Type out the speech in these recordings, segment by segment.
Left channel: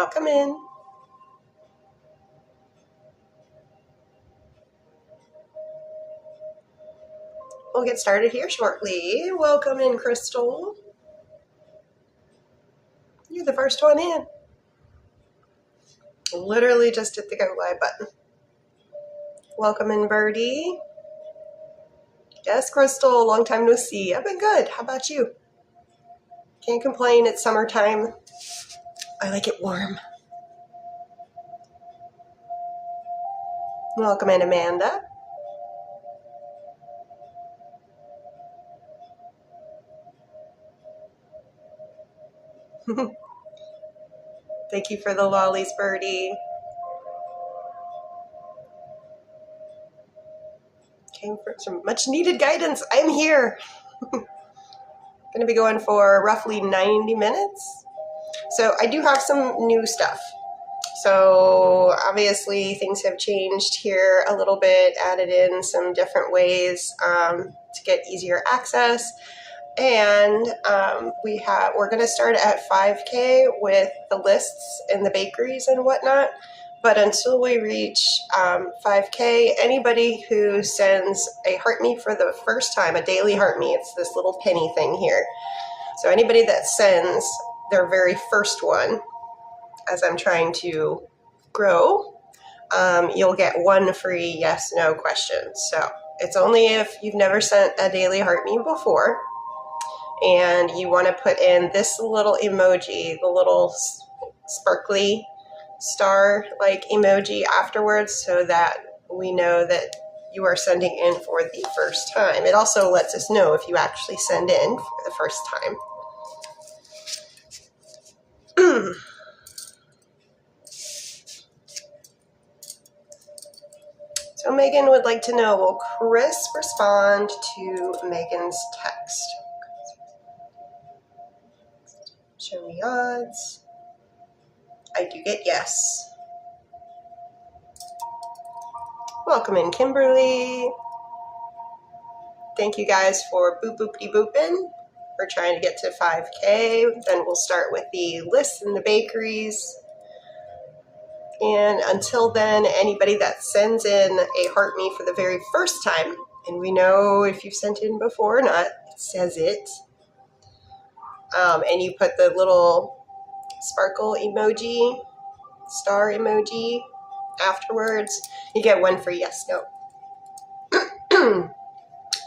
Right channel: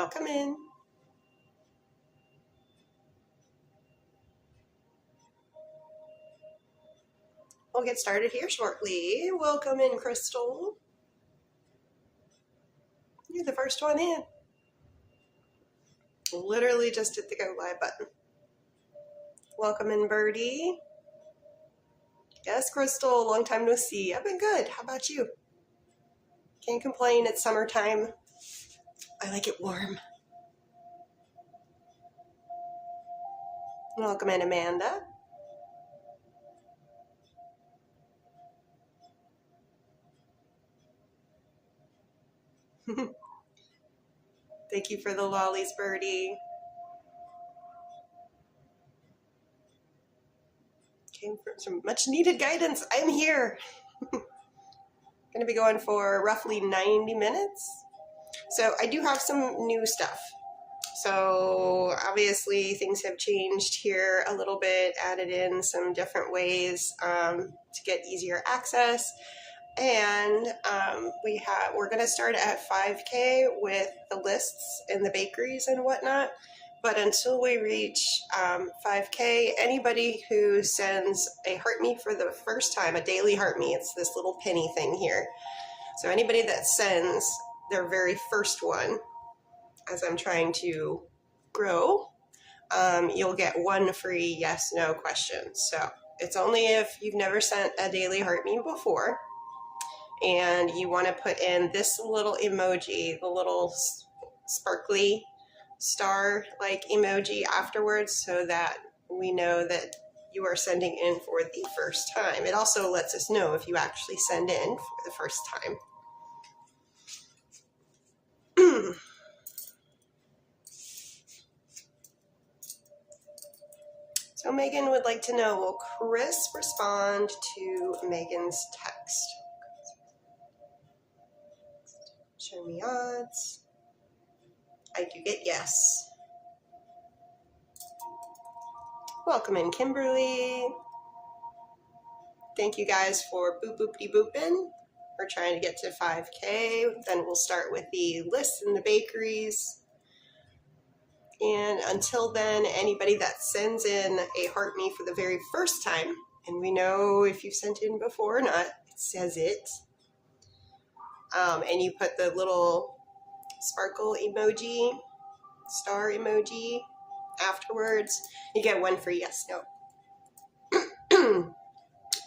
Welcome in. We'll get started here shortly. Welcome in, Crystal. You're the first one in. Literally just hit the go live button. Welcome in, Birdie. Yes, Crystal, long time no see. I've been good. How about you? Can't complain. It's summertime. I like it warm. Welcome in, Amanda. Thank you for the lollies, Birdie. Came for some much needed guidance. I'm here. Going to be going for roughly 90 minutes. So I do have some new stuff. So obviously things have changed here a little bit, added in some different ways to get easier access. And we're going to start at 5K with the lists and the bakeries and whatnot. But until we reach 5K, anybody who sends a heart me for the first time, a daily heart me, it's this little penny thing here. So anybody that sends their very first one, as I'm trying to grow, you'll get one free yes/no question. So it's only if you've never sent a daily heart me before and you want to put in this little emoji, the little sparkly star-like emoji afterwards, so that we know that you are sending in for the first time. It also lets us know if you actually send in for the first time. So Megan would like to know, will Chris respond to Megan's text? Show me odds. I do get yes. Welcome in, Kimberly. Thank you guys for boopity-booping. We're trying to get to 5K. Then we'll start with the lists and the bakeries. And until then, anybody that sends in a heart me for the very first time, and we know if you've sent in before or not, it says it. And you put the little sparkle emoji, star emoji afterwards, you get one free yes/no.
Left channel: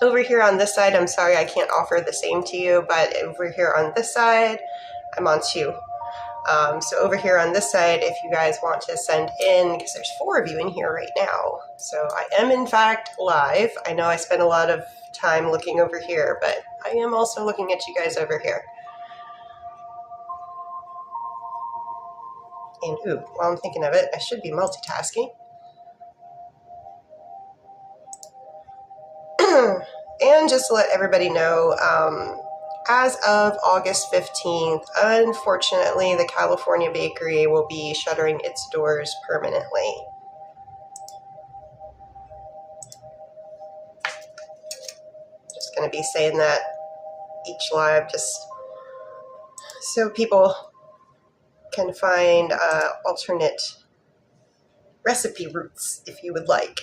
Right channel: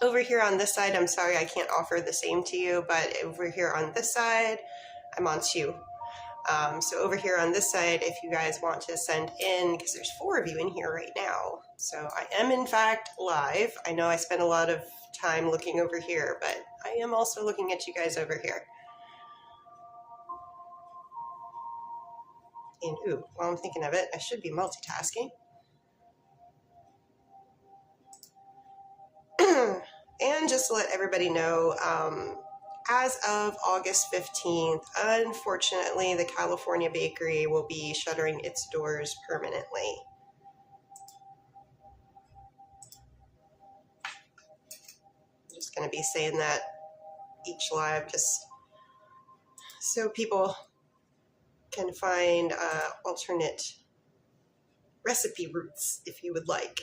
Over here on this side, I'm sorry I can't offer the same to you, but over here on this side, I'm on two. So over here on this side, if you guys want to send in, because there's 4 of you in here right now. So I am in fact live. I know I spent a lot of time looking over here, but I am also looking at you guys over here. And ooh, while I'm thinking of it, I should be multitasking. And just to let everybody know, as of August 15th, unfortunately, the California bakery will be shuttering its doors permanently. I'm just going to be saying that each live just so people can find alternate recipe routes if you would like.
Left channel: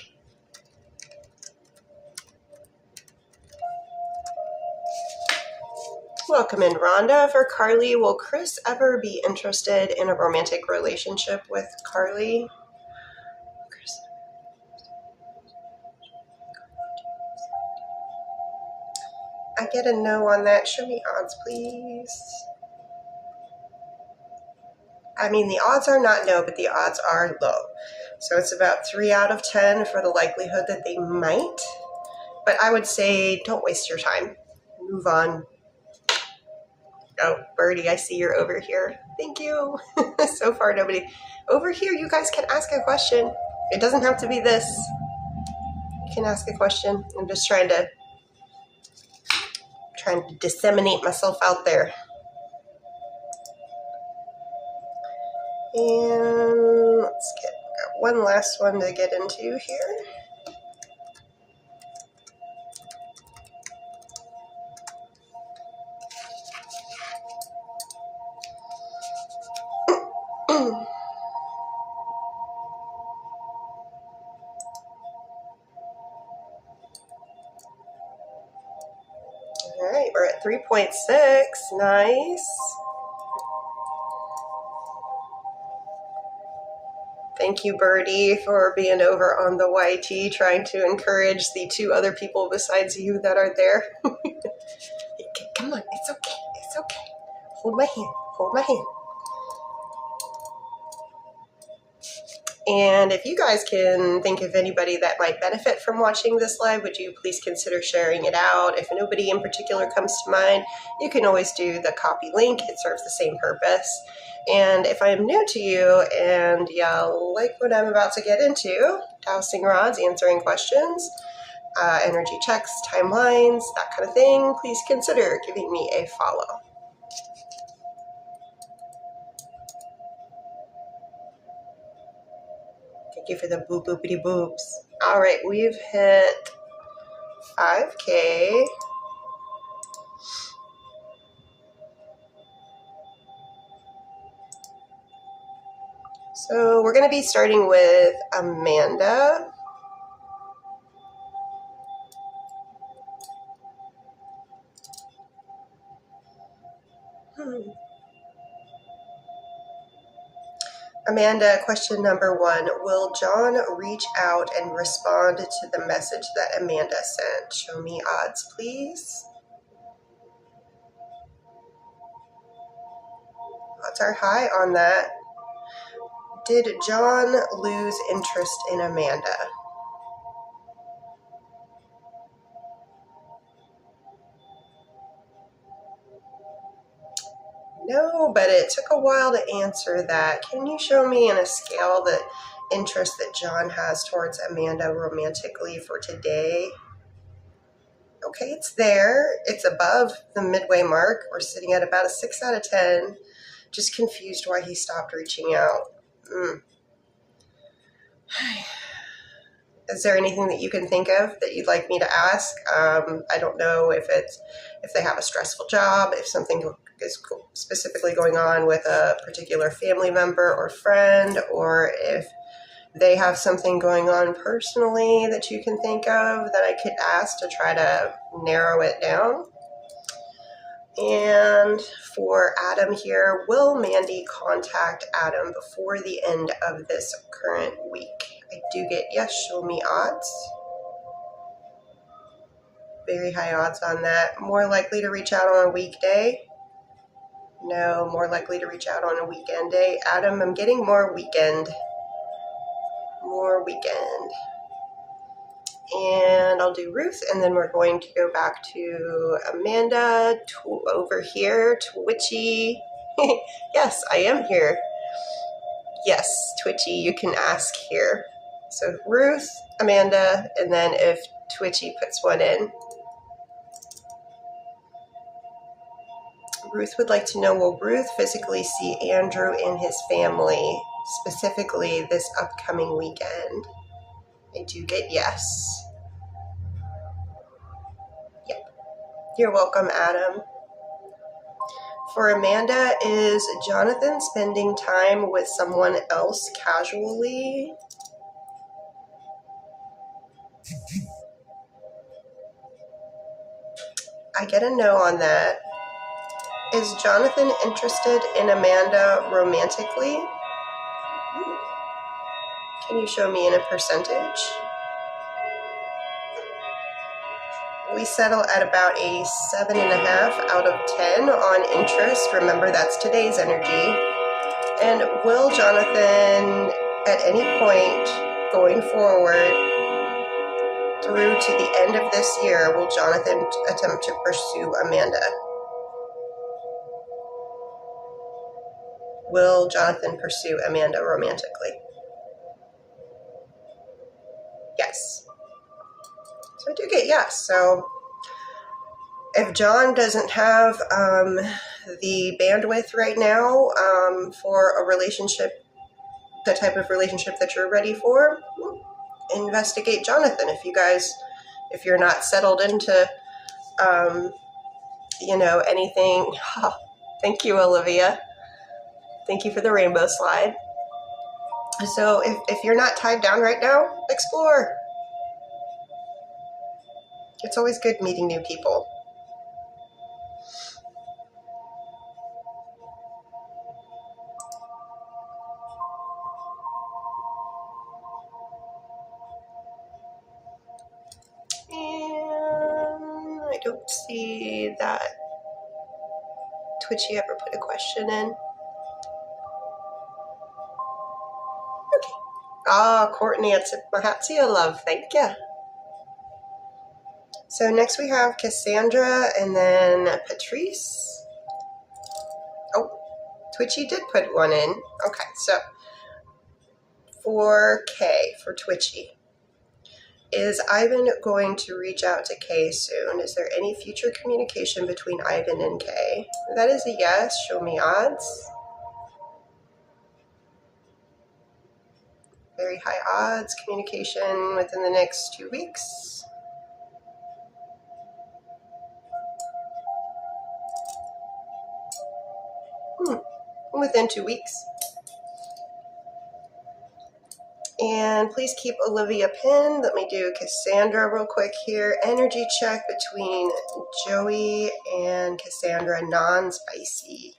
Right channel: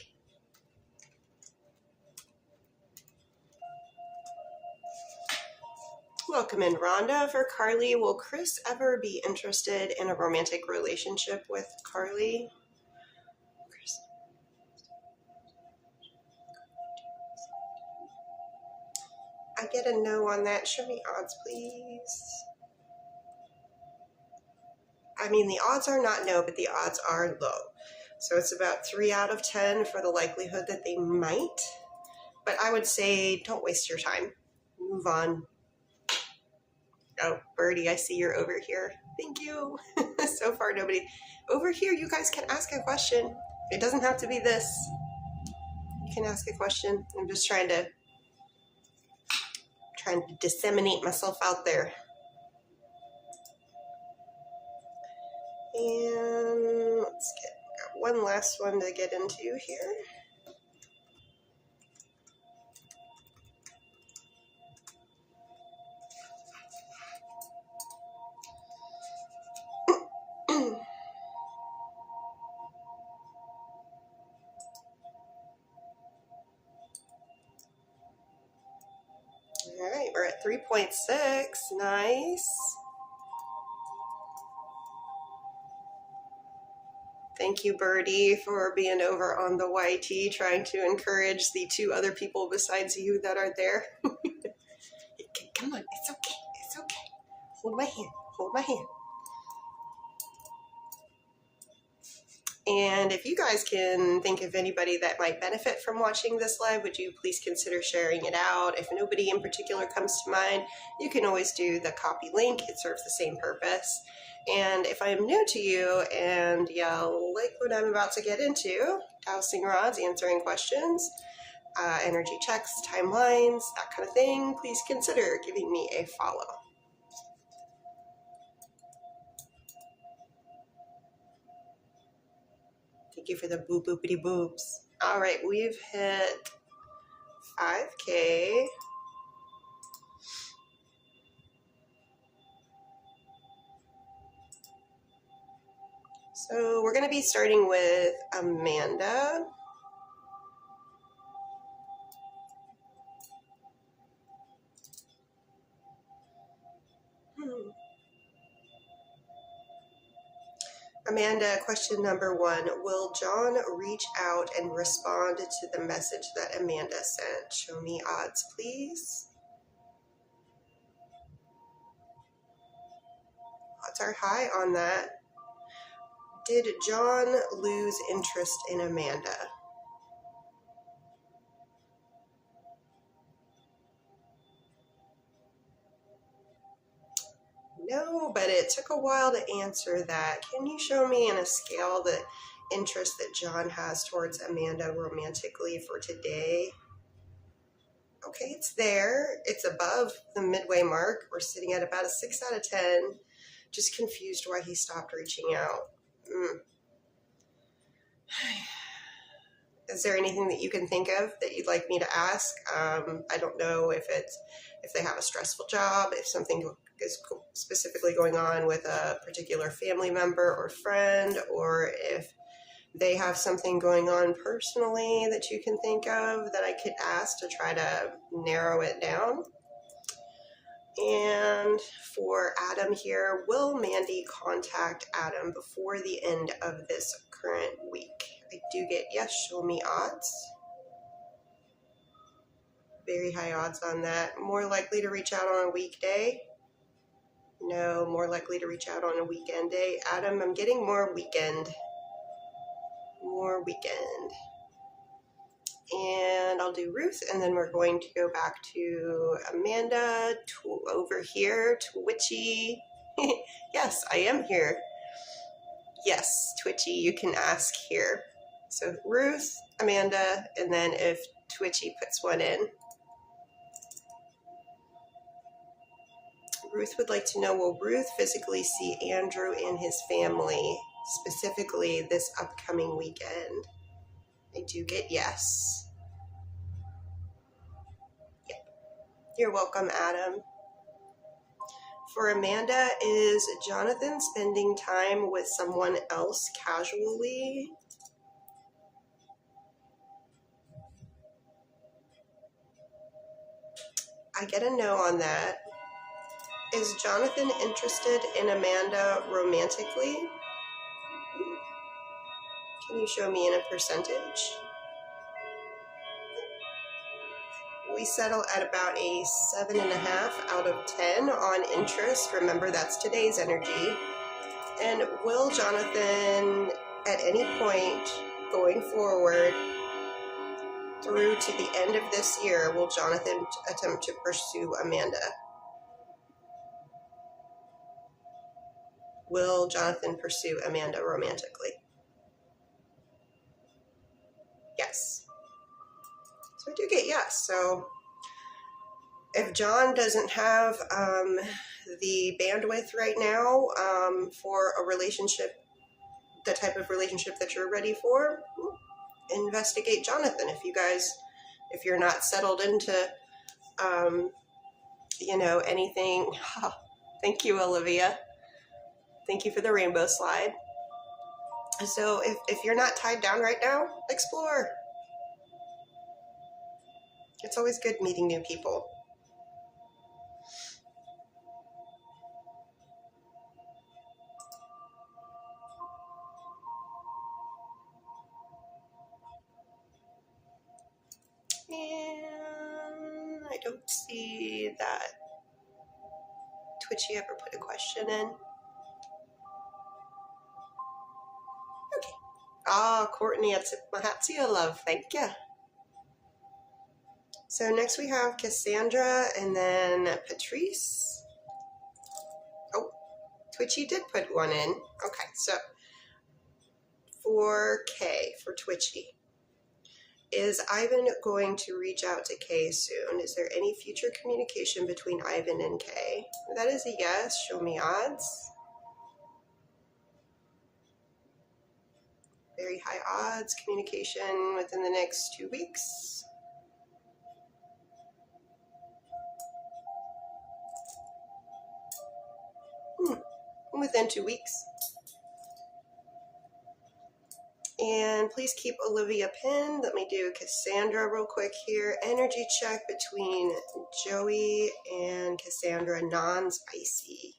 Welcome in, Rhonda. For Carly, will Chris ever be interested in a romantic relationship with Carly? I get a no on that. Show me odds, please. I mean, the odds are not no, but the odds are low. So it's about 3 out of 10 for the likelihood that they might. But I would say don't waste your time. Move on. Oh, Birdie, I see you're over here. Thank you. So far, nobody. Over here, you guys can ask a question. It doesn't have to be this. You can ask a question. I'm just trying to disseminate myself out there. And let's got one last one to get into here. All right, we're at 3.6. Nice. Thank you, Birdie, for being over on the YT, trying to encourage the 2 other people besides you that are there. Come on, it's okay, it's okay. Hold my hand, hold my hand. And if you guys can think of anybody that might benefit from watching this live, would you please consider sharing it out? If nobody in particular comes to mind, you can always do the copy link. It serves the same purpose. And if I am new to you and y'all like what I'm about to get into, dowsing rods, answering questions, energy checks, timelines, that kind of thing, please consider giving me a follow. Thank you for the boop boopity boops. All right, we've hit 5K. So we're going to be starting with Amanda. Amanda, question number 1. Will John reach out and respond to the message that Amanda sent? Show me odds, please. Odds are high on that. Did John lose interest in Amanda? No, but it took a while to answer that. Can you show me in a scale the interest that John has towards Amanda romantically for today? Okay, it's there. It's above the midway mark. We're sitting at about a 6 out of 10. Just confused why he stopped reaching out. Is there anything that you can think of that you'd like me to ask? I don't know if they have a stressful job, if something is specifically going on with a particular family member or friend, or if they have something going on personally that you can think of that I could ask to try to narrow it down. And for Adam here, will Mandy contact Adam before the end of this current week? I do get yes, show me odds. Very high odds on that. More likely to reach out on a weekday? No, more likely to reach out on a weekend day. Adam, I'm getting more weekend. More weekend. And I'll do Ruth, and then we're going to go back to Amanda over here, Twitchy. Yes, I am here. Yes, Twitchy, you can ask here. So Ruth, Amanda, and then if Twitchy puts one in. Ruth would like to know, will Ruth physically see Andrew and his family, specifically this upcoming weekend? I do get yes. Yep. You're welcome, Adam. For Amanda, is Jonathan spending time with someone else casually? I get a no on that. Is Jonathan interested in Amanda romantically? Can you show me in a percentage? We settle at about a 7.5 out of 10 on interest. Remember, that's today's energy. And will Jonathan, at any point going forward through to the end of this year, will Jonathan attempt to pursue Amanda? Will Jonathan pursue Amanda romantically? Yes. So I do get yes. So if John doesn't have the bandwidth right now for a relationship, the type of relationship that you're ready for, investigate Jonathan. If you're not settled into, anything. Oh, thank you, Olivia. Thank you for the rainbow slide. So if you're not tied down right now, explore. It's always good meeting new people. And I don't see that Twitchy ever put a question in. Okay. Ah, Courtney, I tip my hat to you, love. Thank you. So next we have Cassandra and then Patrice. Oh, Twitchy did put one in. Okay, so for Kay, for Twitchy. Is Ivan going to reach out to Kay soon? Is there any future communication between Ivan and Kay? That is a yes. Show me odds. Very high odds. Communication within the next 2 weeks. Within 2 weeks. And please keep Olivia pinned. Let me do Cassandra real quick here. Energy check between Joey and Cassandra, non-spicy.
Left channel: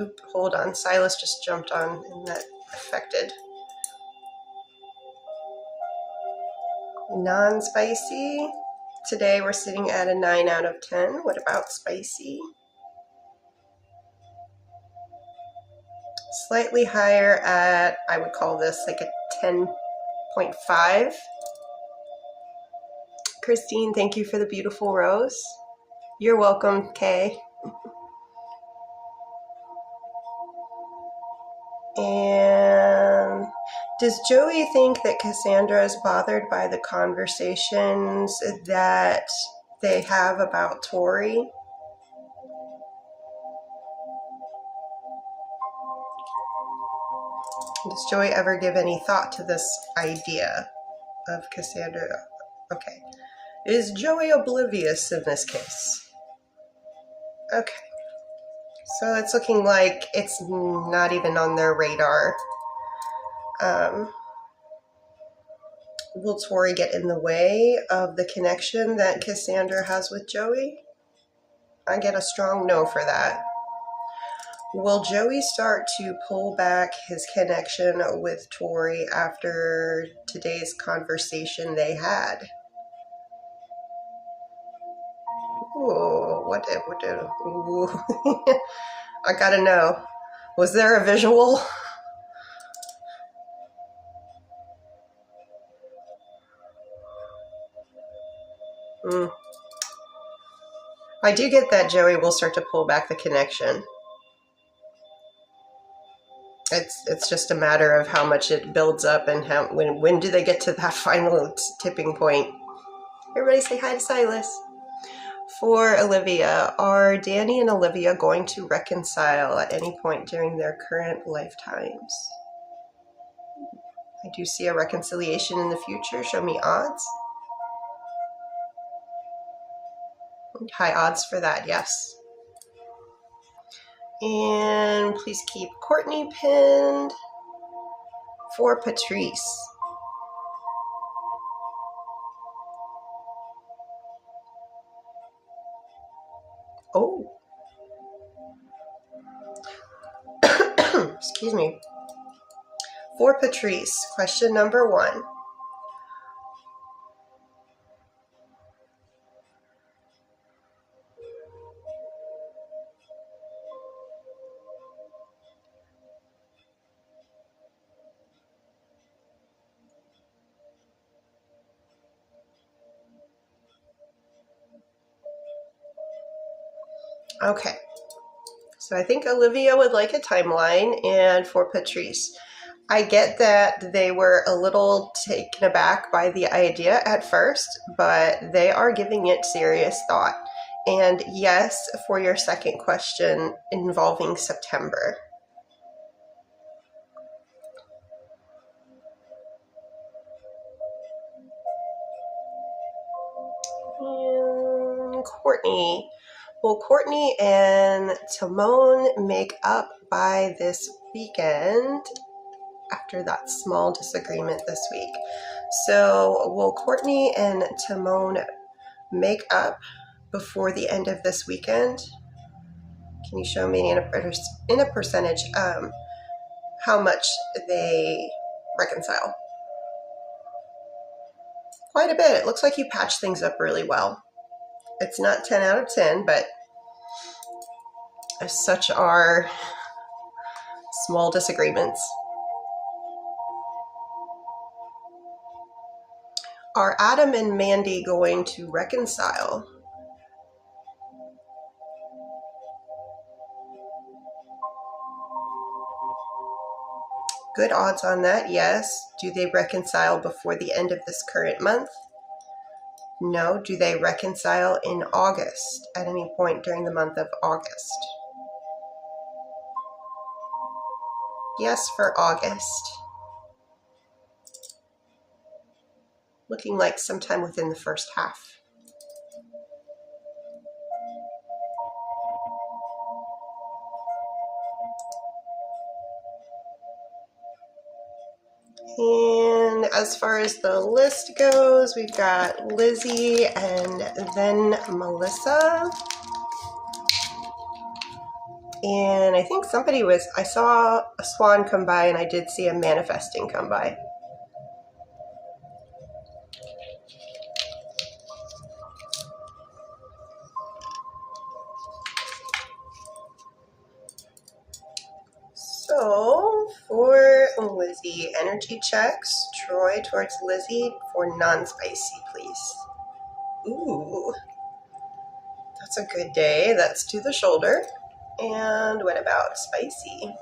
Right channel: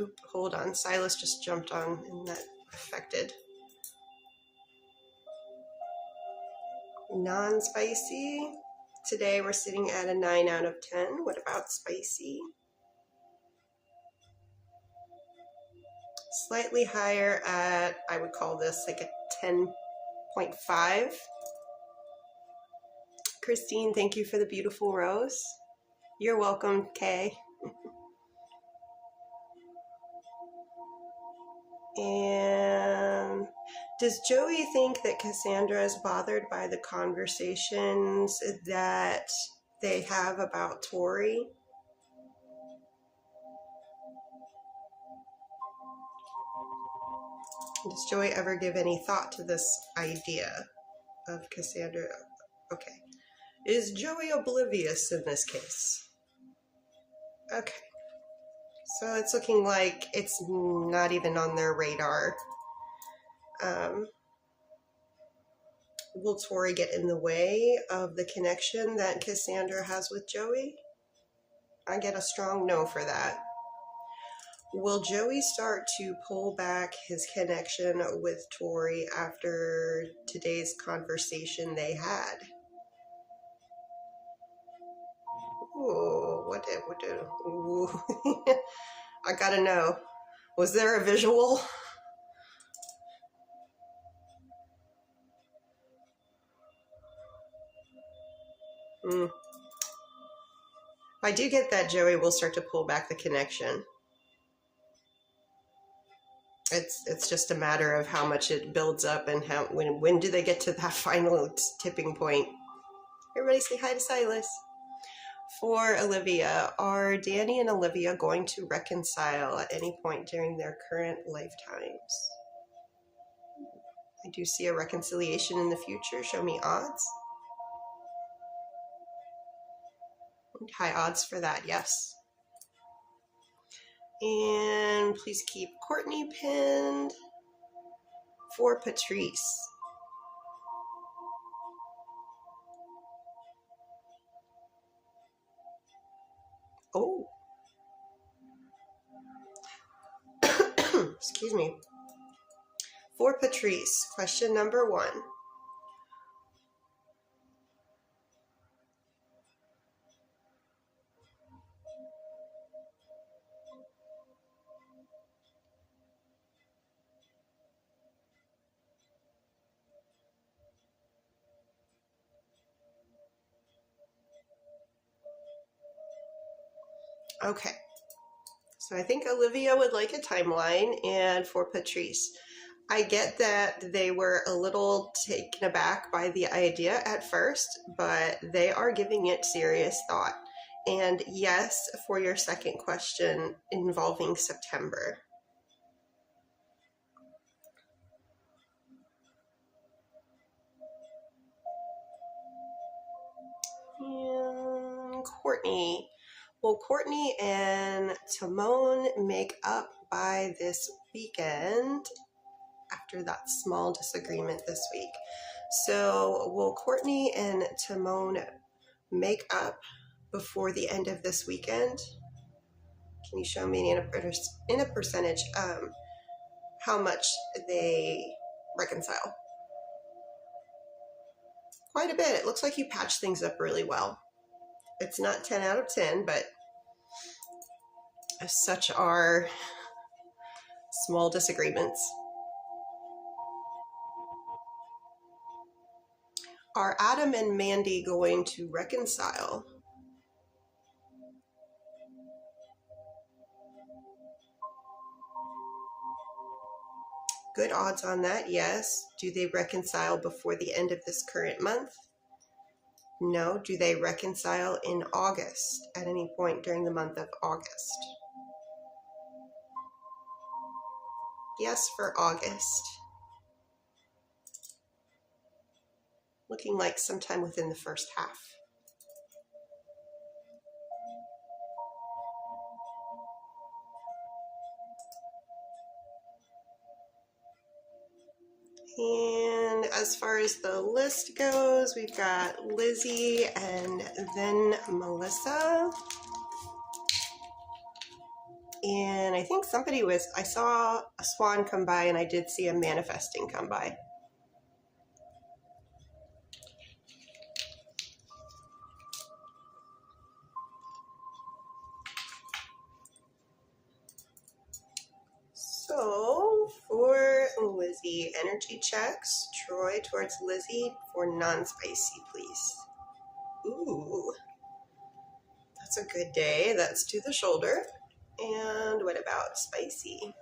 Oop, hold on. Silas just jumped on and that affected. Non-spicy. Today we're sitting at a 9 out of 10. What about spicy? Slightly higher at, I would call this like a 10.5. Christine, thank you for the beautiful rose. You're welcome, Kay. And does Joey think that Cassandra is bothered by the conversations that they have about Tori? Does Joey ever give any thought to this idea of Cassandra? Okay. Is Joey oblivious in this case? Okay. So it's looking like it's not even on their radar. Will Tori get in the way of the connection that Cassandra has with Joey? I get a strong no for that. Will Joey start to pull back his connection with Tori after today's conversation they had? Ooh, ooh. I gotta know. Was there a visual? I do get that Joey will start to pull back the connection. It's just a matter of how much it builds up and when do they get to that final tipping point. Everybody say hi to Silas. For Olivia, are Danny and Olivia going to reconcile at any point during their current lifetimes? I do see a reconciliation in the future. Show me odds. High odds for that, yes. And please keep Courtney pinned. For Patrice. Oh. Excuse me. For Patrice, question number 1. Okay. So I think Olivia would like a timeline, and for Patrice, I get that they were a little taken aback by the idea at first, but they are giving it serious thought. And yes, for your second question involving September. And Courtney, Will Courtney and Timon make up by this weekend after that small disagreement this week? So will Courtney and Timon make up before the end of this weekend? Can you show me in a percentage how much they reconcile? Quite a bit. It looks like you patch things up really well. It's not 10 out of 10, but such are small disagreements. Are Adam and Mandy going to reconcile? Good odds on that, yes. Do they reconcile before the end of this current month? No. Do they reconcile in August, at any point during the month of August? Yes, for August. Looking like sometime within the first half. And as far as the list goes, we've got Lizzie and then Melissa. And I think I saw a swan come by, and I did see a manifesting come by. So for Lizzie, energy checks. Troy towards Lizzie for non-spicy, please. Ooh, that's a good day. That's to the shoulder. And what about spicy?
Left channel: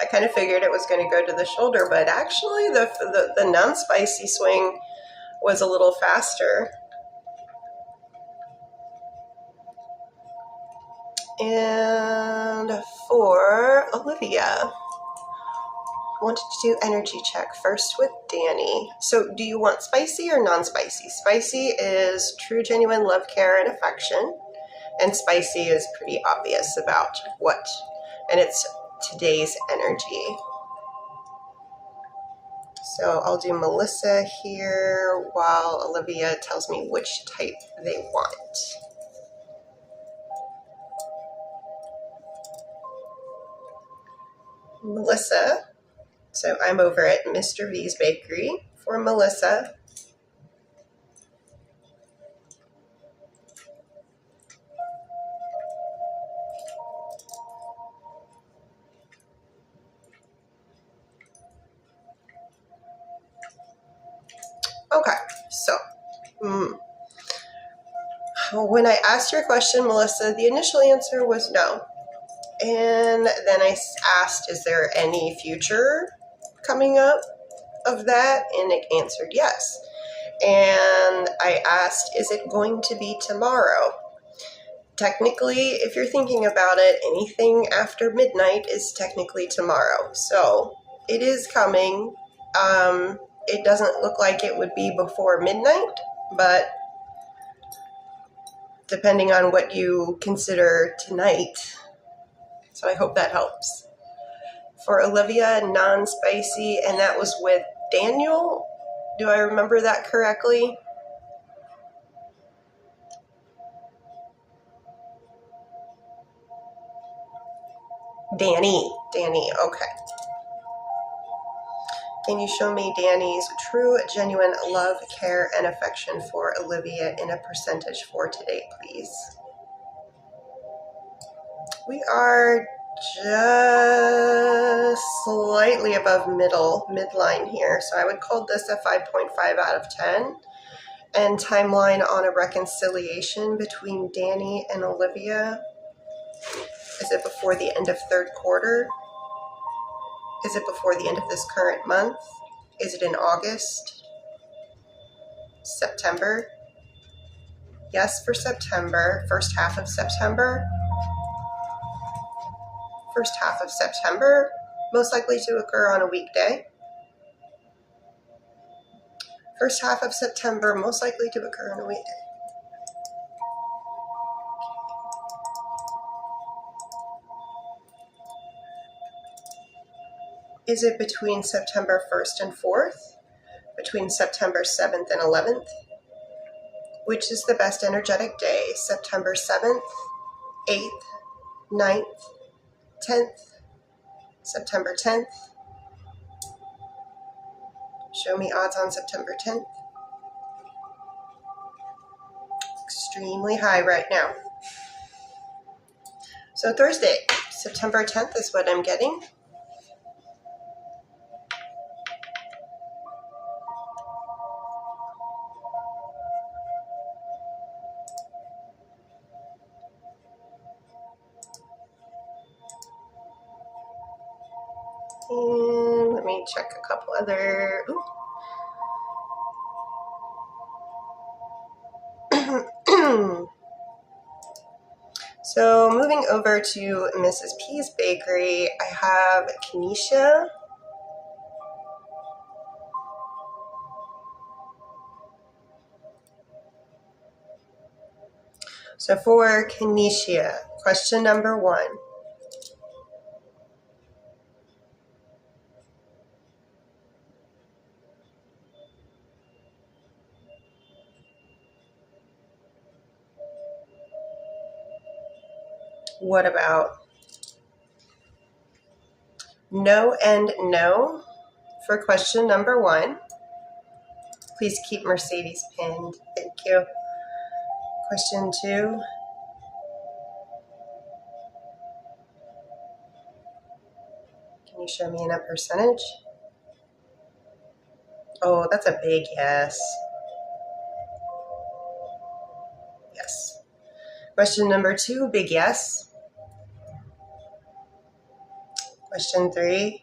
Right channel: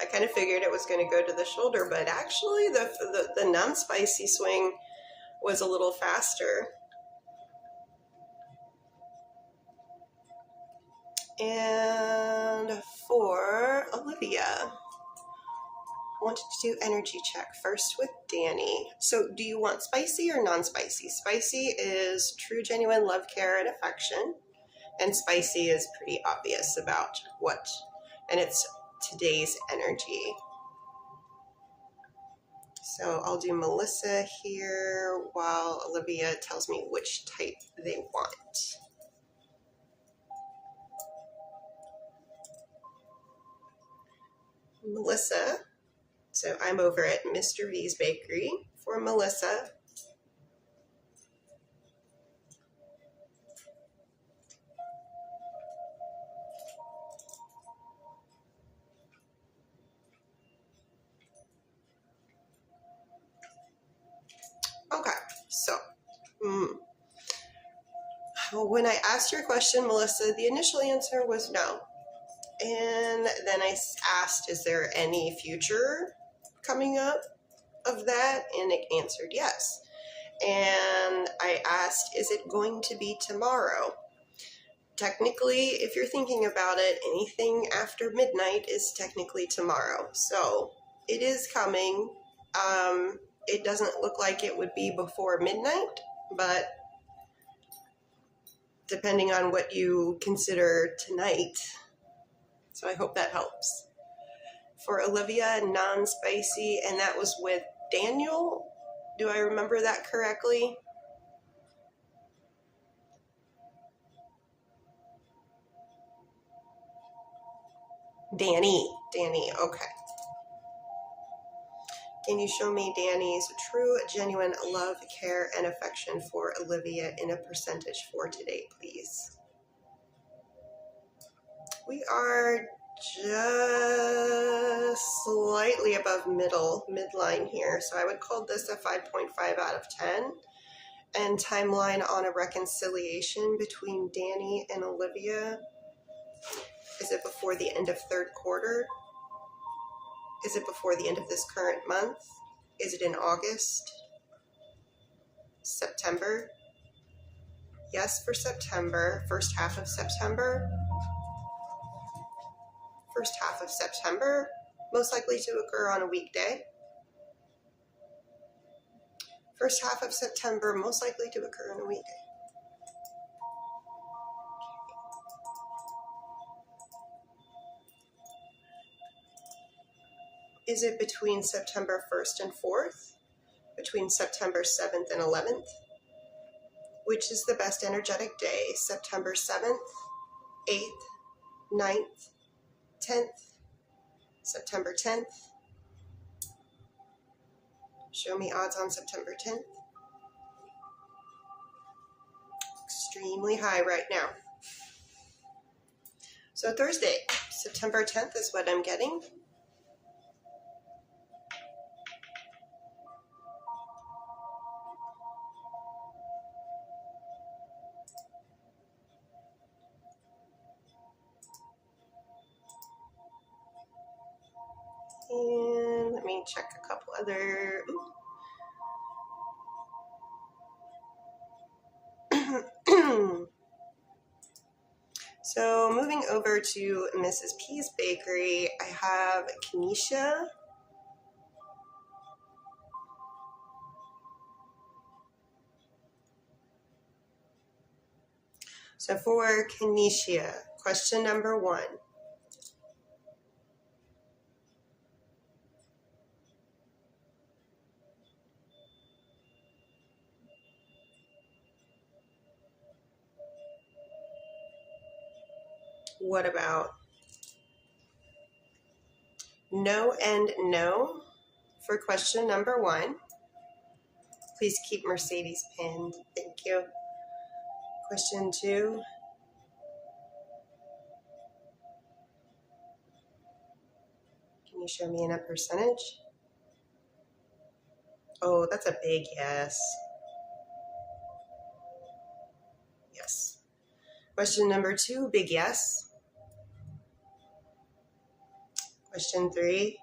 I kind of figured it was going to go to the shoulder, but actually the non-spicy swing was a little faster. And for Olivia, wanted to do energy check first with Danny. So do you want spicy or non-spicy? Spicy is true, genuine love, care, and affection. And spicy is pretty obvious about what, and it's today's energy. So I'll do Melissa here while Olivia tells me which type they want. Melissa. So I'm over at Mr. V's Bakery for Melissa. Okay, so when I asked your question, Melissa, the initial answer was no. And then I asked, is there any future coming up of that? And it answered yes. And I asked, is it going to be tomorrow? Technically, if you're thinking about it, anything after midnight is technically tomorrow. So it is coming. It doesn't look like it would be before midnight, but depending on what you consider tonight. So I hope that helps. For Olivia, non-spicy, and that was with Daniel. Do I remember that correctly? Danny, okay. Can you show me Danny's true, genuine love, care, and affection for Olivia in a percentage for today, please? We are just slightly above midline here. So I would call this a 5.5 out of 10. And timeline on a reconciliation between Danny and Olivia. Is it before the end of third quarter? Is it before the end of this current month? Is it in August? September? Yes, for September. First half of September. First half of September, most likely to occur on a weekday. First half of September, most likely to occur on a weekday. Is it between September 1st and 4th? Between September 7th and 11th? Which is the best energetic day? September 7th, 8th, 9th, 10th, September 10th. Show me odds on September 10th. Extremely high right now. So Thursday, September 10th is what I'm getting. And let me check a couple other. So moving over to Mrs. P's Bakery, I have Kenesha. So for Kenesha, question number 1. What about no and no for question number 1? Please keep Mercedes pinned. Thank you. Question 2. Can you show me in a percentage? Oh, that's a big yes. Yes. Question number 2, big yes. Question 3.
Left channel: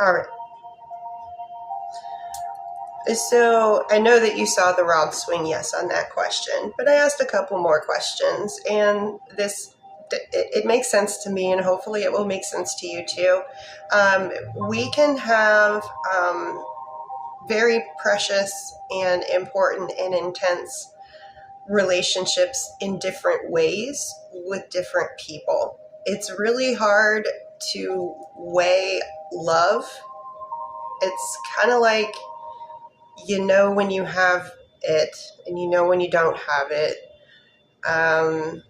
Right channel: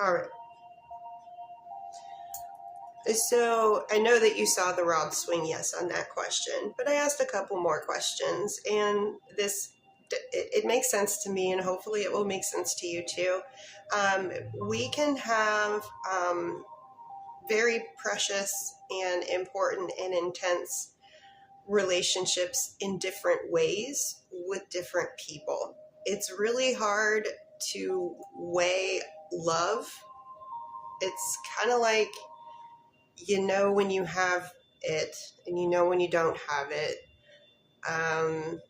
All right. So I know that you saw the rod swing yes on that question, but I asked a couple more questions, and it makes sense to me, and hopefully it will make sense to you too. We can have very precious and important and intense relationships in different ways with different people. It's really hard to weigh love. It's kind of like, you know when you have it and you know when you don't have it. I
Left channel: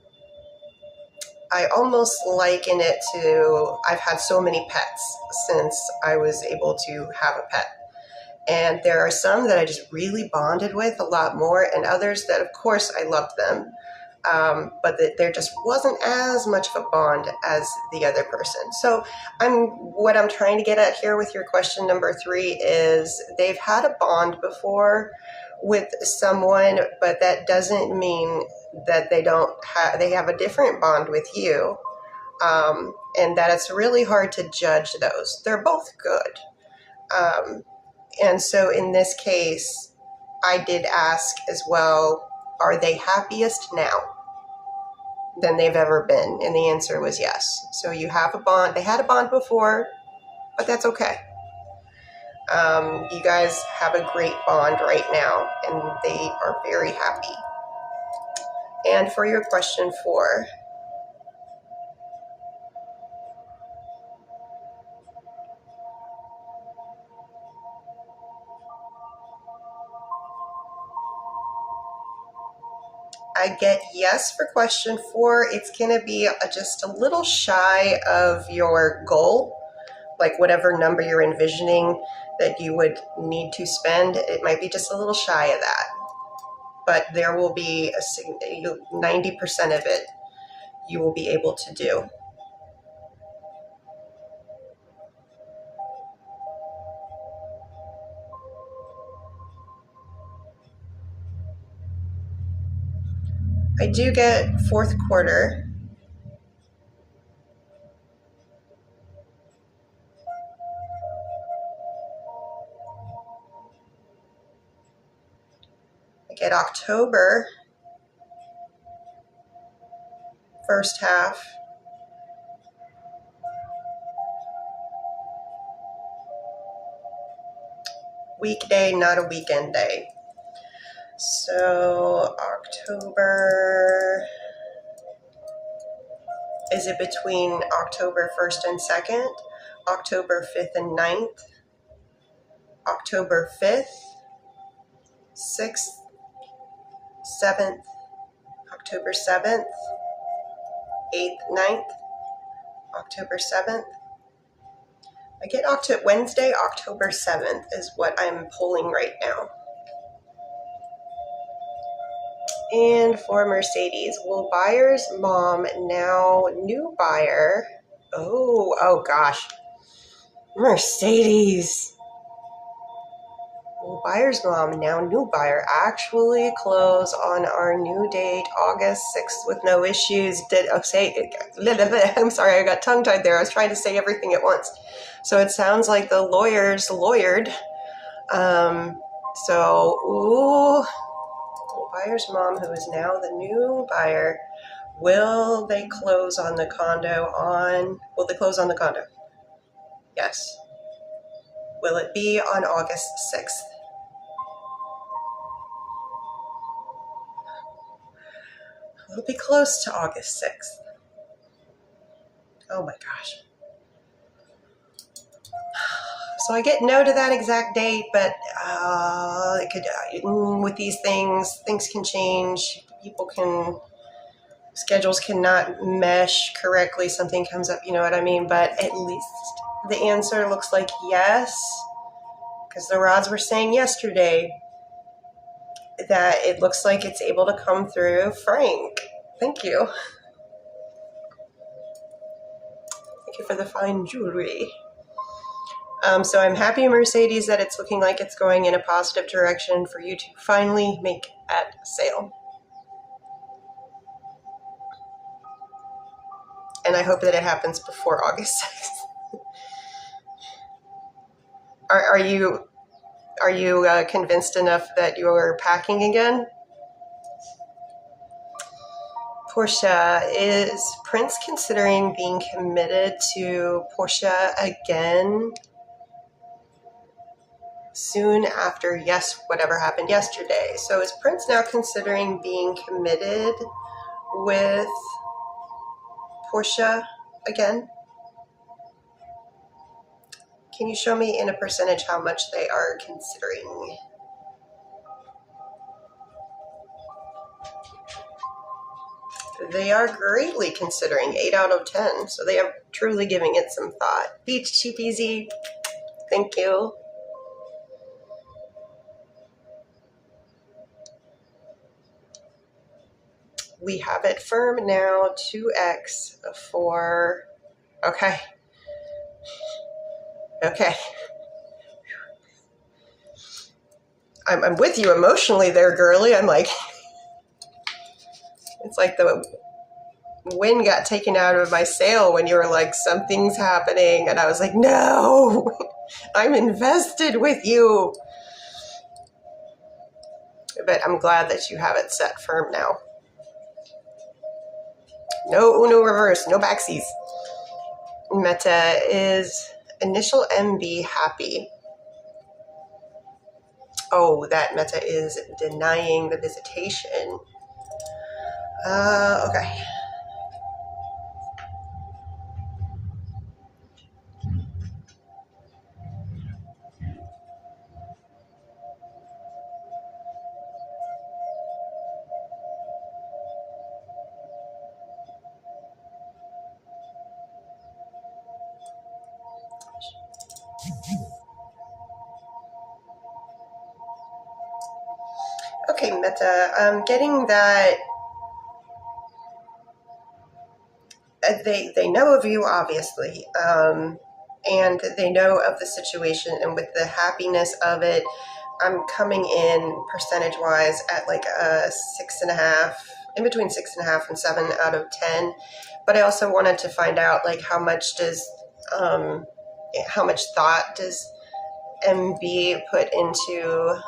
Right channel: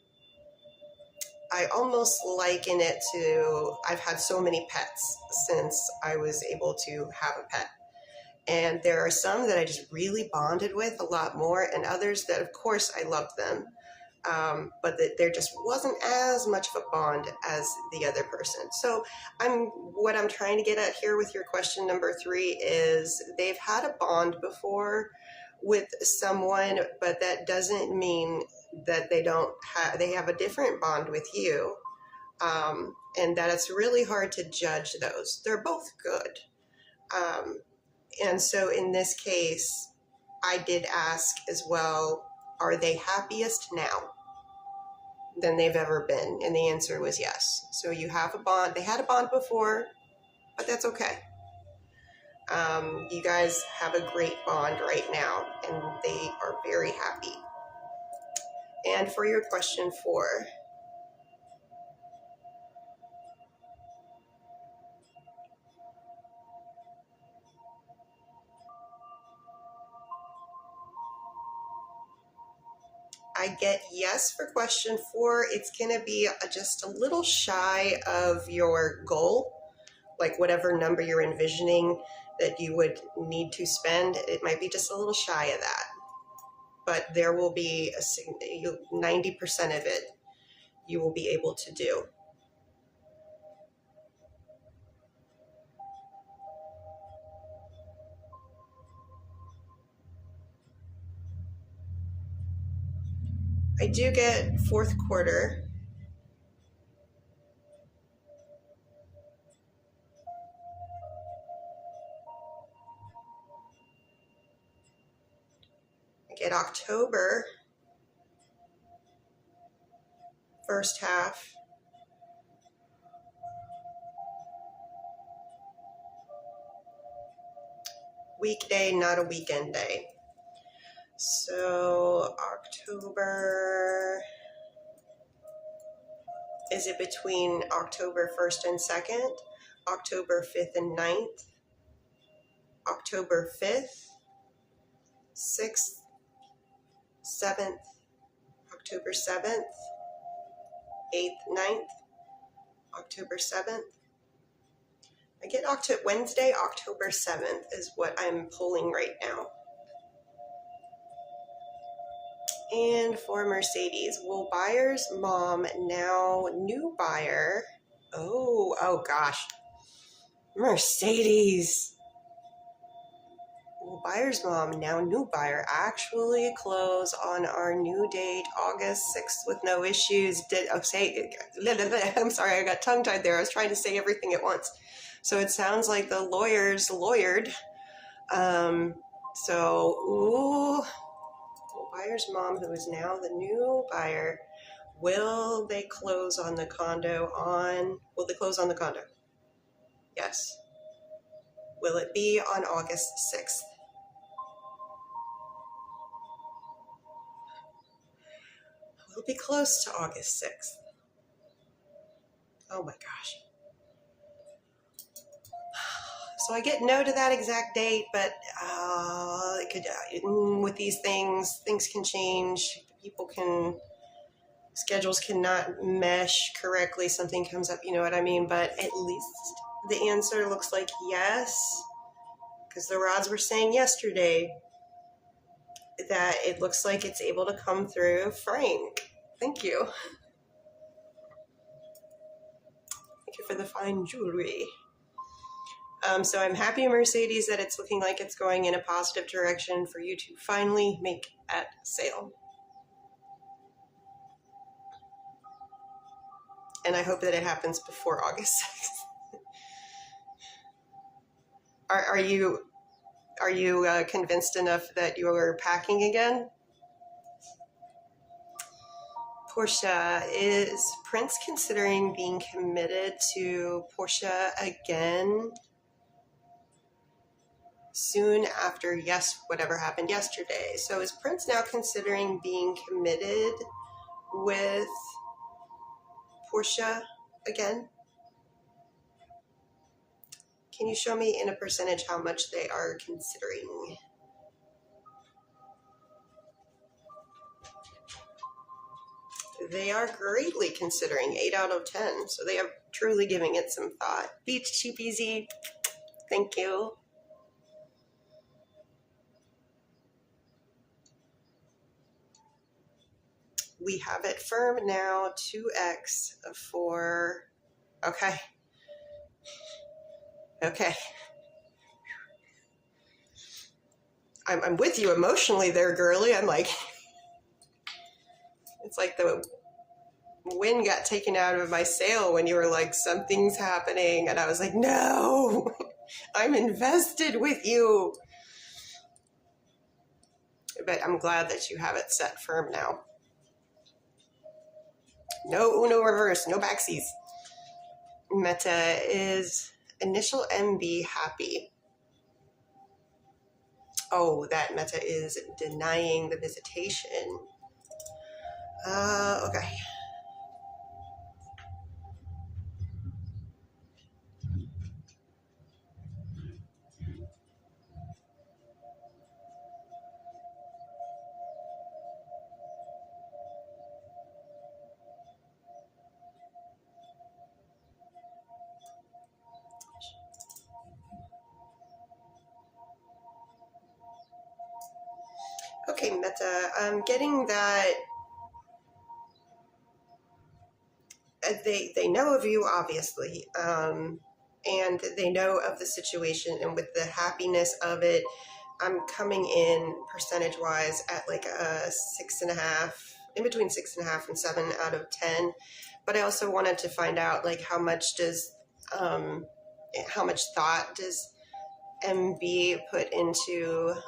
almost liken it to, I've had so many pets since I was able to have a pet. And there are some that I just really bonded with a lot more, and others that, of course, I loved them. But there just wasn't as much of a bond as the other person. So what I'm trying to get at here with your question number 3 is they've had a bond before with someone, but that doesn't mean that they have a different bond with you, and that it's really hard to judge those. They're both good. And so in this case, I did ask as well, are they happiest now than they've ever been? And the answer was yes. So you have a bond. They had a bond before, but that's okay. You guys have a great bond right now, and they are very happy. And for your question 4, I get yes for question 4. It's going to be just a little shy of your goal, like whatever number you're envisioning that you would need to spend. It might be just a little shy of that, but there will be 90% of it you will be able to do. I do get 4th quarter. get October, first half. Weekday, not a weekend day. So October, is it between October 1st and 2nd? October 5th and 9th? October 5th, 6th, 7th, October 7th, 8th, 9th, October 7th. I get Wednesday, October 7th is what I'm pulling right now. And for Mercedes, will buyer's mom, now new buyer, oh gosh, Mercedes. Will buyer's mom, now new buyer, actually close on our new date, August 6th, with no issues? I'm sorry, I got tongue-tied there. I was trying to say everything at once. So it sounds like the lawyers lawyered. Buyer's mom, who is now the new buyer, will they close on the condo will they close on the condo? Yes. Will it be on August 6th? Will it be close to August 6th? Oh my gosh. So I get no to that exact date, but it could, with these things can change. Schedules cannot mesh correctly. Something comes up, you know what I mean? But at least the answer looks like yes, because the rods were saying yesterday that it looks like it's able to come through. Frank, thank you. Thank you for the fine jewelry. So I'm happy, Mercedes, that it's looking like it's going in a positive direction for you to finally make that sale. And I hope that it happens before August 6th. Are you convinced enough that you are packing again? Portia, is Prince considering being committed to Portia again soon after whatever happened yesterday? So is Prince now considering being committed with Portia again? Can you show me in a percentage how much they are considering? They are greatly considering, 8 out of 10. So they are truly giving it some thought. Peachy peasy. Thank you. We have it firm now, 2x for, okay. I'm with you emotionally there, girly. I'm like, it's like the wind got taken out of my sail when you were like, something's happening. And I was like, no, I'm invested with you. But I'm glad that you have it set firm now. No Uno reverse, no backsies. Meta, is initial MB happy? Oh, that Meta is denying the visitation. Okay. Okay, Meta, I'm getting that they know of you, obviously, and they know of the situation, and with the happiness of it, I'm coming in percentage-wise at like a 6.5, in between 6.5 and 7 out of 10. But I also wanted to find out, like, how much thought does MB put into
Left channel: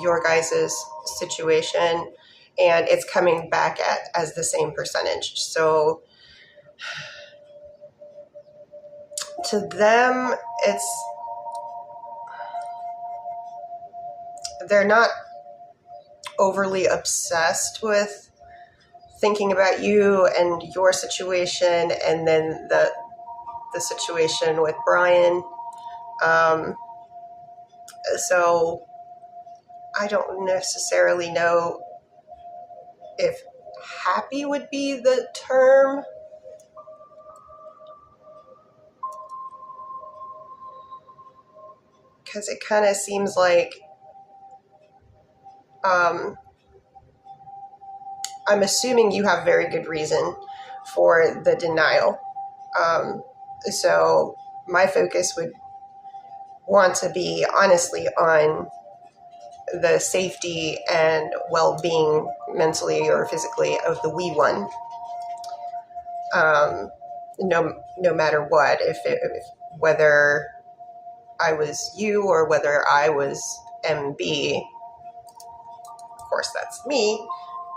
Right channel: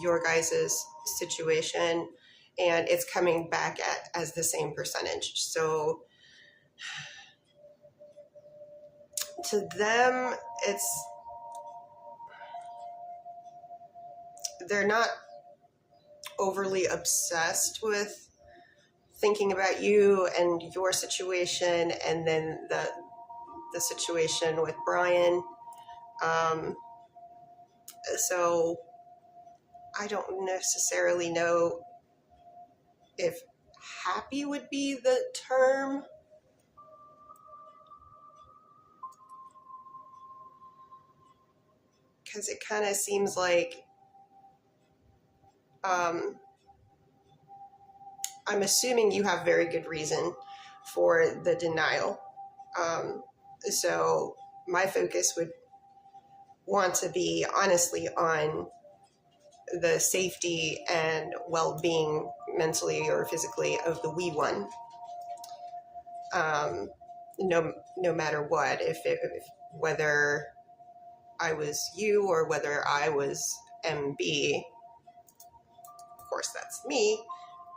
your guys' situation, and it's coming back as the same percentage. So to them, they're not overly obsessed with thinking about you and your situation, and then the situation with Brian. So I don't necessarily know if happy would be the term. Because it kind of seems like I'm assuming you have very good reason for the denial. So my focus would want to be honestly on the safety and well-being mentally or physically of the wee one. No matter what, if whether I was you or whether I was MB, of course that's me.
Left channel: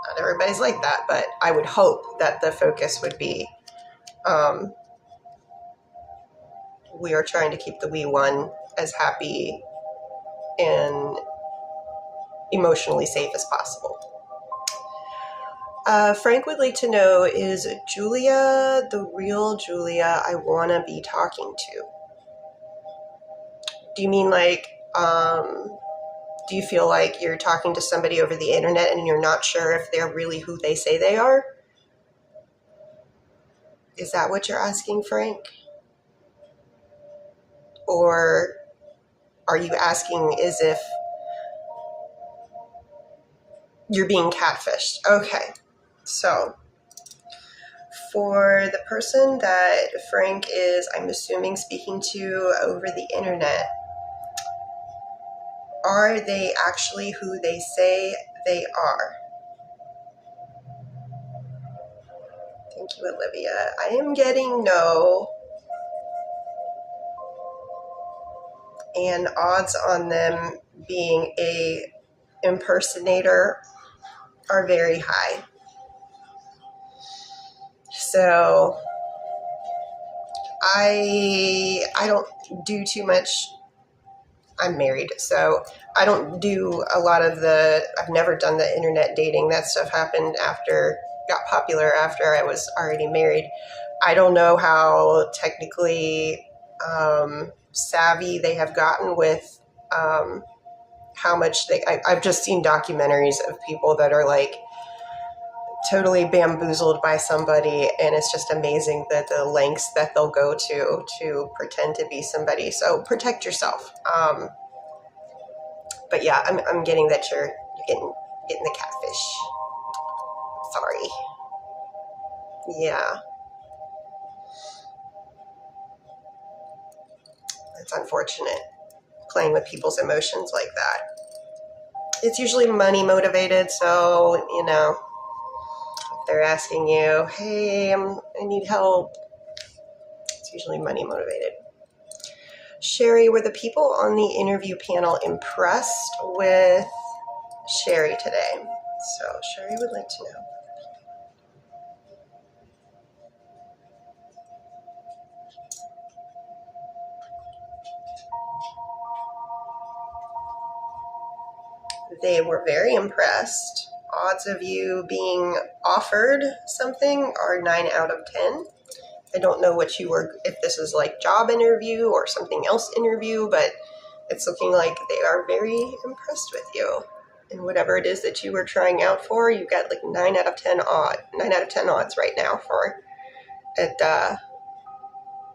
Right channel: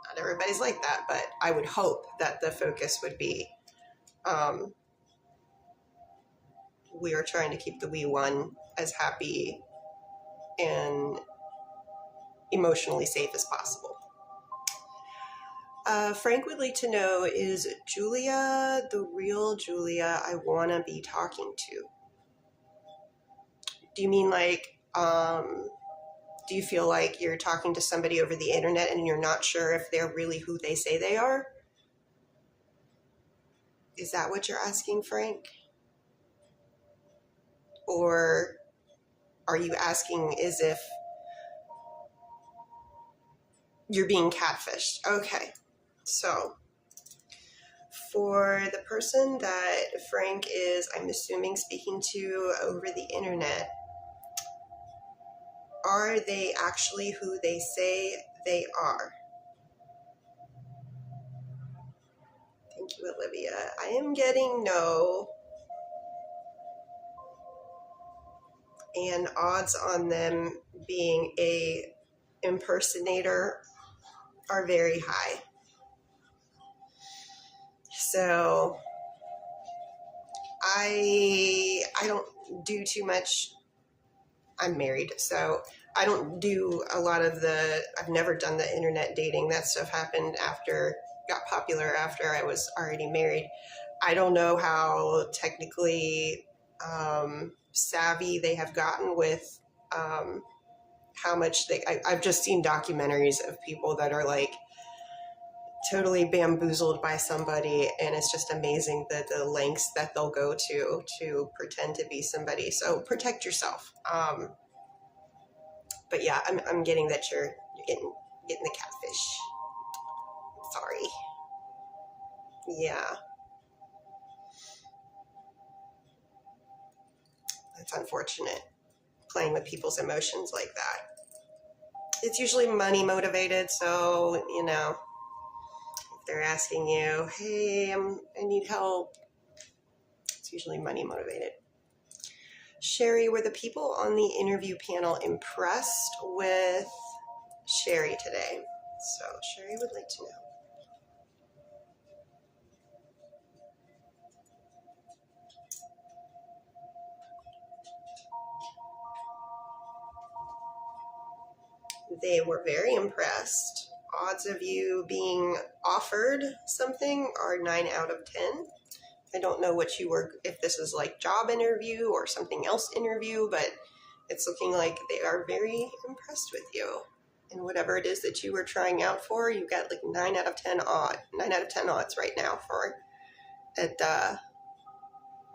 Not everybody's like that, but I would hope that the focus would be we are trying to keep the wee one as happy and emotionally safe as possible. Frank would like to know, is Julia the real Julia I want to be talking to? Do you mean like, do you feel like you're talking to somebody over the internet and you're not sure if they're really who they say they are? Is that what you're asking, Frank? Or are you asking as if you're being catfished? Okay, so for the person that Frank is, I'm assuming, speaking to over the internet, are they actually who they say they are? Thank you, Olivia. I am getting no, and odds on them being a impersonator are very high. So I don't do too much. I'm married, so I don't do a lot of I've never done the internet dating. That stuff happened got popular after I was already married. I don't know how technically savvy they have gotten with how much I've just seen documentaries of people that are like totally bamboozled by somebody, and it's just amazing that the lengths that they'll go to pretend to be somebody. So protect yourself. But yeah, I'm getting that you're getting the catfish. Sorry. Yeah. It's unfortunate playing with people's emotions like that. It's usually money motivated, so if they're asking you, hey, I need help, it's usually money motivated. Sherry, were the people on the interview panel impressed with Sherry today? So Sherry would like to know. They were very impressed. Odds of you being offered something are 9 out of 10. I don't know if this is like job interview or something else interview, but it's looking like they are very impressed with you. And whatever it is that you were trying out for, you got like 9 out of 10 odds right now for it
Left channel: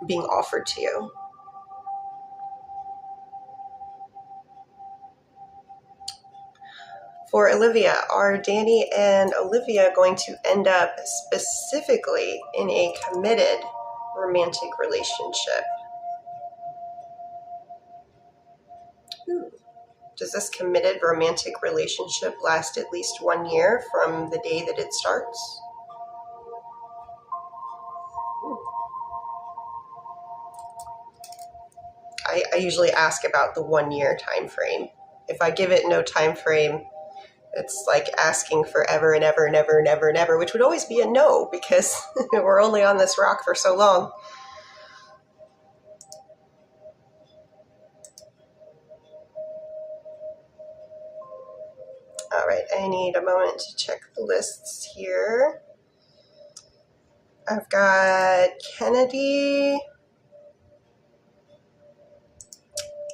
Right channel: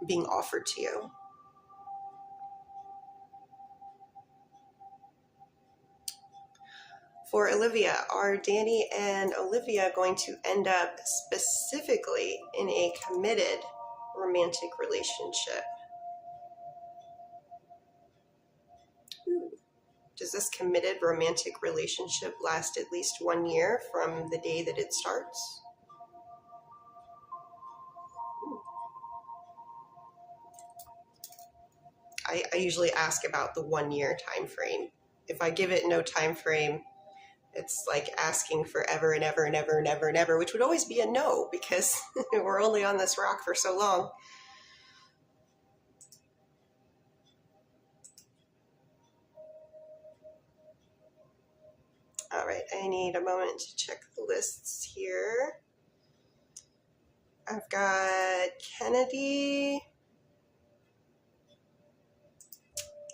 being offered to you. For Olivia, are Danny and Olivia going to end up specifically in a committed romantic relationship? Does this committed romantic relationship last at least 1 year from the day that it starts? I usually ask about the 1 year time frame. if I give it no time frame, it's like asking forever and ever and ever and ever and ever, which would always be a no because we're only on this rock for so long. All right, I need a moment to check the lists here. I've got Kennedy.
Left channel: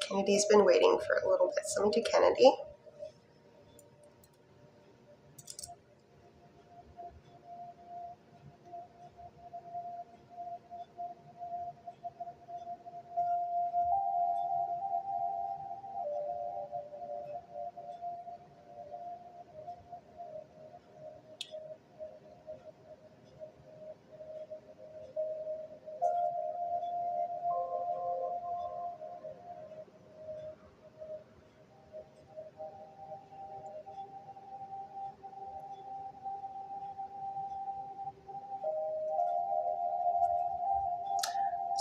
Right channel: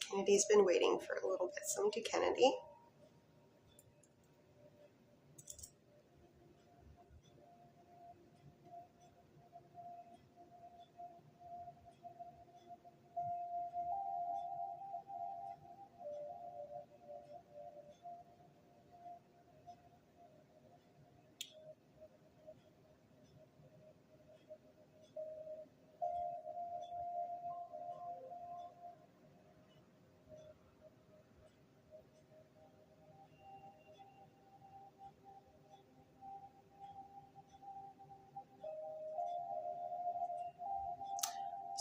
Kennedy's been waiting for a little bit, so let me do Kennedy.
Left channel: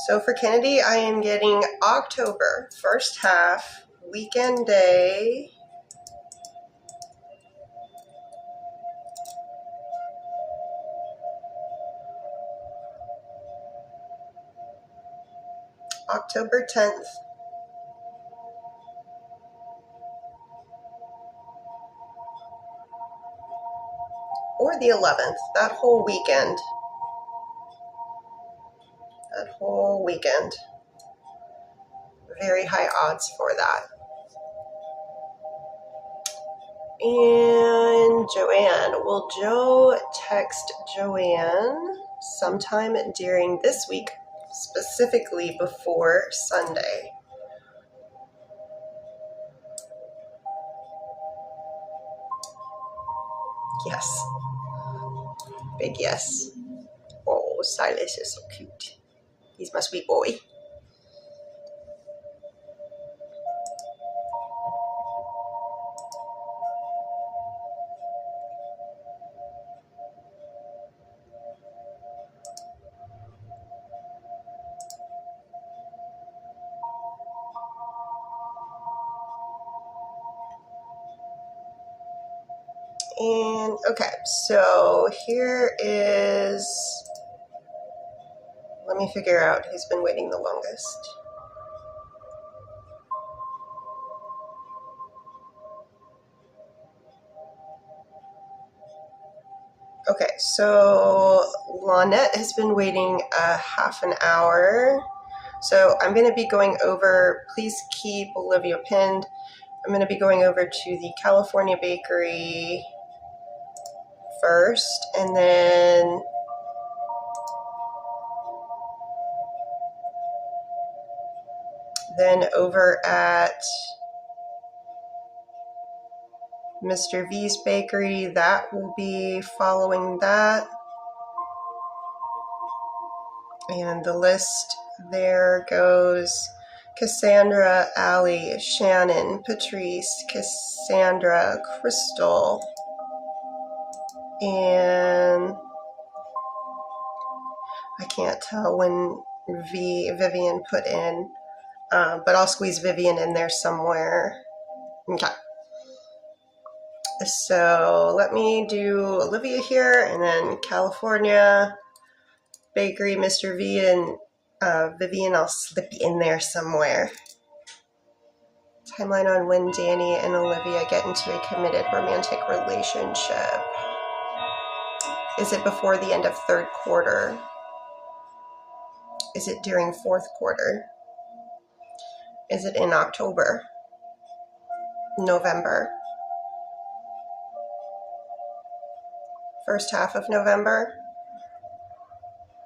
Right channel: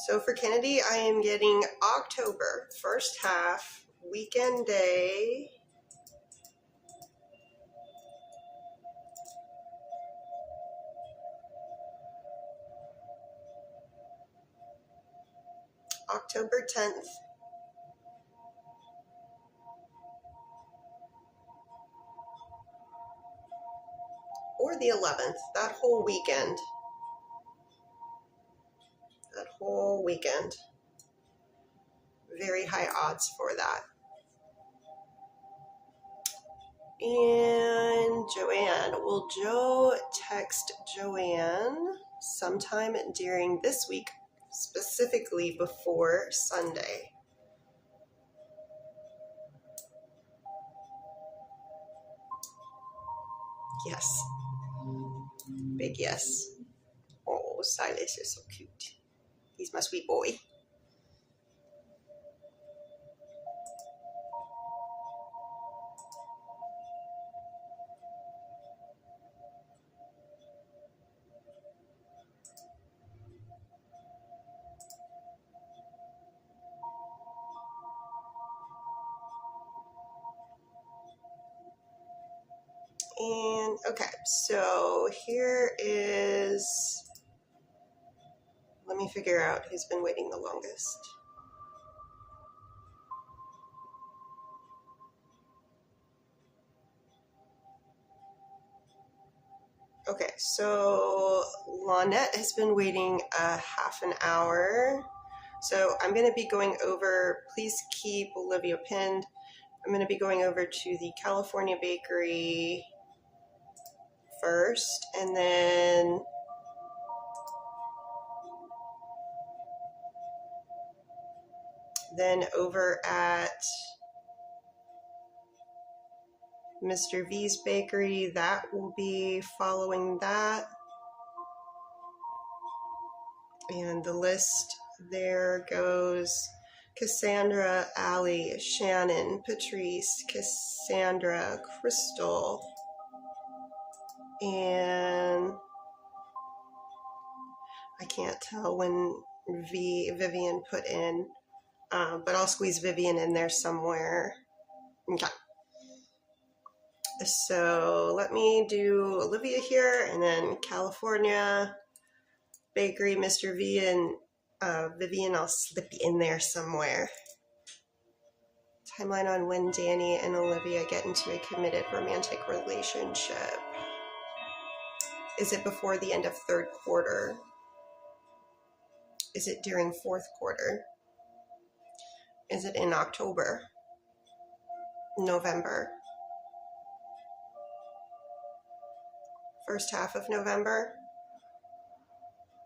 So for Kennedy, I am getting October, first half, weekend day. October 10th. Or the 11th, that whole weekend. That whole weekend. Very high odds for that. And Joanne, will Joe text Joanne sometime during this week, specifically before Sunday? Yes. Big yes. Oh, Silas is so cute. He's my sweet boy. And okay, so here is, let me figure out who's been waiting the longest. Okay, so Lynette has been waiting a half an hour. So I'm going to be going over, please keep Olivia pinned. I'm going to be going over to the California Bakery first, and then over at Mr. V's Bakery, that will be following that. And the list there goes Cassandra, Allie, Shannon, Patrice, Cassandra, Crystal, and I can't tell when Vivian put in, but I'll squeeze Vivian in there somewhere. Okay. So let me do Olivia here, and then California Bakery, Mr. V, and Vivian, I'll slip in there somewhere. Timeline on when Danny and Olivia get into a committed romantic relationship. Is it before the end of third quarter? Is it during fourth quarter? Is it in October? November? First half of November?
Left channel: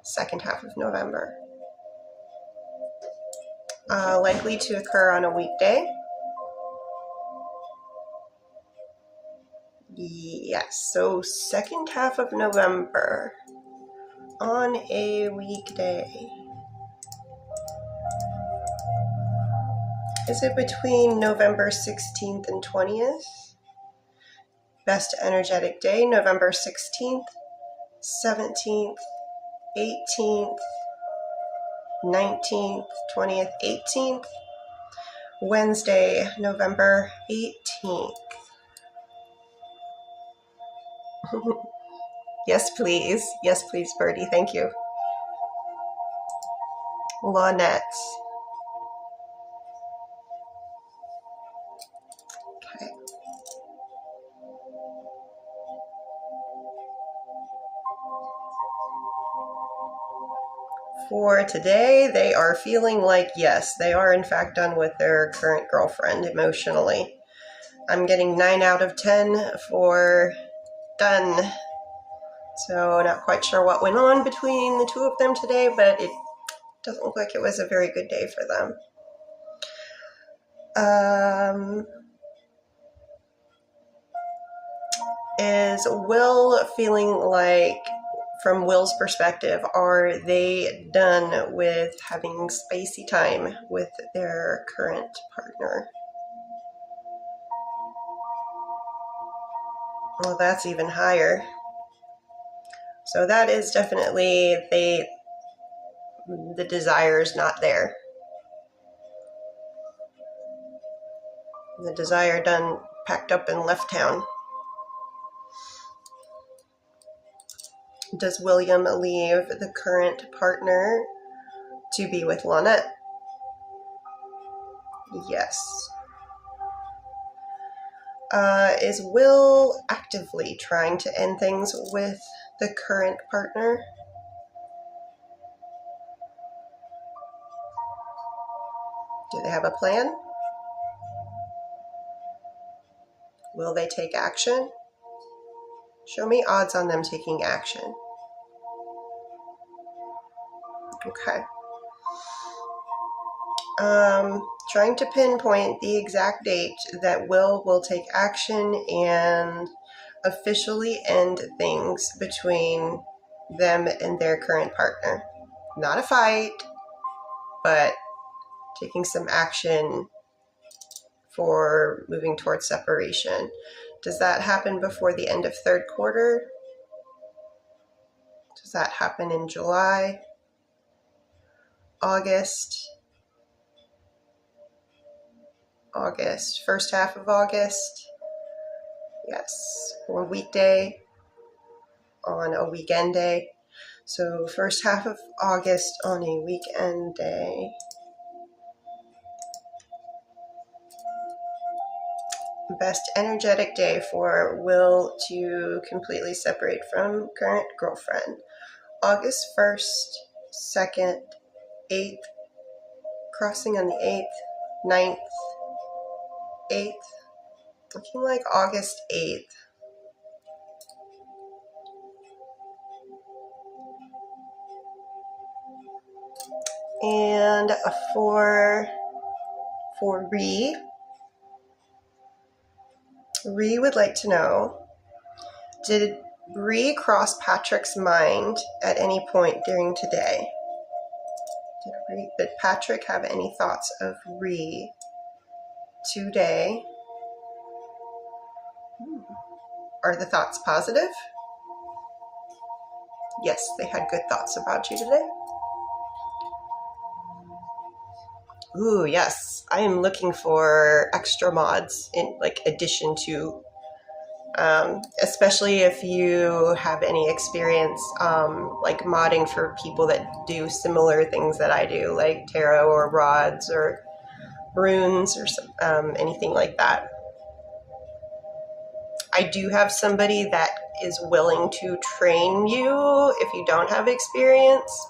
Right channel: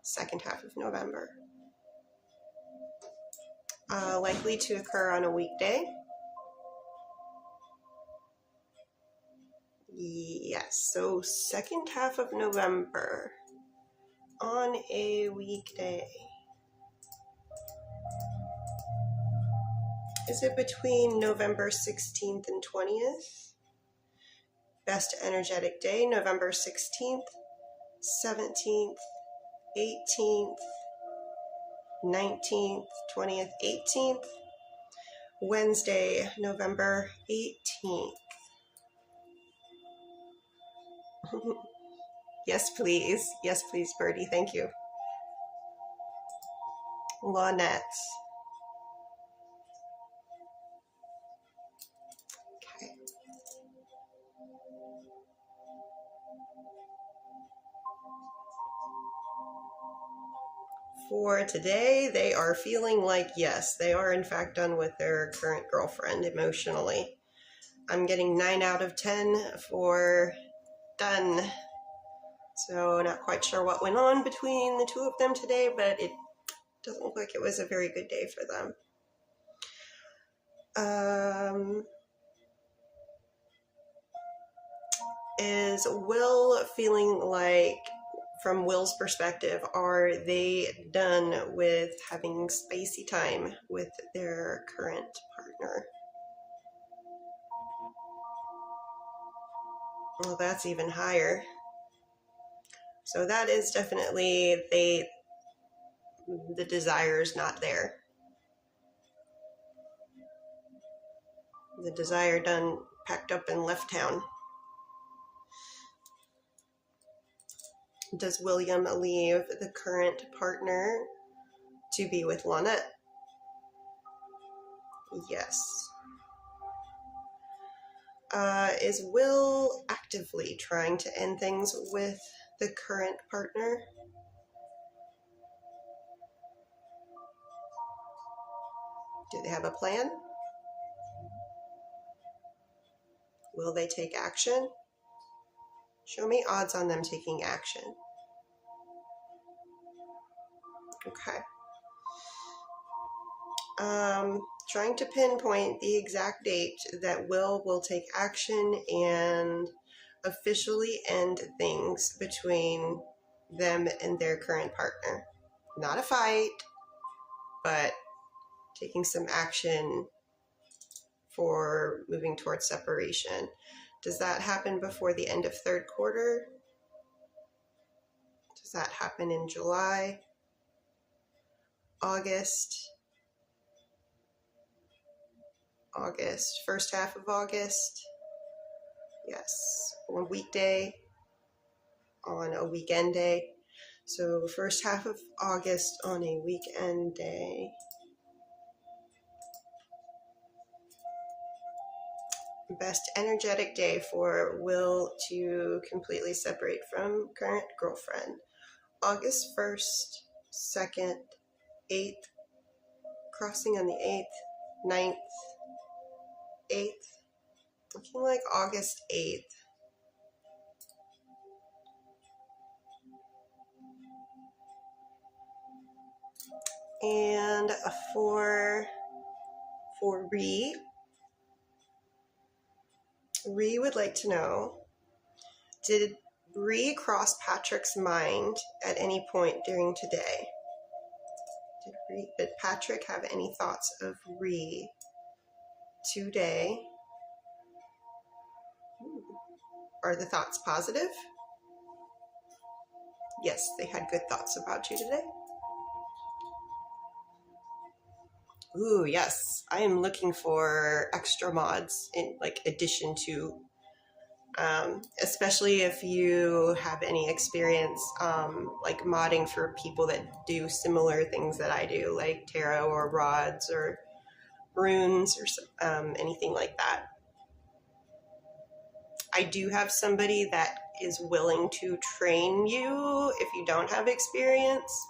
Second half of November? Likely to occur on a weekday? Yes, so second half of November on a weekday. Is it between November 16th and 20th? Best energetic day, November 16th, 17th, 18th, 19th, 20th, 18th, Wednesday, November 18th. Yes, please. Yes, please, Birdie. Thank you. Lynette. Okay. For today, they are feeling like, yes, they are in fact done with their current girlfriend emotionally. I'm getting 9 out of 10 for done. So not quite sure what went on between the two of them today, but it doesn't look like it was a very good day for them. Is Will feeling like, from Will's perspective, are they done with having spacey time with their current partner? Well, that's even higher. So that is definitely the desire is not there. The desire done packed up and left town. Does William leave the current partner to be with Lynette? Yes. Is Will actively trying to end things with the current partner? Do they have a plan? Will they take action? Show me odds on them taking action. Okay. Trying to pinpoint the exact date that will take action and officially end things between them and their current partner. Not a fight, but taking some action for moving towards separation. Does that happen before the end of third quarter? Does that happen in July? August? First half of August? Yes, or weekday on a weekend day. So first half of August on a weekend day. Best energetic day for Will to completely separate from current girlfriend. August 1st, 2nd, 8th, crossing on the 8th, 9th, 8th, looking like August 8th. And for Ree would like to know, did Ree cross Patrick's mind at any point during today? Did Patrick have any thoughts of Ree today? Are the thoughts positive? Yes, they had good thoughts about you today. Ooh, yes. I am looking for extra mods in addition to, especially if you have any experience modding for people that do similar things that I do, like tarot or rods or runes or anything like that. I do have somebody that is willing to train you if you don't have experience.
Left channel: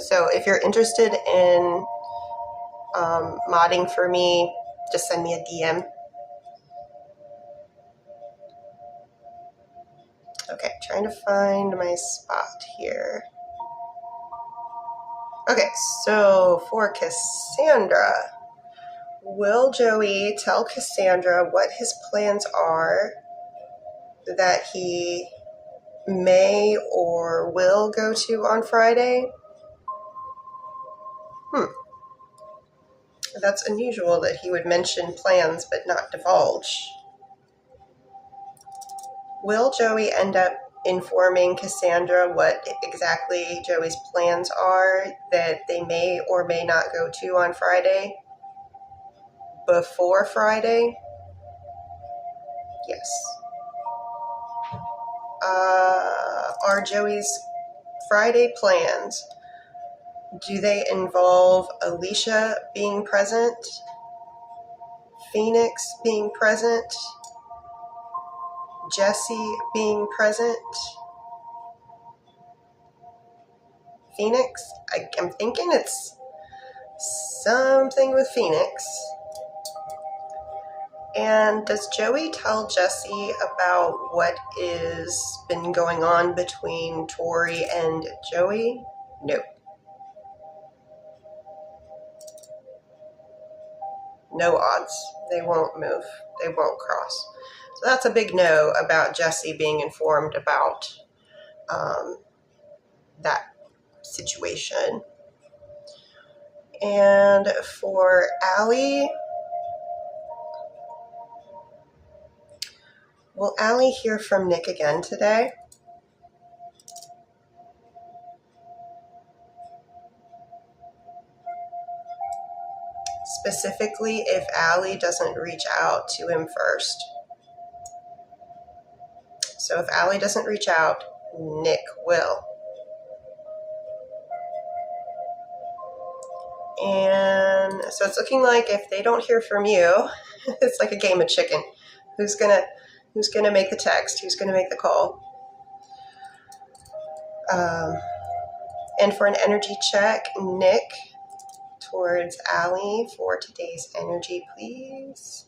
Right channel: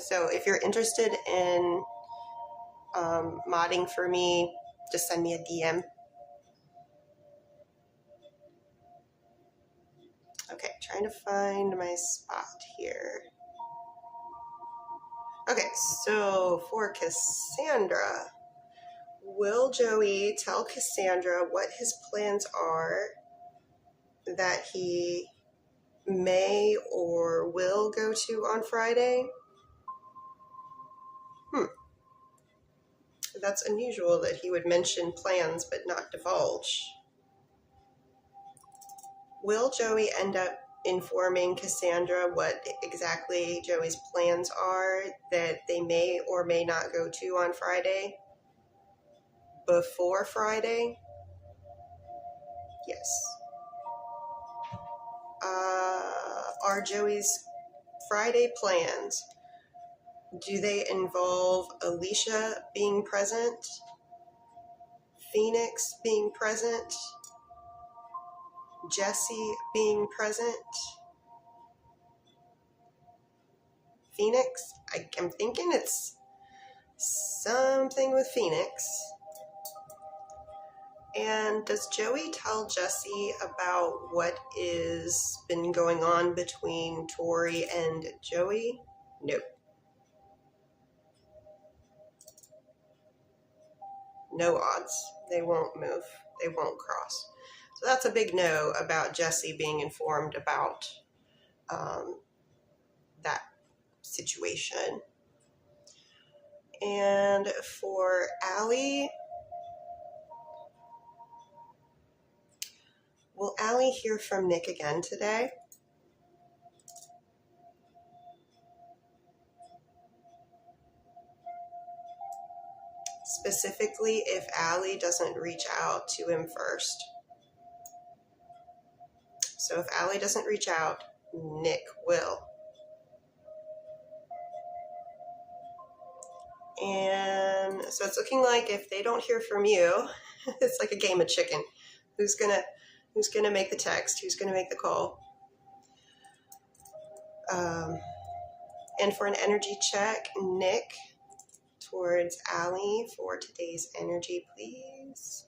So if you're interested in modding for me, just send me a DM. Okay, trying to find my spot here. Okay, so for Cassandra, will Joey tell Cassandra what his plans are that he may or will go to on Friday? That's unusual that he would mention plans but not divulge. Will Joey end up informing Cassandra what exactly Joey's plans are that they may or may not go to on Friday. Before Friday? Yes. Are Joey's Friday plans, do they involve Alicia being present? Phoenix being present? Jesse being present? Phoenix? I'm thinking it's something with Phoenix. And does Joey tell Jesse about what is been going on between Tori and Joey? No. No odds. They won't move. They won't cross. So that's a big no about Jesse being informed about that situation. And for Allie, will Allie hear from Nick again today? Specifically, if Allie doesn't reach out to him first. So if Allie doesn't reach out, Nick will. And so it's looking like if they don't hear from you, it's like a game of chicken. Who's gonna make the text? Who's gonna make the call? And for an energy check, Nick towards Allie for today's energy, please.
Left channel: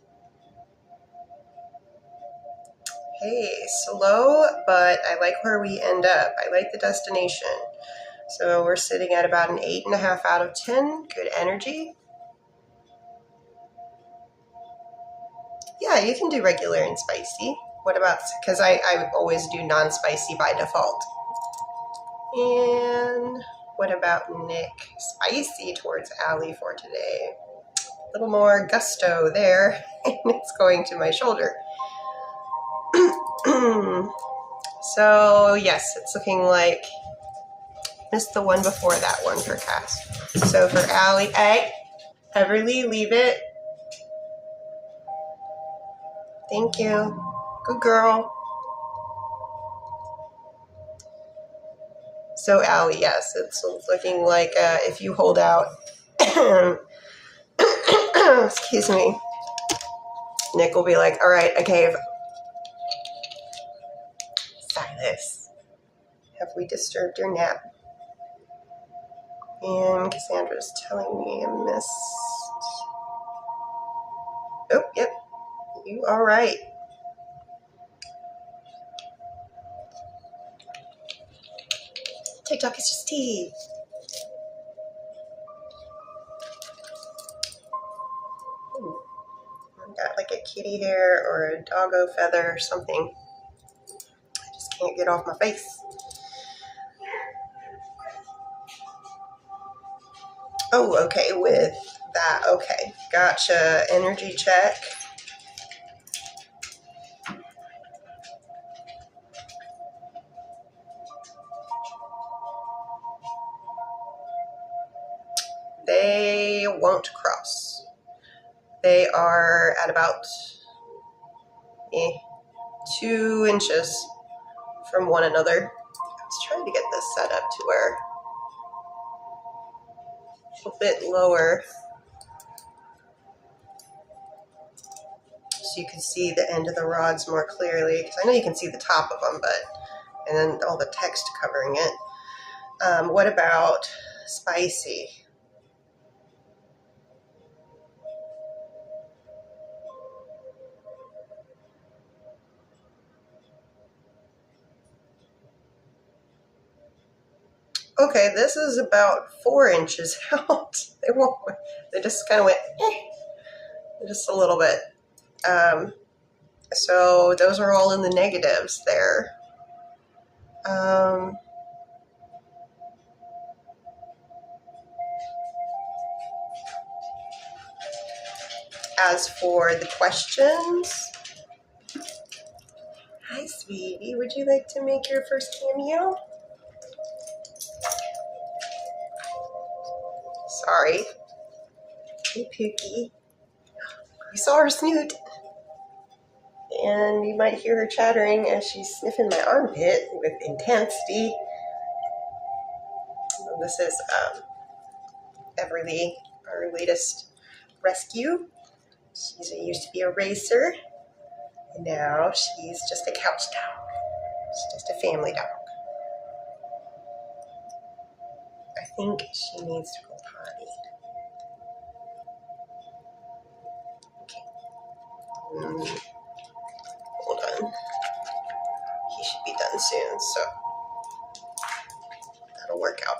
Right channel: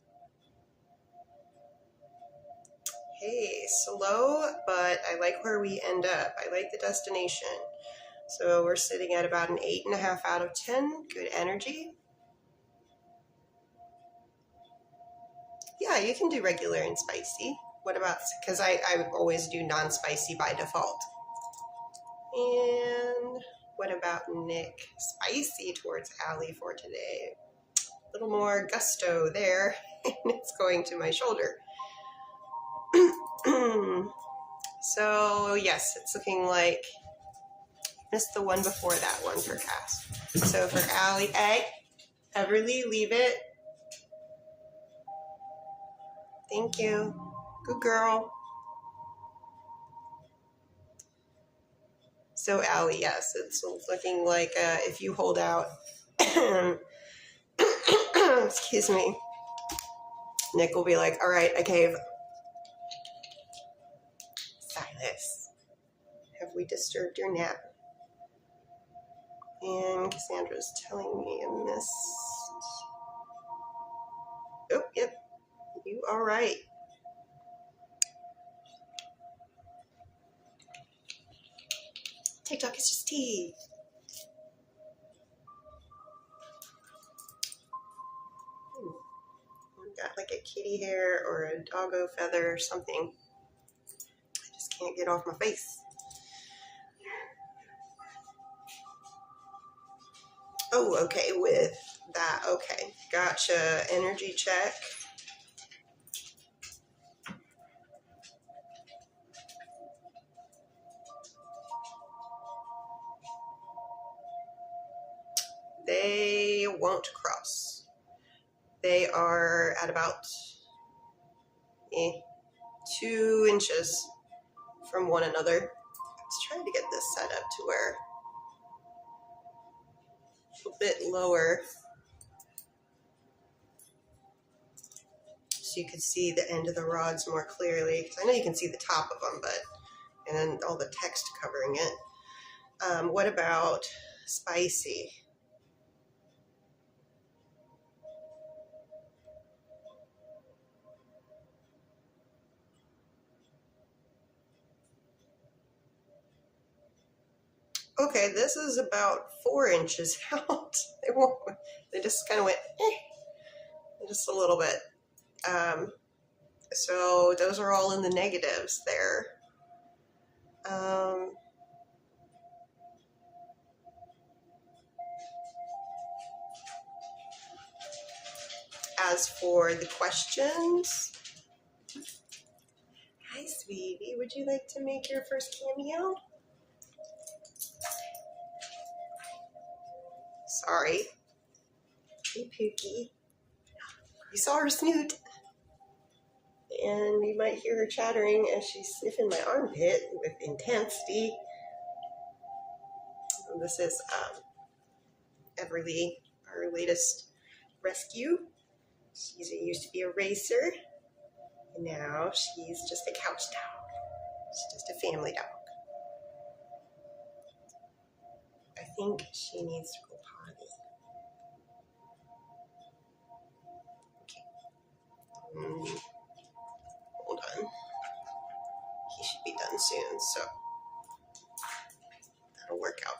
Hey, slow, but I like where we end up. I like the destination. So we're sitting at about an 8.5 out of 10. Good energy. Yeah, you can do regular and spicy. What about, because I always do non-spicy by default. And what about Nick? Spicy towards Allie for today. A little more gusto there, and it's going to my shoulder. So yes, it's looking like missed the one before that one for Cass. So for Allie, hey, Everly, leave it. Thank you. Good girl. So Allie, yes, it's looking like if you hold out, excuse me, Nick will be like, all right, I cave. Silas, have we disturbed your nap? And Cassandra's telling me I missed. Oh, yep, you are right. TikTok is just tea. I've got like a kitty hair or a doggo feather or something. I just can't get off my face. Oh, okay, with that, okay. Gotcha, energy check. They won't cross. They are at about 2 inches from one another. Let's try to get this set up to where a bit lower so you can see the end of the rods more clearly, because I know you can see the top of them, but and then all the text covering it. What about spicy? Okay, this is about 4 inches out. They just kind of went, just a little bit. So those are all in the negatives there. As for the questions, hi sweetie, would you like to make your first cameo? Sorry. Hey, Pookie. You saw her snoot. And you might hear her chattering as she's sniffing my armpit with intensity. And this is Everly, our latest rescue. Used to be a racer. And now she's just a couch dog. She's just a family dog. I think she needs to go potty. Okay. Hold on. He should be done soon, so that'll work out.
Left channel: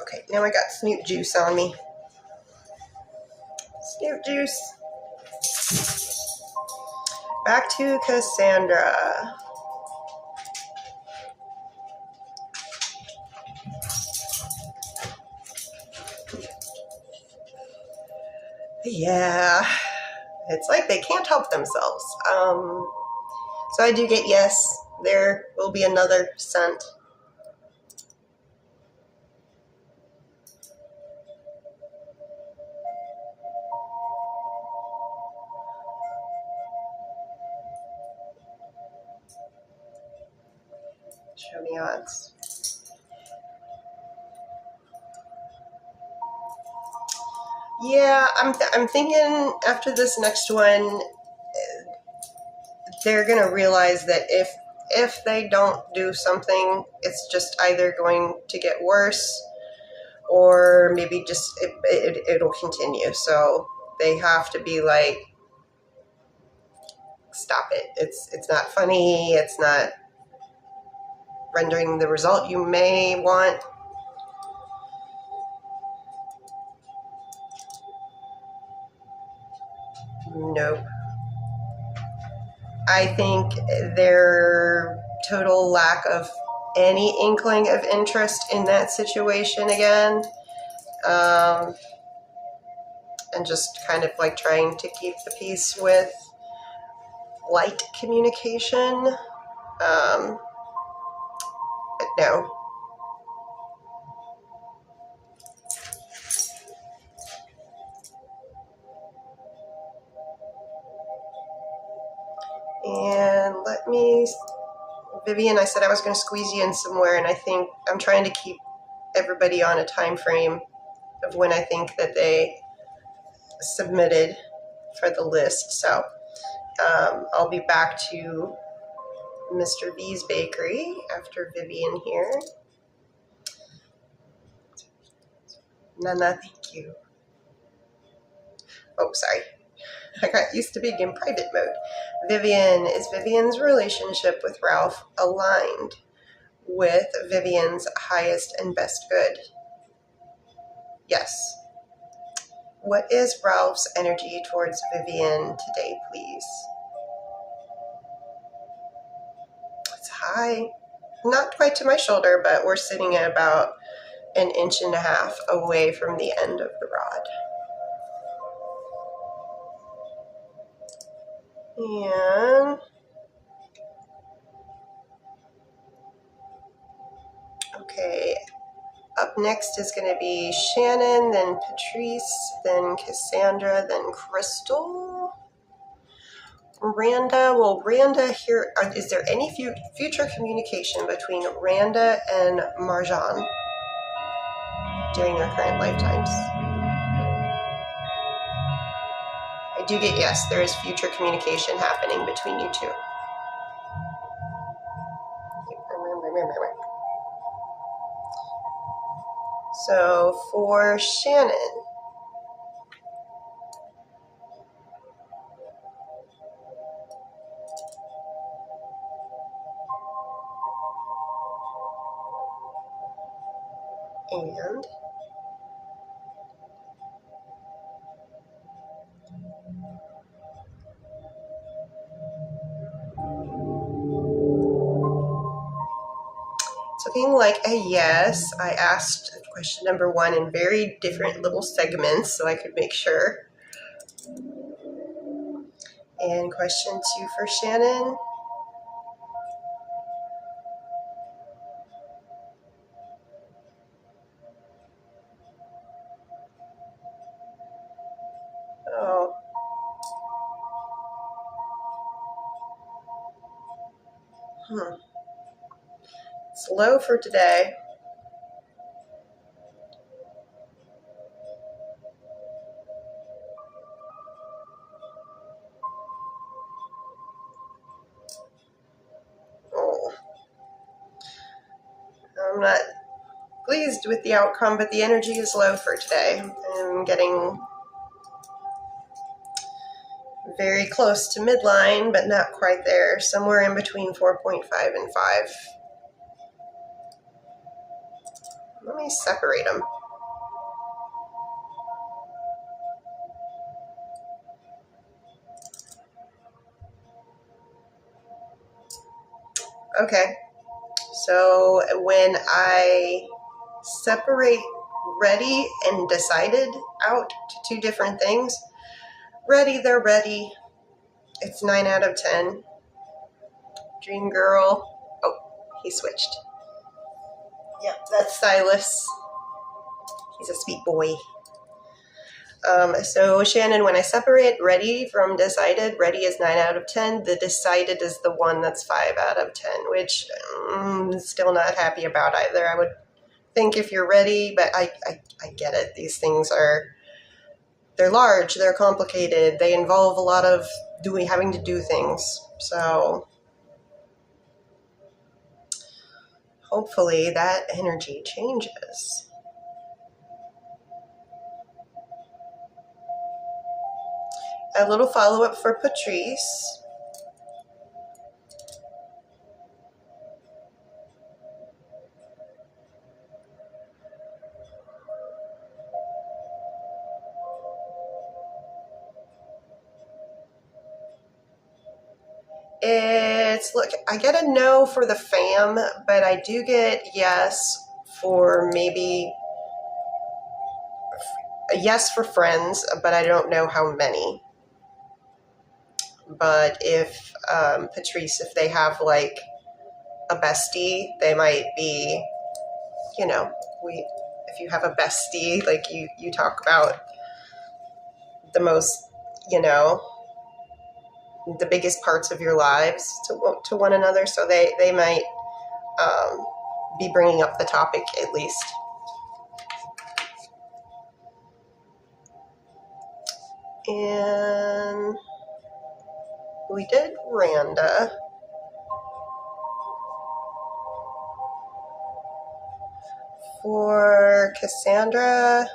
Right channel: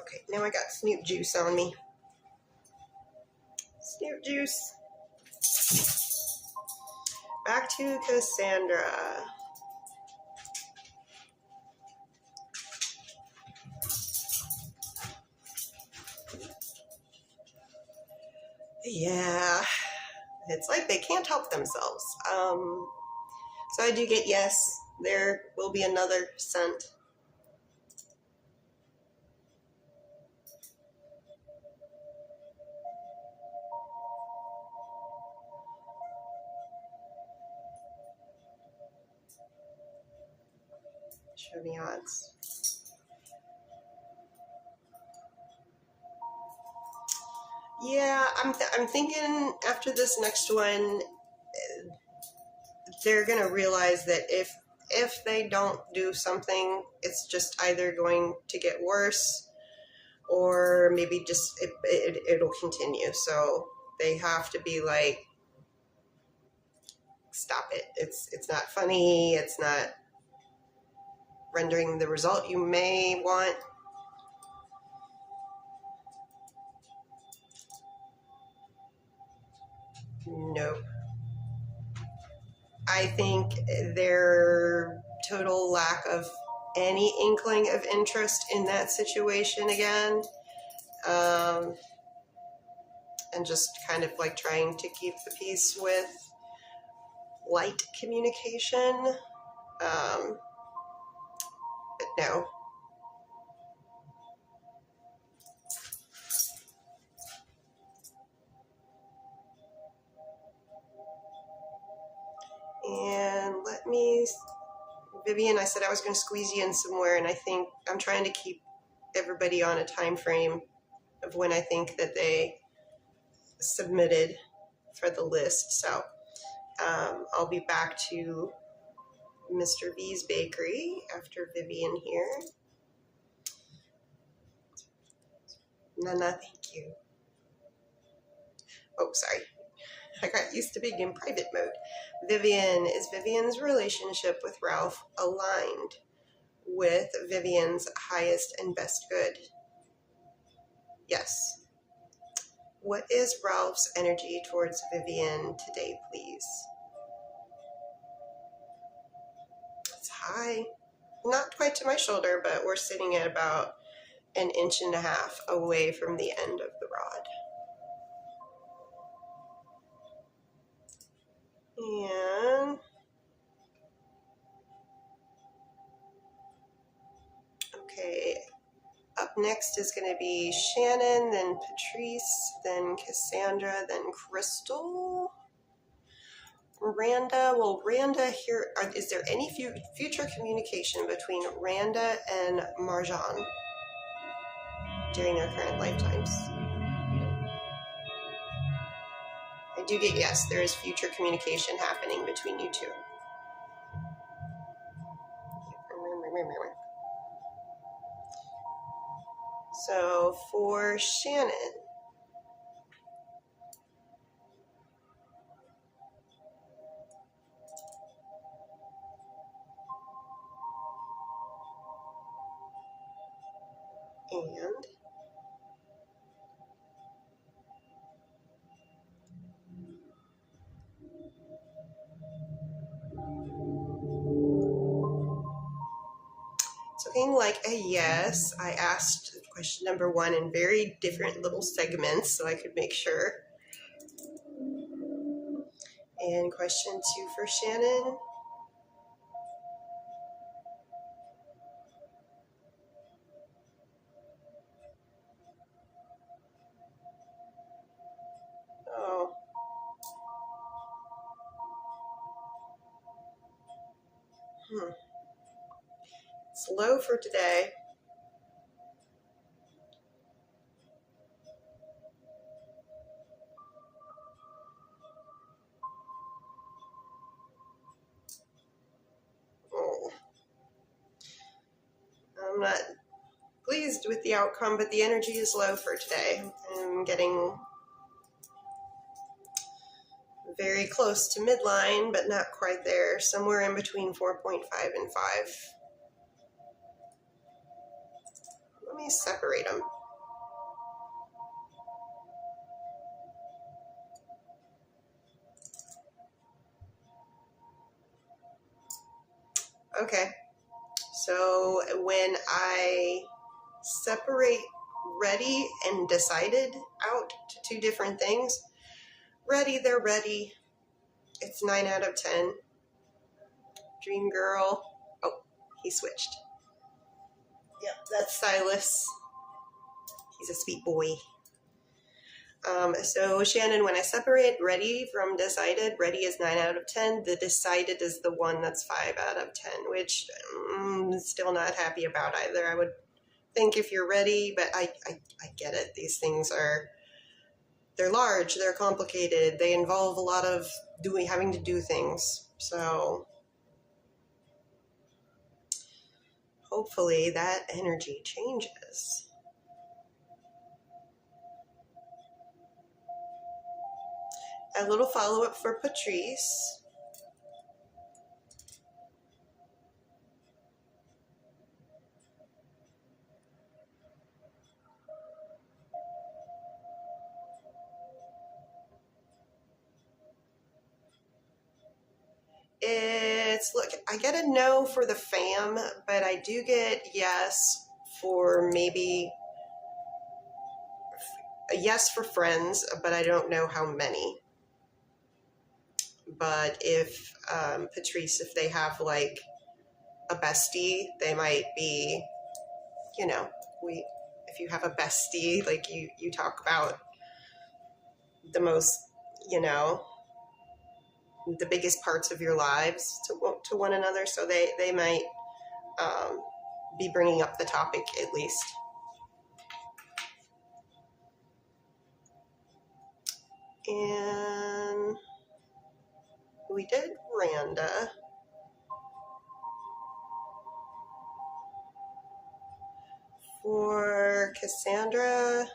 Okay, now I got snoot juice on me. Snoot juice. Back to Cassandra. Yeah, it's like they can't help themselves. So I do get yes, there will be another scent. Show the odds. Yeah, I'm thinking after this next one, they're gonna realize that if they don't do something, it's just either going to get worse, or maybe just it'll continue. So they have to be like, stop it. It's not funny. It's not rendering the result you may want. Nope. I think their total lack of any inkling of interest in that situation again, and just kind of like trying to keep the peace with light communication, but no. And let me, Vivian, I said I was going to squeeze you in somewhere, and I think I'm trying to keep everybody on a time frame of when I think that they submitted for the list. So I'll be back to Mr. V's Bakery after Vivian here. Nana, thank you. Oh, sorry. I got used to being in private mode. Vivian, is Vivian's relationship with Ralph aligned with Vivian's highest and best good? Yes. What is Ralph's energy towards Vivian today, please? It's high. Not quite to my shoulder, but we're sitting at about 1.5 inches away from the end of the rod. And okay, up next is going to be Shannon, then Patrice, then Cassandra, then Crystal. Randa, will Randa hear, is there any future communication between Randa and Marjan during their current lifetimes? I do get yes, there is future communication happening between you two. So for Shannon, and it's looking like a yes. I asked question number 1 in very different little segments so I could make sure. And question 2 for Shannon. It's low for today. Oh, I'm not pleased with the outcome, but the energy is low for today. I'm getting very close to midline, but not quite there. Somewhere in between 4.5 and 5. Let me separate them. Okay, so when I separate ready and decided out to two different things, ready, they're ready. It's 9 out of 10. Dream girl. Oh, he switched. Yep, that's Silas. He's a sweet boy. So Shannon, when I separate ready from decided, ready is 9 out of 10. The decided is the one that's 5 out of 10, which I'm still not happy about either. I would think if you're ready, but I get it. These things they're large, they're complicated, they involve a lot of having to do things. So hopefully that energy changes. A little follow-up for Patrice. Look, I get a no for the fam, but I do get yes for maybe a yes for friends, but I don't know how many. But if Patrice, if they have like a bestie, they might be, if you have a bestie, like you talk about the most, the biggest parts of your lives to one another, so they might be bringing up the topic at least. And we did Randa. For Cassandra,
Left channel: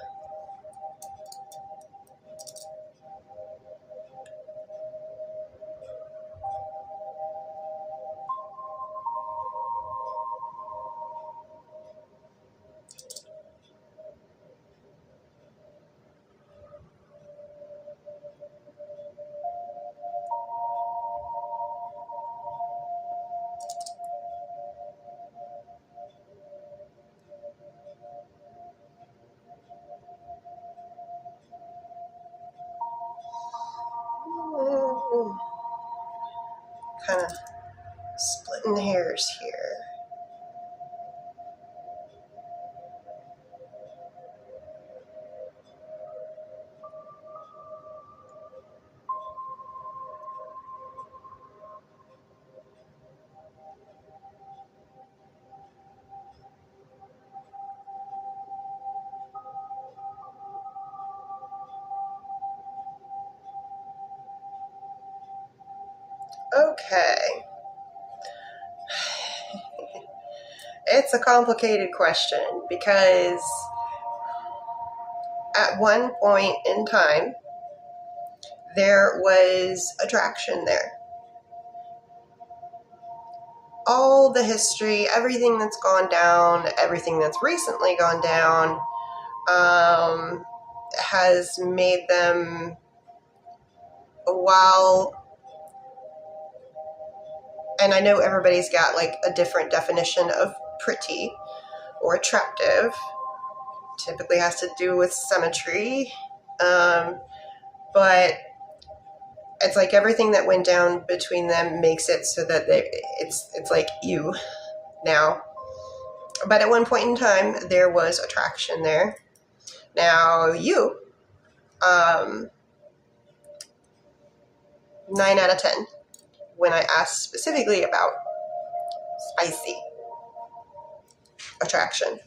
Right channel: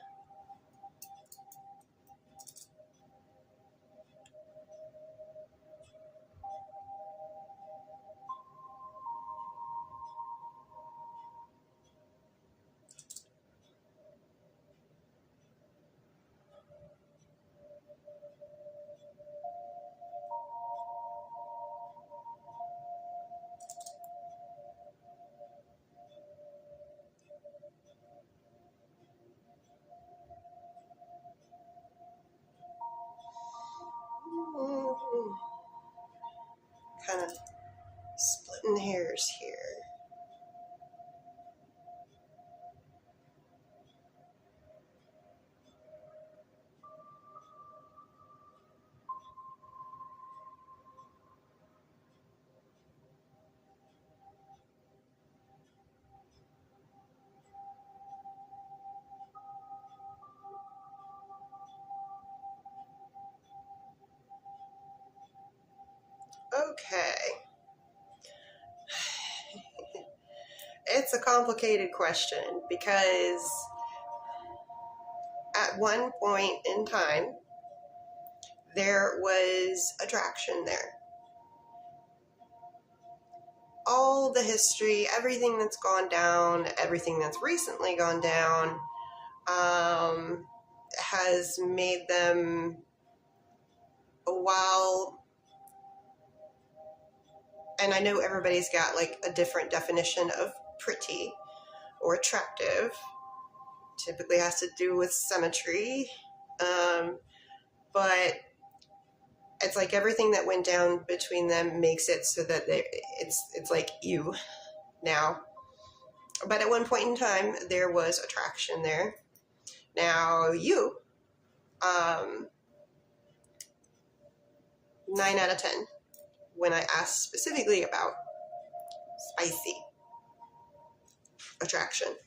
kind of splitting hairs here. Okay. It's a complicated question because at one point in time, there was attraction there. All the history, everything that's gone down, everything that's recently gone down, has made them, while, and I know everybody's got like a different definition of pretty or attractive, typically has to do with symmetry, but it's like everything that went down between them makes it so that it's like you now. But at one point in time, there was attraction there. Now you, 9 out of 10, when I asked specifically about spicy attraction.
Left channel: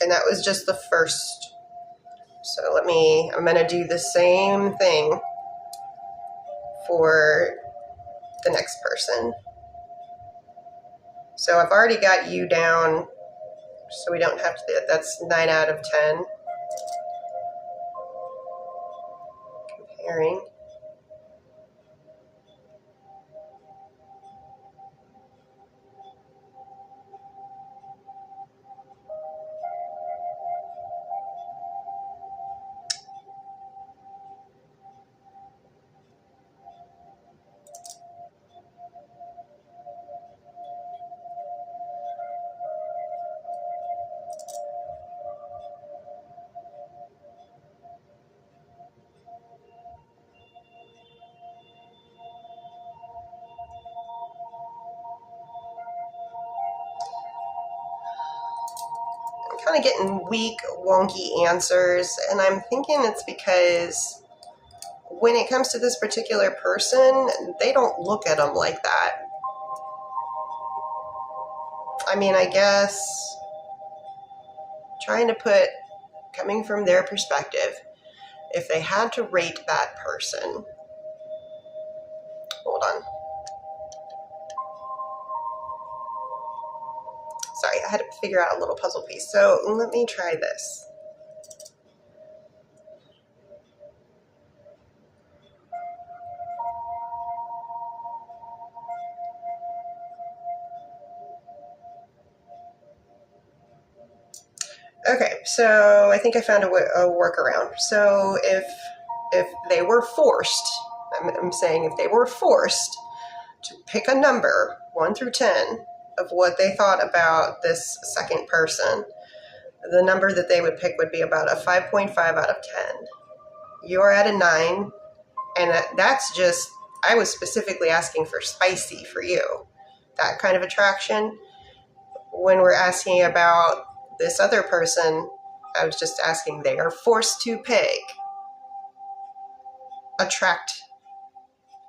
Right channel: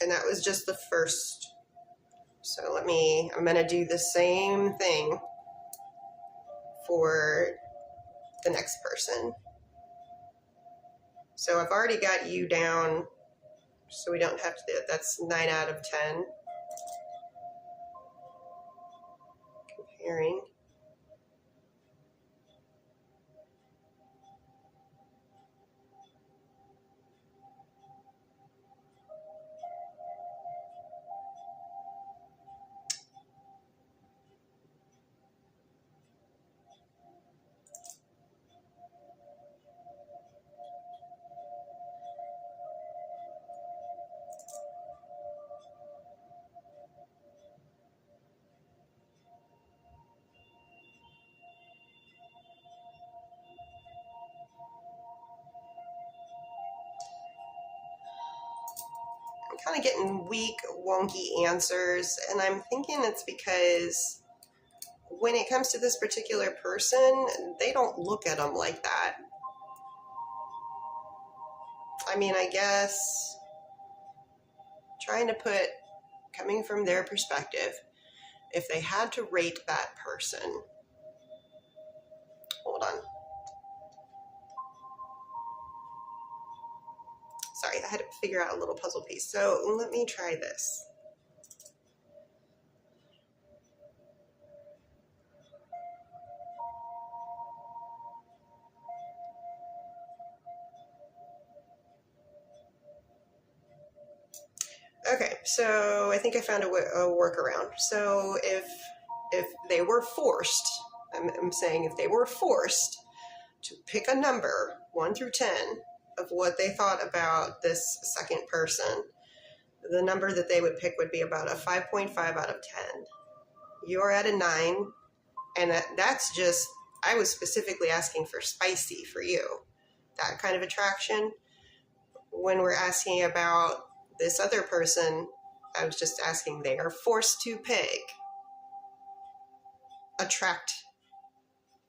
And that was just the first. So I'm going to do the same thing for the next person. So I've already got you down, so we don't have to do it. That's 9 out of 10. Comparing. Kind of getting weak, wonky answers, and I'm thinking it's because when it comes to this particular person, they don't look at them like that. I mean, I guess trying to put, coming from their perspective, if they had to rate that person, hold on. Sorry, I had to figure out a little puzzle piece. So let me try this. Okay, so I think I found a workaround. So if they were forced, I'm saying if they were forced to pick a number, 1 through 10, of what they thought about this second person, the number that they would pick would be about a 5.5 out of 10. You're at a 9, and that's just, I was specifically asking for spicy for you. That kind of attraction. When we're asking about this other person, I was just asking, they are forced to pick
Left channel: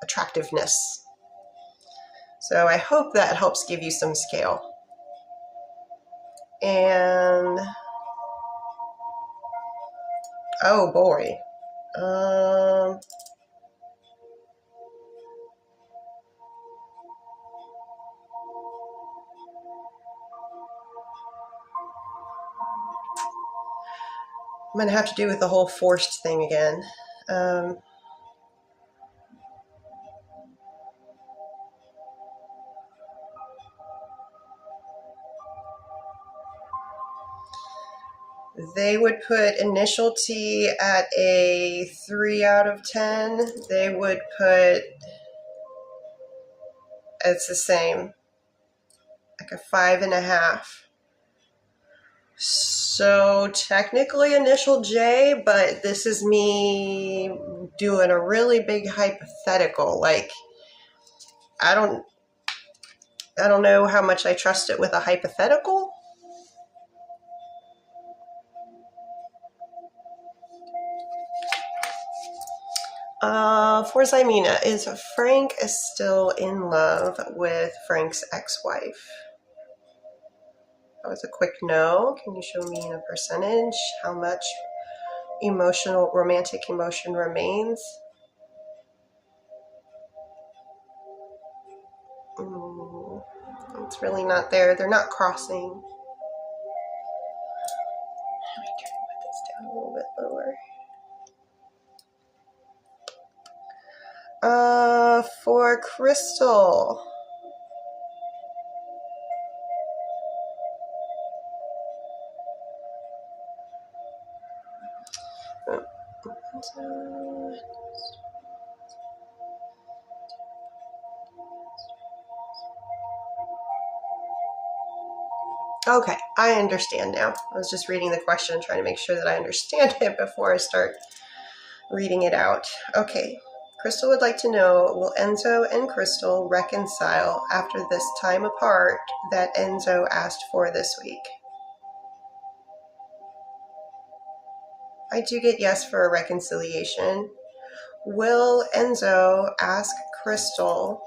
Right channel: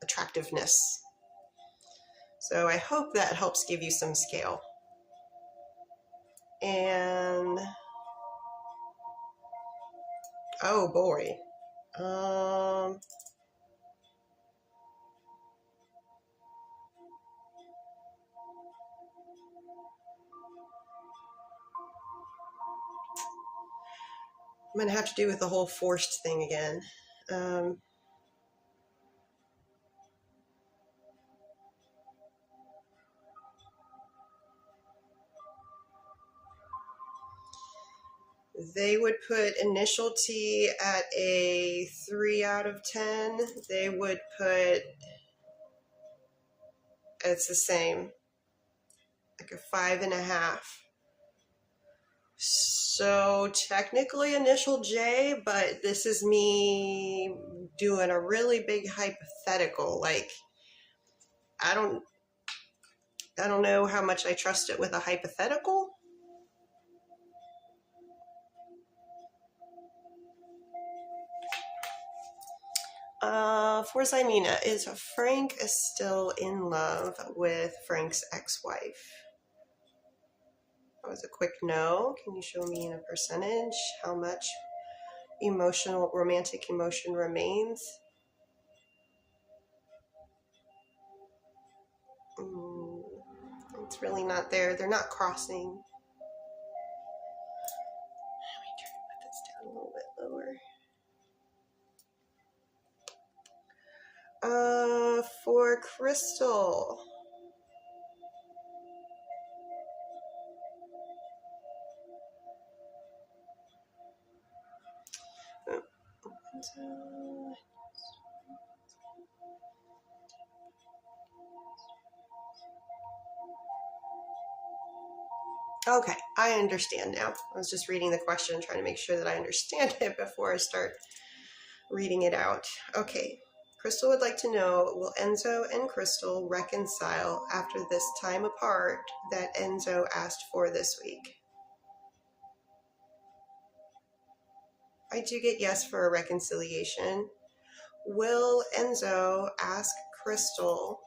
attractiveness. So I hope that helps give you some scale. And oh boy. I'm going to have to do with the whole forced thing again. They would put initial T at a 3 out of 10. They would put, it's the same, like a 5.5. So technically initial J, but this is me doing a really big hypothetical. Like, I don't know how much I trust it with a hypothetical. For Zymina, is Frank still in love with Frank's ex-wife? That was a quick no. Can you show me in a percentage how much romantic emotion remains? It's really not there. They're not crossing. Let me try to put this down a little bit lower. For Crystal. Okay, I understand now. I was just reading the question, trying to make sure that I understand it before I start reading it out. Okay, Crystal would like to know, will Enzo and Crystal reconcile after this time apart that Enzo asked for this week? I do get yes for a reconciliation. Will Enzo ask Crystal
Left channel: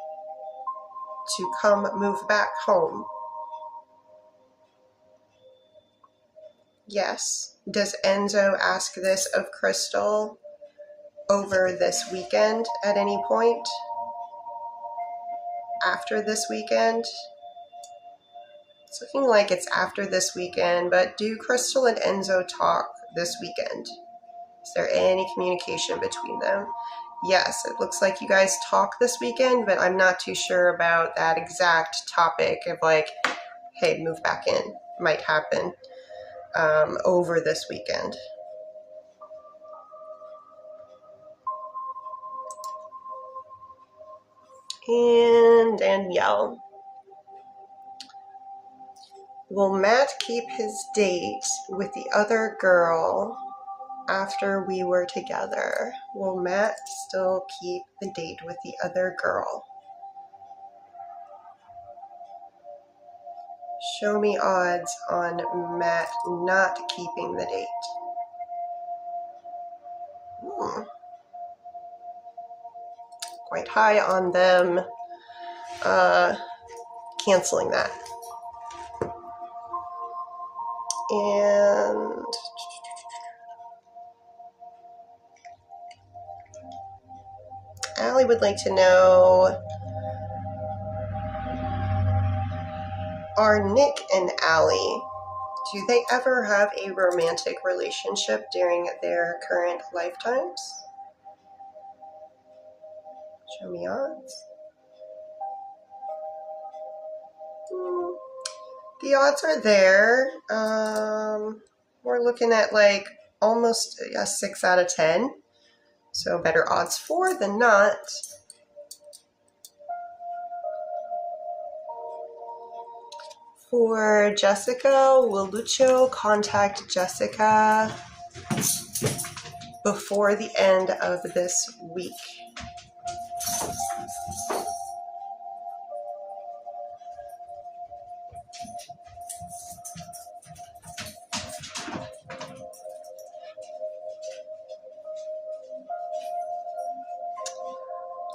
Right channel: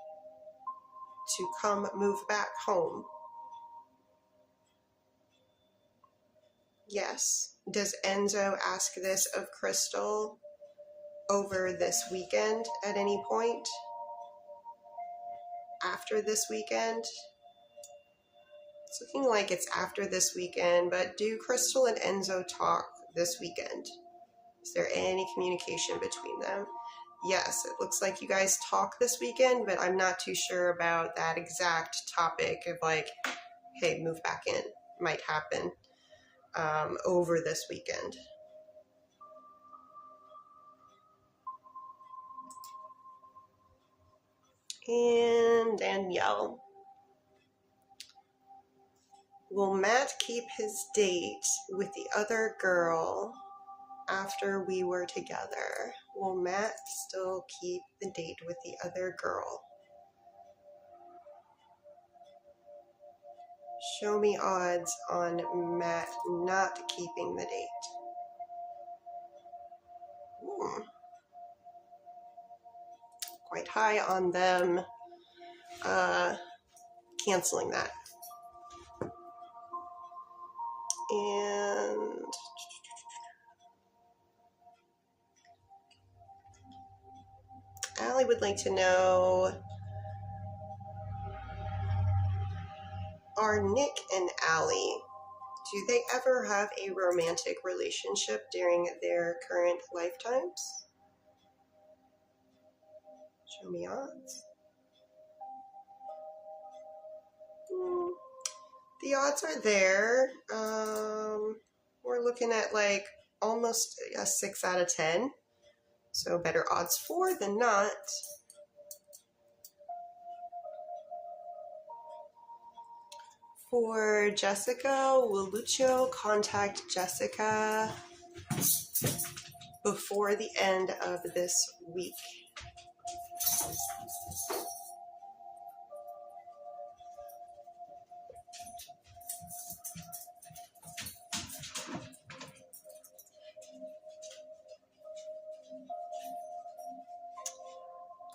to come move back home? Yes. Does Enzo ask this of Crystal over this weekend at any point? After this weekend? It's looking like it's after this weekend, but do Crystal and Enzo talk this weekend? Is there any communication between them? Yes, it looks like you guys talk this weekend, but I'm not too sure about that exact topic of like, hey, move back in. Might happen over this weekend. And Danielle. Will Matt keep his date with the other girl after we were together? Will Matt still keep the date with the other girl? Show me odds on Matt not keeping the date. Quite high on them canceling that. And Allie would like to know, are Nick and Allie, do they ever have a romantic relationship during their current lifetimes? Show me odds. The odds are there. We're looking at like almost a 6 out of 10. So better odds for than not. For Jessica, will Lucho contact Jessica before the end of this week?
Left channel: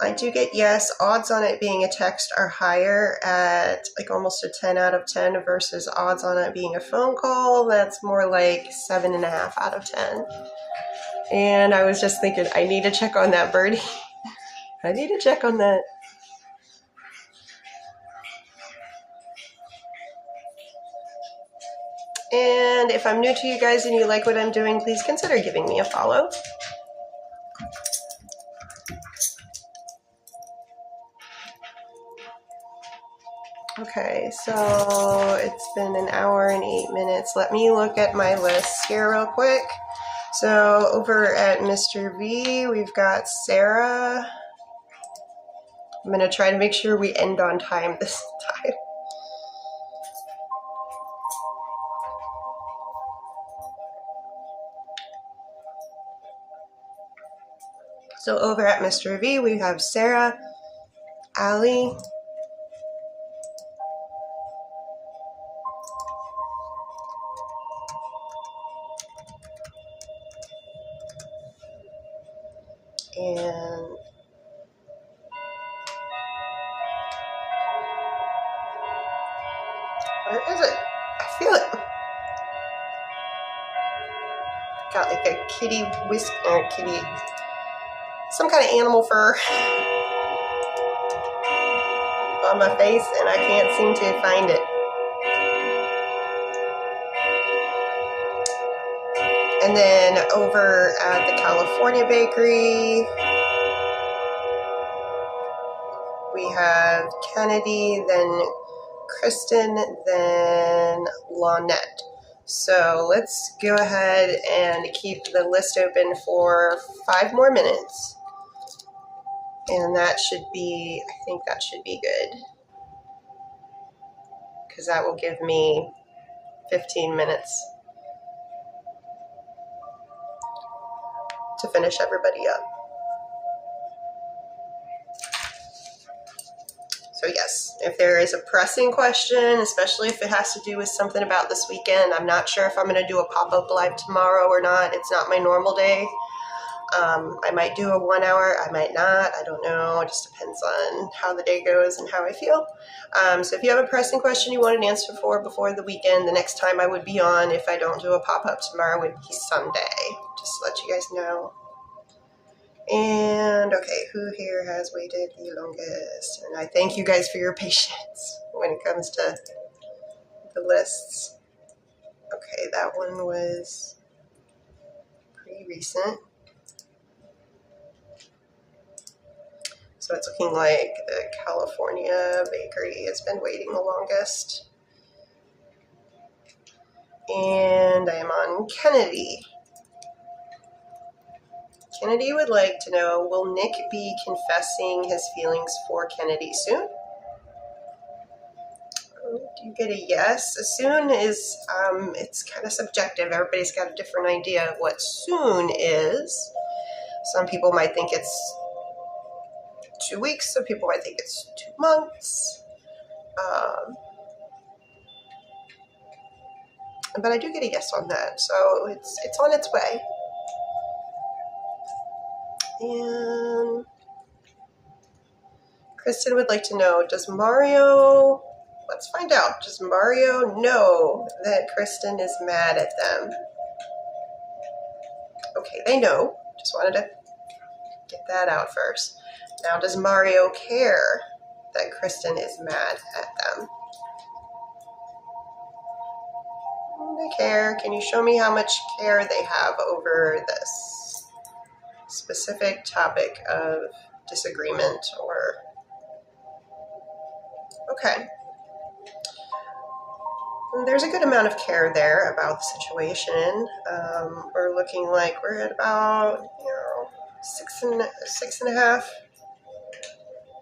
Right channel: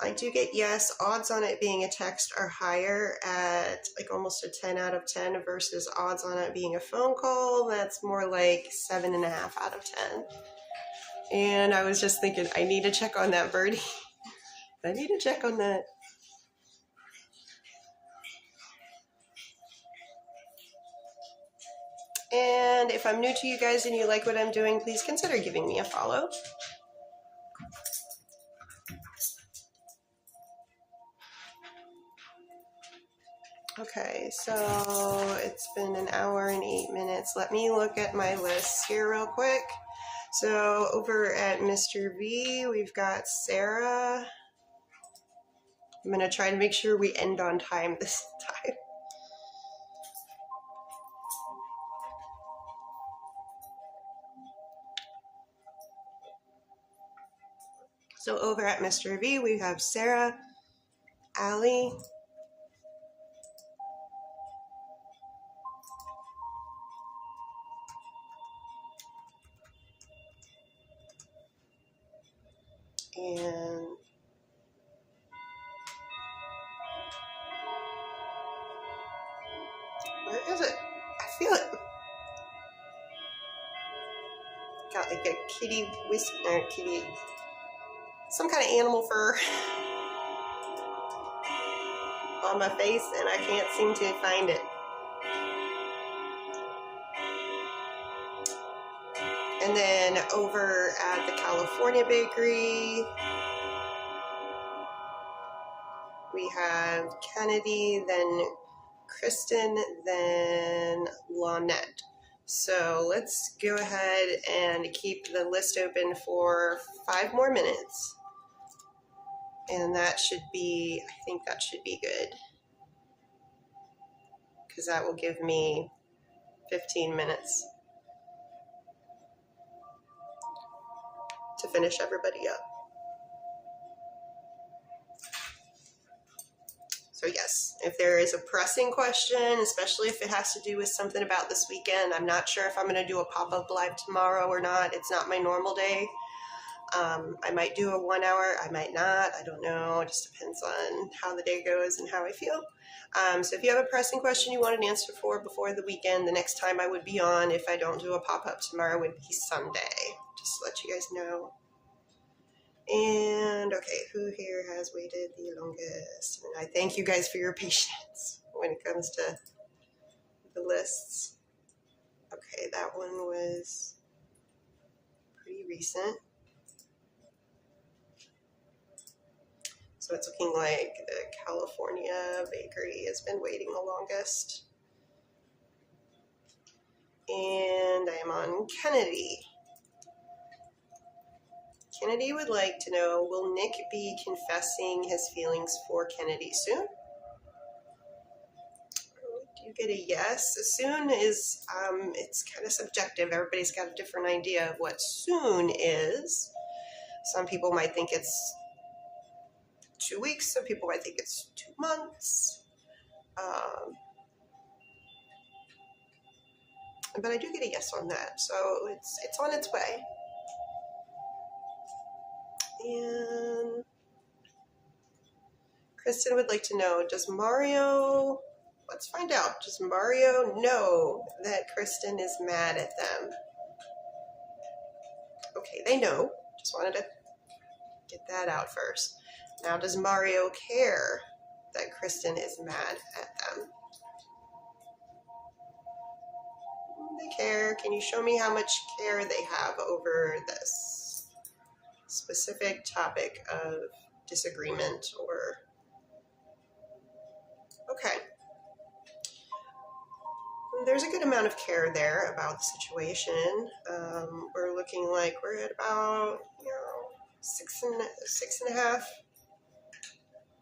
I do get yes. Odds on it being a text are higher at like almost a 10 out of 10 versus odds on it being a phone call. That's more like 7.5 out of 10. And I was just thinking, I need to check on that birdie. I need to check on that. And if I'm new to you guys and you like what I'm doing, please consider giving me a follow. Okay, so it's been an hour and 8 minutes. Let me look at my list here real quick. So over at Mr. V, we've got Sarah. I'm gonna try to make sure we end on time this time. So over at Mr. V, we have Sarah, Allie, and where is it? I feel it. Got like a kitty whisker, kitty, some kind of animal fur on my face, and I can't seem to find it. And then over at the California Bakery, we have Kennedy, then Kristen, then Lonette. So let's go ahead and keep the list open for 5 more minutes. And that should be, I think that should be good. Because that will give me 15 minutes to finish everybody up. So yes, if there is a pressing question, especially if it has to do with something about this weekend, I'm not sure if I'm going to do a pop-up live tomorrow or not. It's not my normal day. I might do a 1 hour, I might not, I don't know. It just depends on how the day goes and how I feel. So if you have a pressing question you want an answer for before the weekend, the next time I would be on, if I don't do a pop-up tomorrow, would be Sunday. Just to let you guys know. And okay, who here has waited the longest? And I thank you guys for your patience when it comes to the lists. Okay, that one was pretty recent. So it's looking like the California bakery has been waiting the longest. And I am on Kennedy. Kennedy would like to know, will Nick be confessing his feelings for Kennedy soon? Do you get a yes? Soon is, it's kind of subjective. Everybody's got a different idea of what soon is. Some people might think it's 2 weeks. Some people might think it's 2 months. But I do get a yes on that. So it's on its way. And Kristen would like to know, does Mario, let's find out, does Mario know that Kristen is mad at them? Okay, they know. Just wanted to get that out first. Now, does Mario care that Kristen is mad at them? They care. Can you show me how much care they have over this specific topic of disagreement or... Okay. There's a good amount of care there about the situation. We're looking like we're at about, 6.5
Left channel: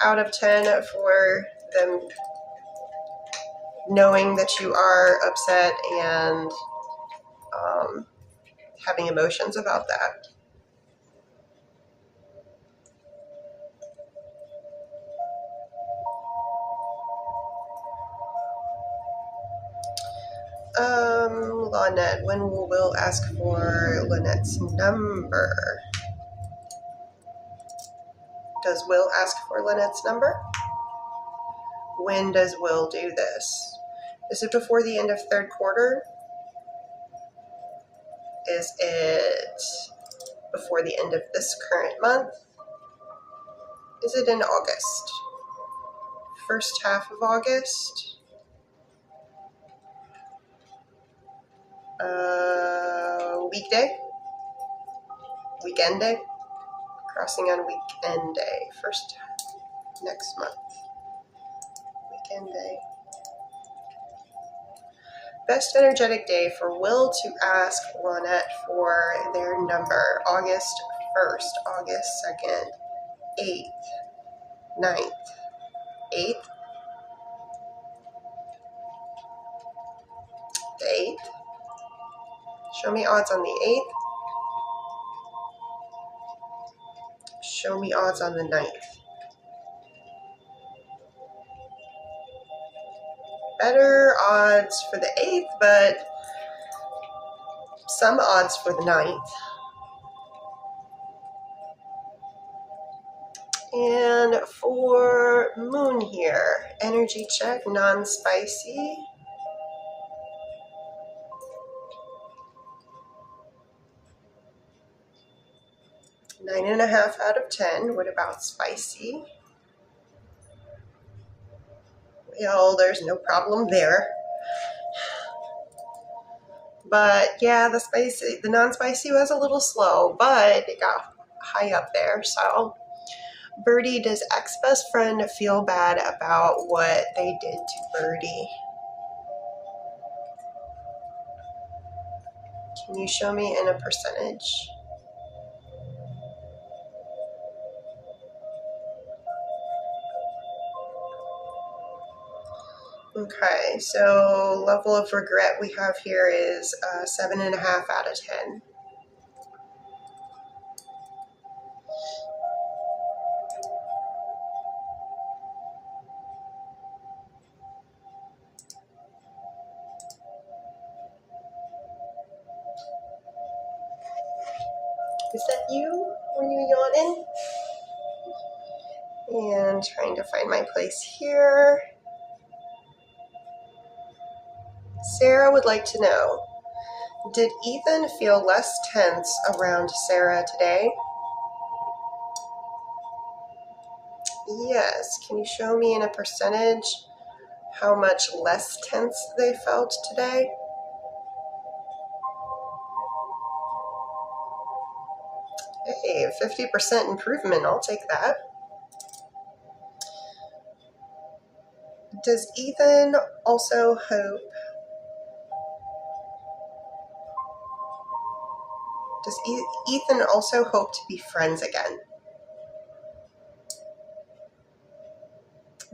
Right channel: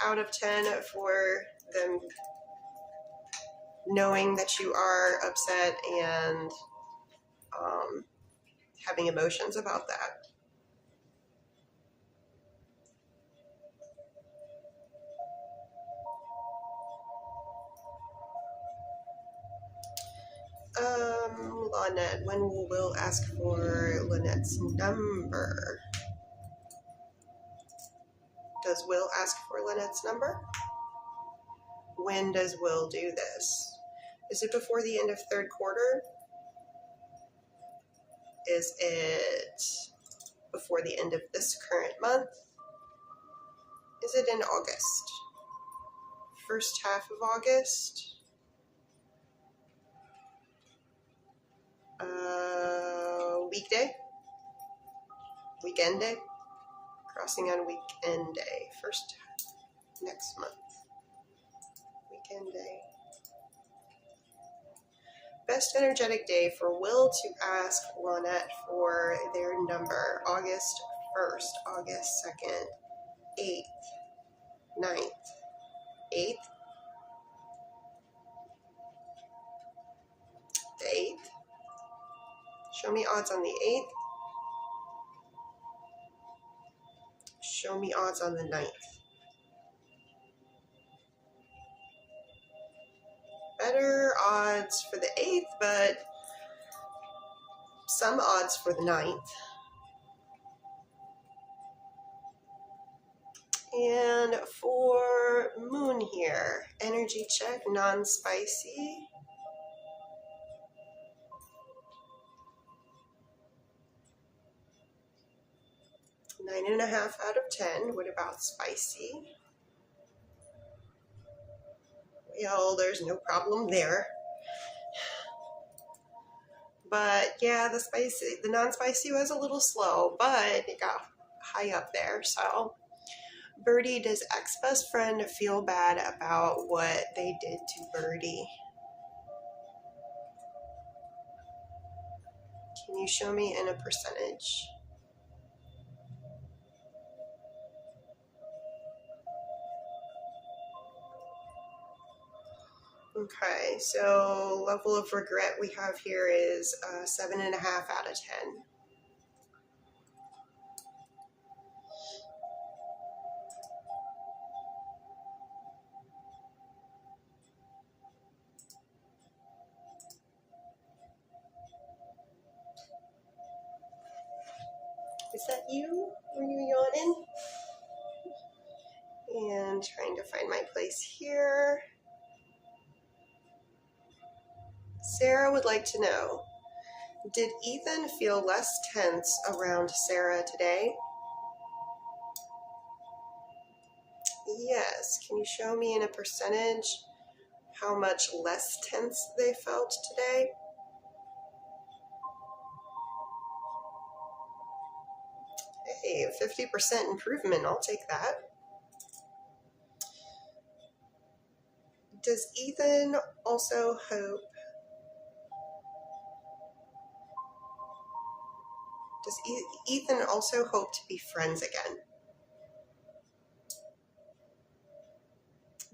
out of 10 for them knowing that you are upset and having emotions about that. Lynette, when will Will ask for Lynette's number? Does Will ask for Lynette's number? When does Will do this? Is it before the end of third quarter? Is it before the end of this current month? Is it in August? First half of August? Weekday? Weekend day? Crossing on weekend day. First next month. Weekend day. Best energetic day for Will to ask Lynette for their number. August 1st, August 2nd, 8th, 9th, 8th, the 8th. Show me odds on the 8th. Show me odds on the 9th. Better odds for the 8th, but some odds for the 9th. And for Moon here, energy check, non-spicy. 9.5 out of 10. What about spicy? Well, there's no problem there. But yeah, the non-spicy was a little slow, but it got high up there. So, Birdie, does ex-best friend feel bad about what they did to Birdie? Can you show me in a percentage? Okay, so level of regret we have here is 7.5 out of 10. Is that you? Were you yawning? And trying to find my place here. Sarah would like to know, did Ethan feel less tense around Sarah today? Yes. Can you show me in a percentage how much less tense they felt today? Hey, 50% improvement. I'll take that. Does Ethan also hope Ethan also hope to be friends again?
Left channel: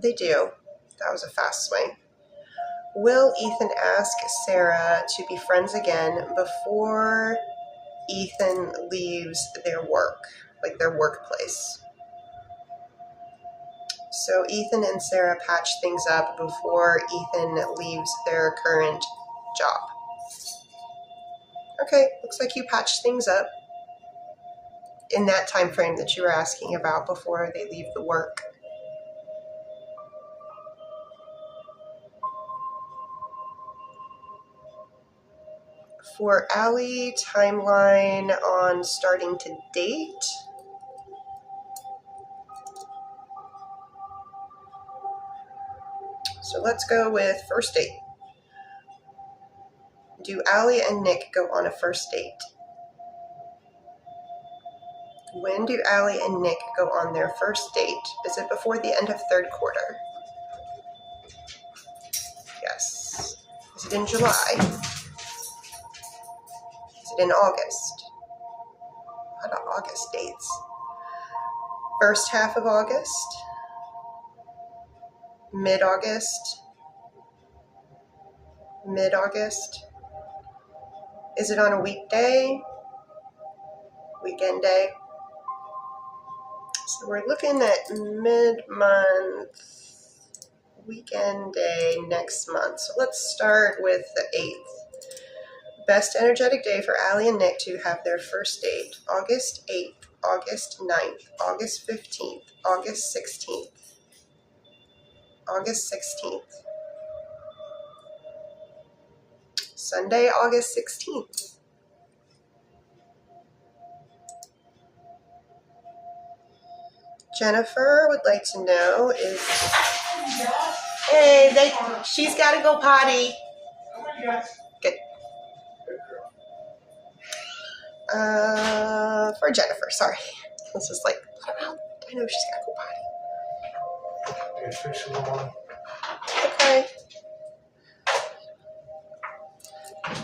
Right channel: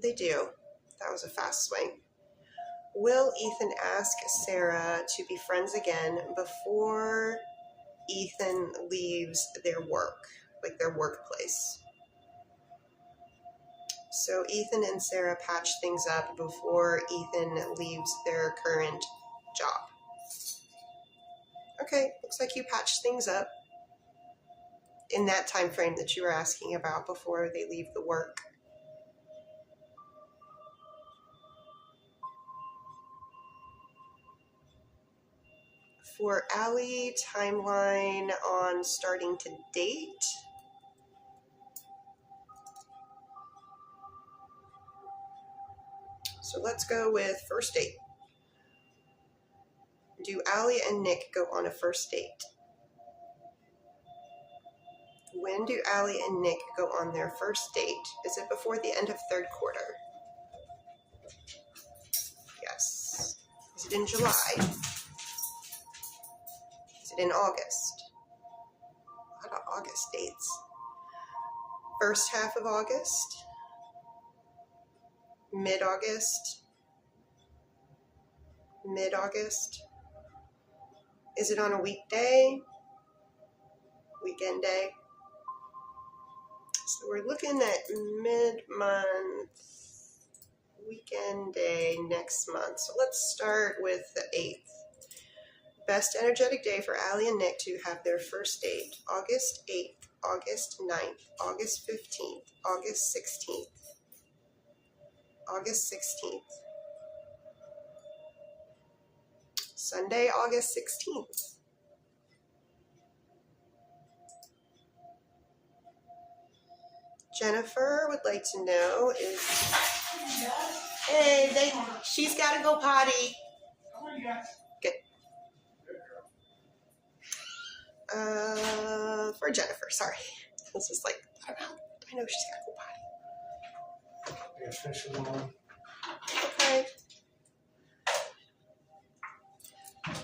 They do. That was a fast swing. Will Ethan ask Sarah to be friends again before Ethan leaves their work, like their workplace? So Ethan and Sarah patch things up before Ethan leaves their current job. Okay, looks like you patched things up in that time frame that you were asking about before they leave the work. For Allie, timeline on starting to date. So let's go with first date. Do Allie and Nick go on a first date? When do Allie and Nick go on their first date? Is it before the end of third quarter? Yes. Is it in July? Is it in August? A lot of August dates. First half of August? Mid-August? Mid-August? Is it on a weekday? Weekend day? So we're looking at mid-month, weekend day next month. So let's start with the 8th. Best energetic day for Allie and Nick to have their first date. August 8th, August 9th, August 15th, August 16th. August 16th. Sunday, August 16th. Jennifer would like to know is, hey, she's got to go potty. Good. For Jennifer, sorry. This is like, I know she's got to go potty. Official one. Okay.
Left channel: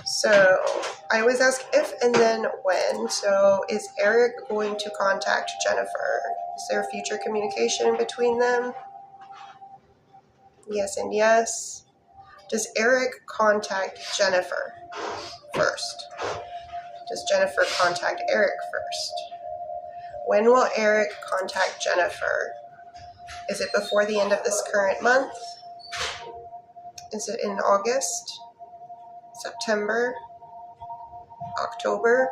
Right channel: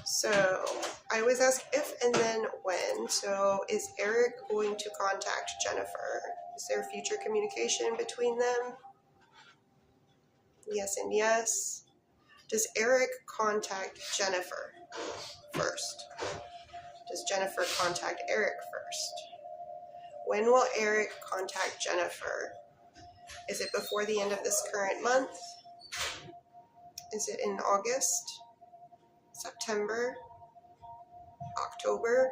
So I always ask if and then when. So is Eric going to contact Jennifer? Is there future communication between them? Yes and yes. Does Eric contact Jennifer first? Does Jennifer contact Eric first? When will Eric contact Jennifer? Is it before the end of this current month? Is it in August? September? October?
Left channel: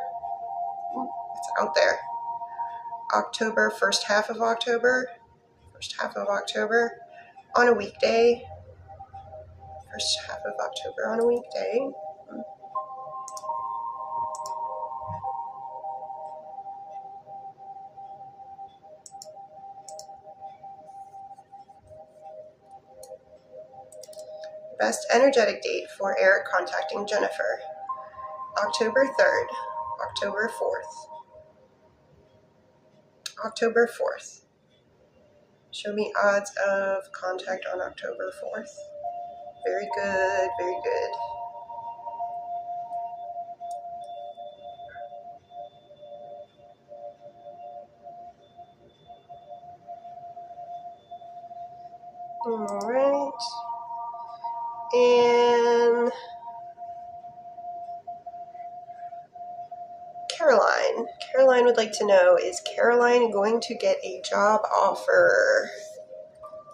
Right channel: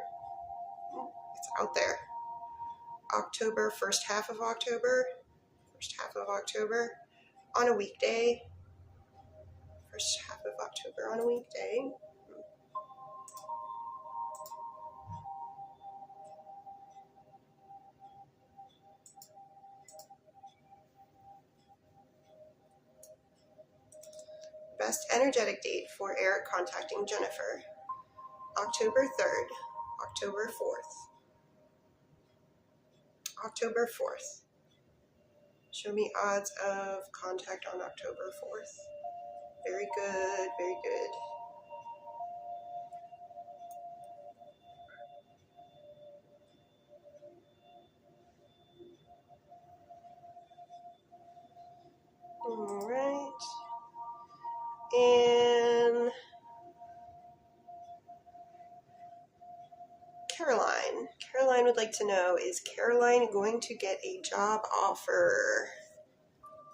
It's out there. October, first half of October? First half of October on a weekday. First half of October on a weekday. Best energetic date for Eric contacting Jennifer. October 3rd, October 4th. October 4th. Show me odds of contact on October 4th. Very good, very good. All right. And Caroline. Caroline would like to know, is Caroline going to get a job offer?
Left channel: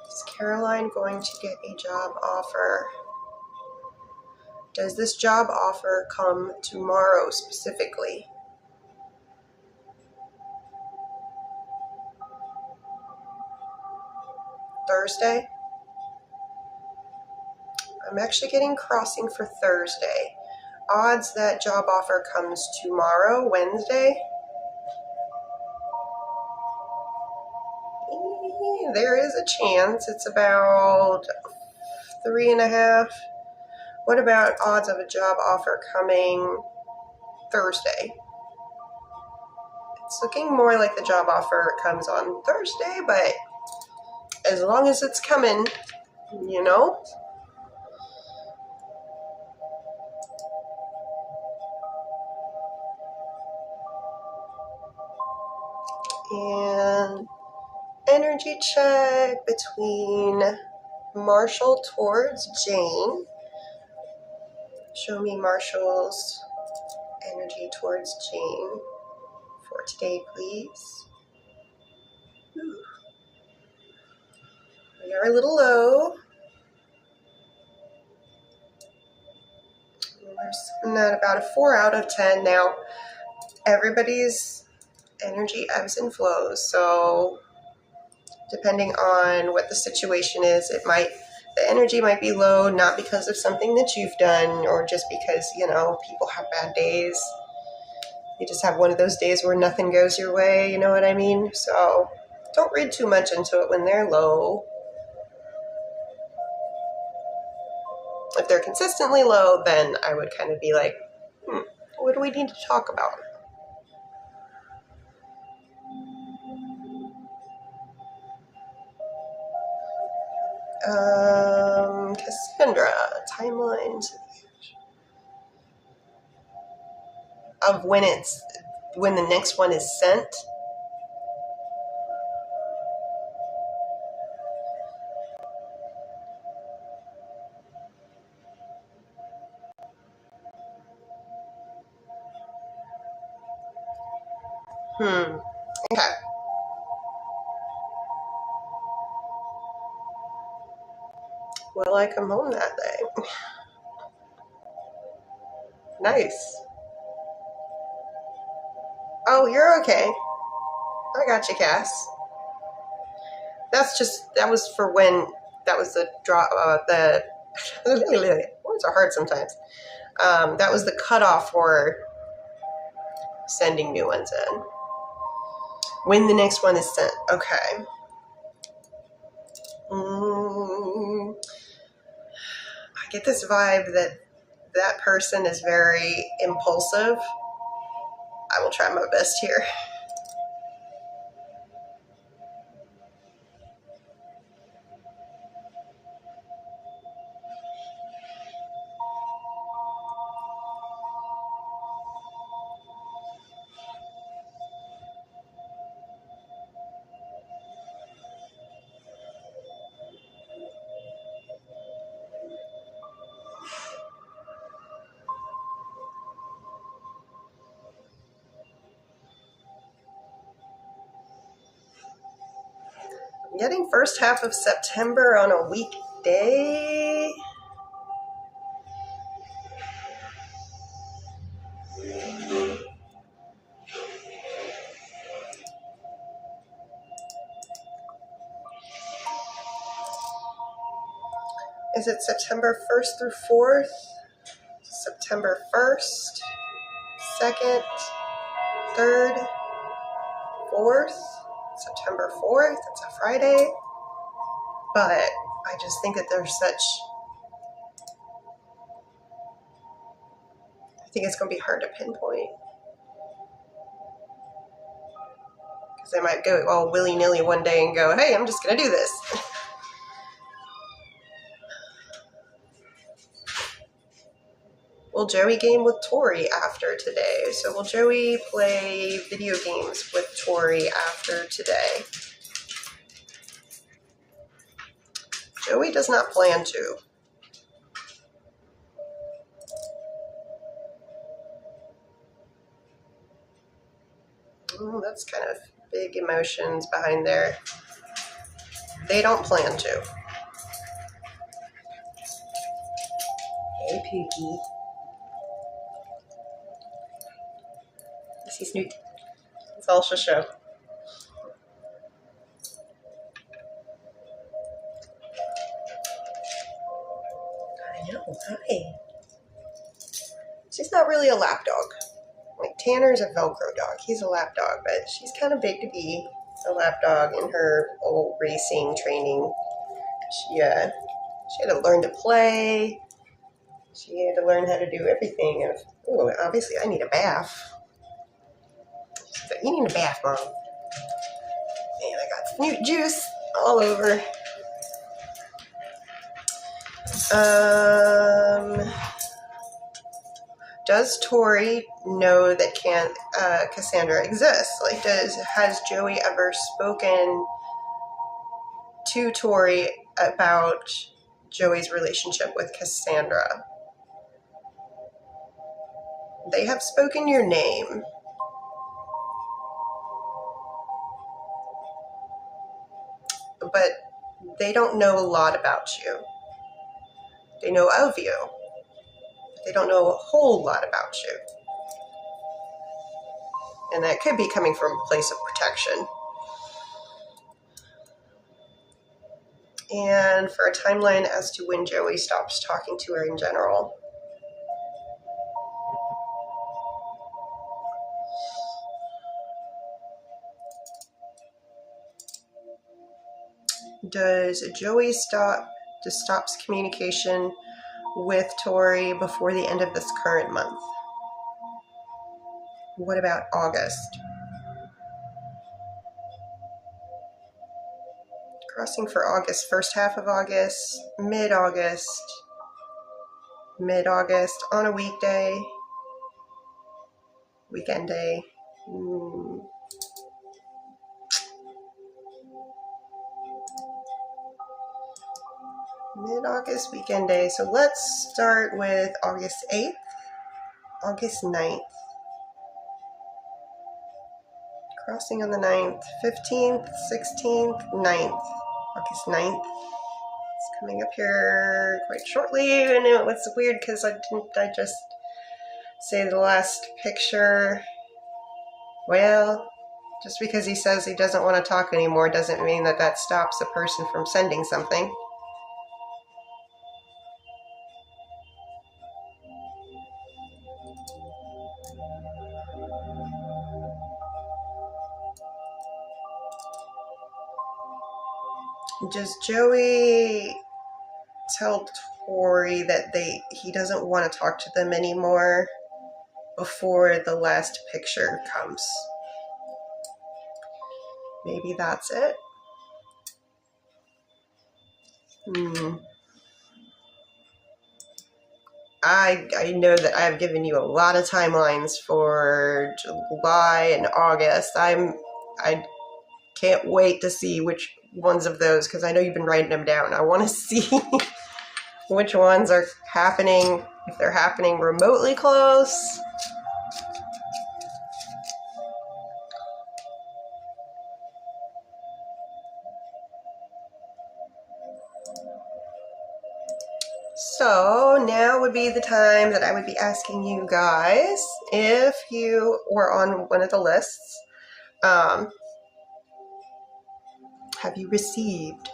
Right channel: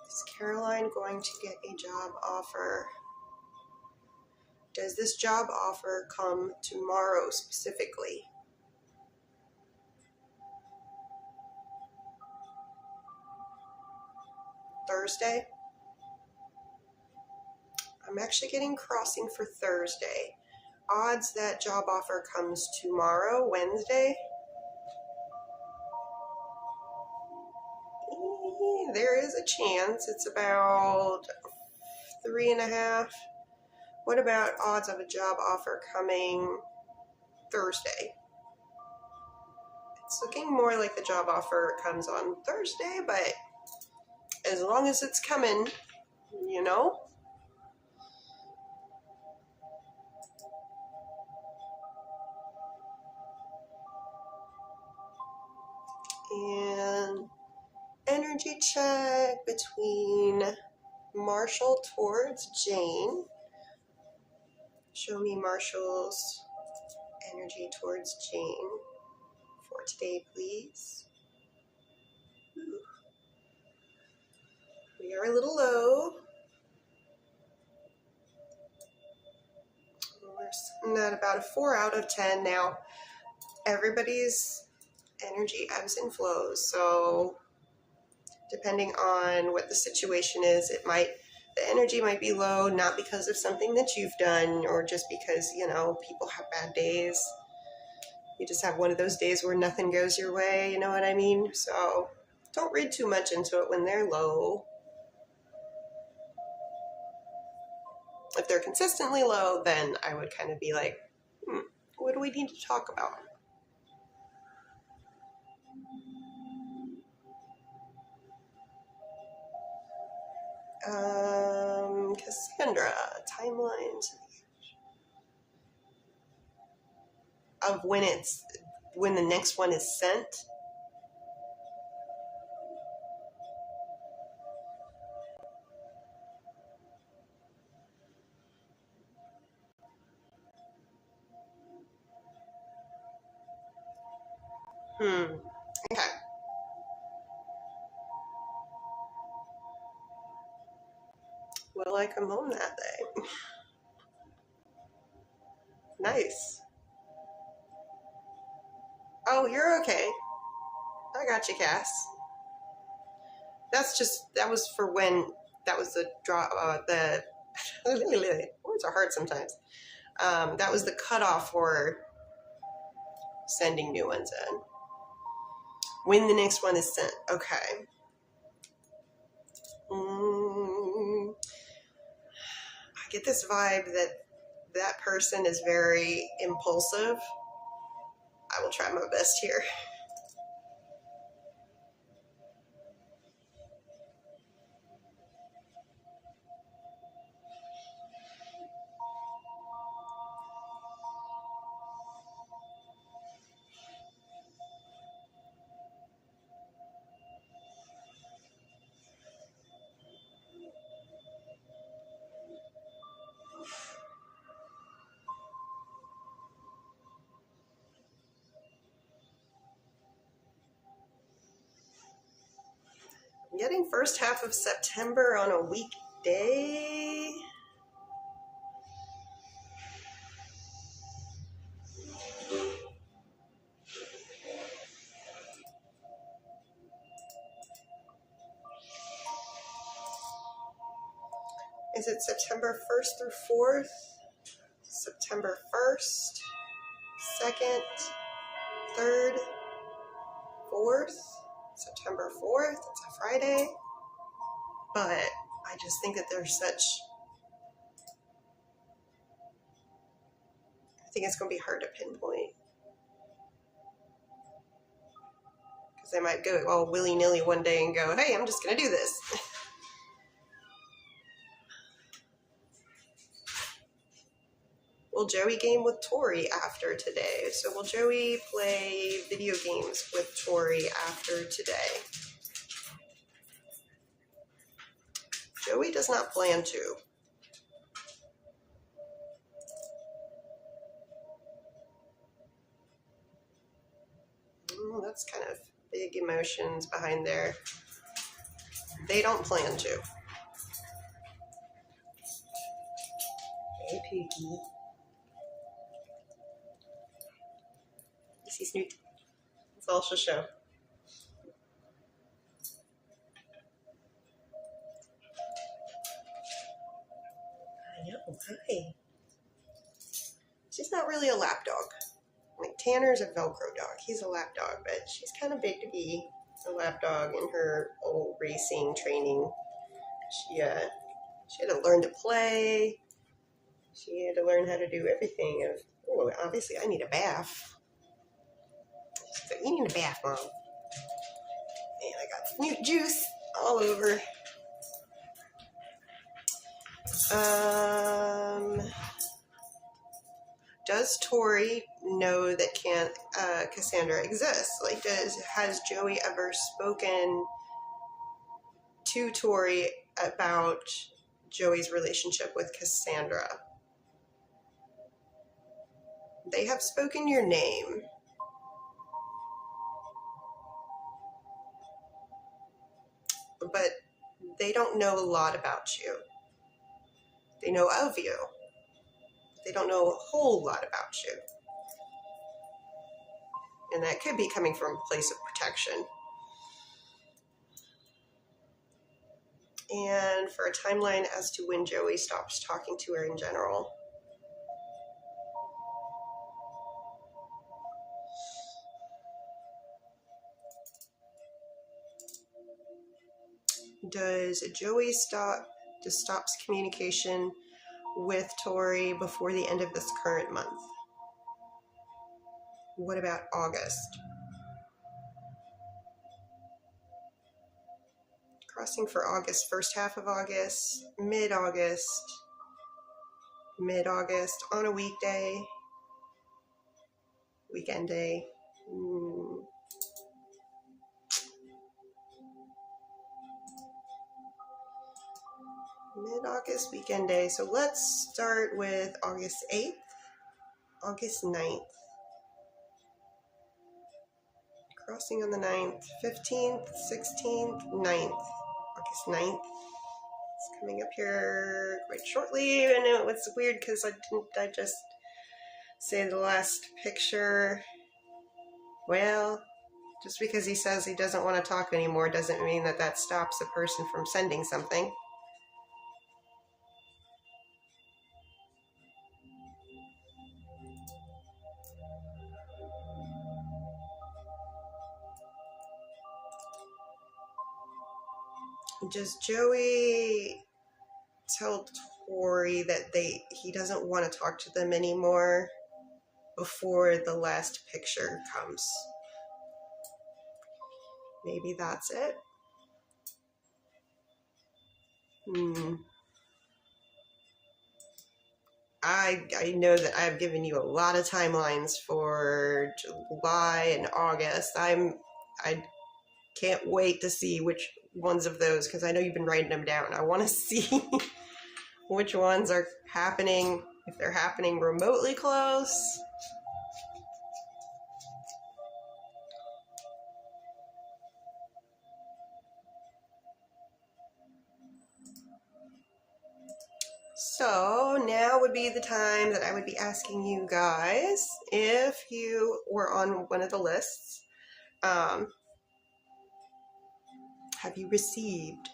Is Caroline going to get a job offer? Does this job offer come tomorrow specifically? Thursday. I'm actually getting crossing for Thursday. Odds that job offer comes tomorrow, Wednesday. There is a chance. It's about 3.5. What about odds of a job offer coming Thursday? It's looking more like the job offer comes on Thursday, but as long as it's coming, you know. And energy check between Marshall towards Jane. Show me Marshall's energy towards Jane for today, please. Ooh. We are a little low. We're sitting at about a 4 out of 10 now. Everybody's energy ebbs and flows, so depending on what the situation is, the energy might be low, not because of something that you've done or just because, you know, people have bad days. You just have one of those days where nothing goes your way, you know what I mean? So don't read too much into it when they're low. If they're consistently low, then I would kind of be like, what do we need to talk about? Cassandra, timelines of when the next one is sent. Okay. Will I come home that day? Nice. Oh, you're okay. I got you, Cass. That was for when, that was the draw, the, words are hard sometimes. That was the cutoff for sending new ones in. When the next one is sent. Okay. I get this vibe that person is very impulsive. I will try my best here. I'm getting first half of September on a weekday. Is it September 1st through 4th? September 1st, 2nd, 3rd, 4th? September 4th, it's a Friday. But I just think that there's such, I think it's going to be hard to pinpoint. Because they might go all willy-nilly one day and go, hey, I'm just going to do this. Will Joey game with Tori after today? So will Joey play video games with Tori after today? Joey does not plan to. That's kind of big emotions behind there. They don't plan to. Hey, Pookie. He's new. It's all she'll show. Hi. She's not really a lap dog. Like Tanner's a Velcro dog. He's a lap dog, but she's kind of big to be a lap dog in her old racing training. She had to learn to play. She had to learn how to do everything. And oh, obviously I need a bath. She's like, you need a bath, Mom. And I got Snoot juice all over. Does Tori know that Cassandra exists? Like, has Joey ever spoken to Tori about Joey's relationship with Cassandra? They have spoken your name. But they don't know a lot about you. They know of you. They don't know a whole lot about you. And that could be coming from a place of protection. And for a timeline as to when Joey stops talking to her in general. Does Joey stops communication with Tori before the end of this current month? What about August? Crossing for August, first half of August, mid-August, on a weekday, weekend day. Mid-August, weekend day. So let's start with August 8th, August 9th. Crossing on the 9th, 15th, 16th, 9th. August 9th. It's coming up here quite shortly. And it was weird because I just say the last picture? Well, just because he says he doesn't want to talk anymore doesn't mean that stops a person from sending something. Does Joey tell Tori that he doesn't want to talk to them anymore before the last picture comes? Maybe that's it. I know that I've given you a lot of timelines for July and August. I can't wait to see which ones of those, because I know you've been writing them down. I want to see which ones are happening, if they're happening remotely close. So now would be the time that I would be asking you guys if you were on one of the lists. Have you received?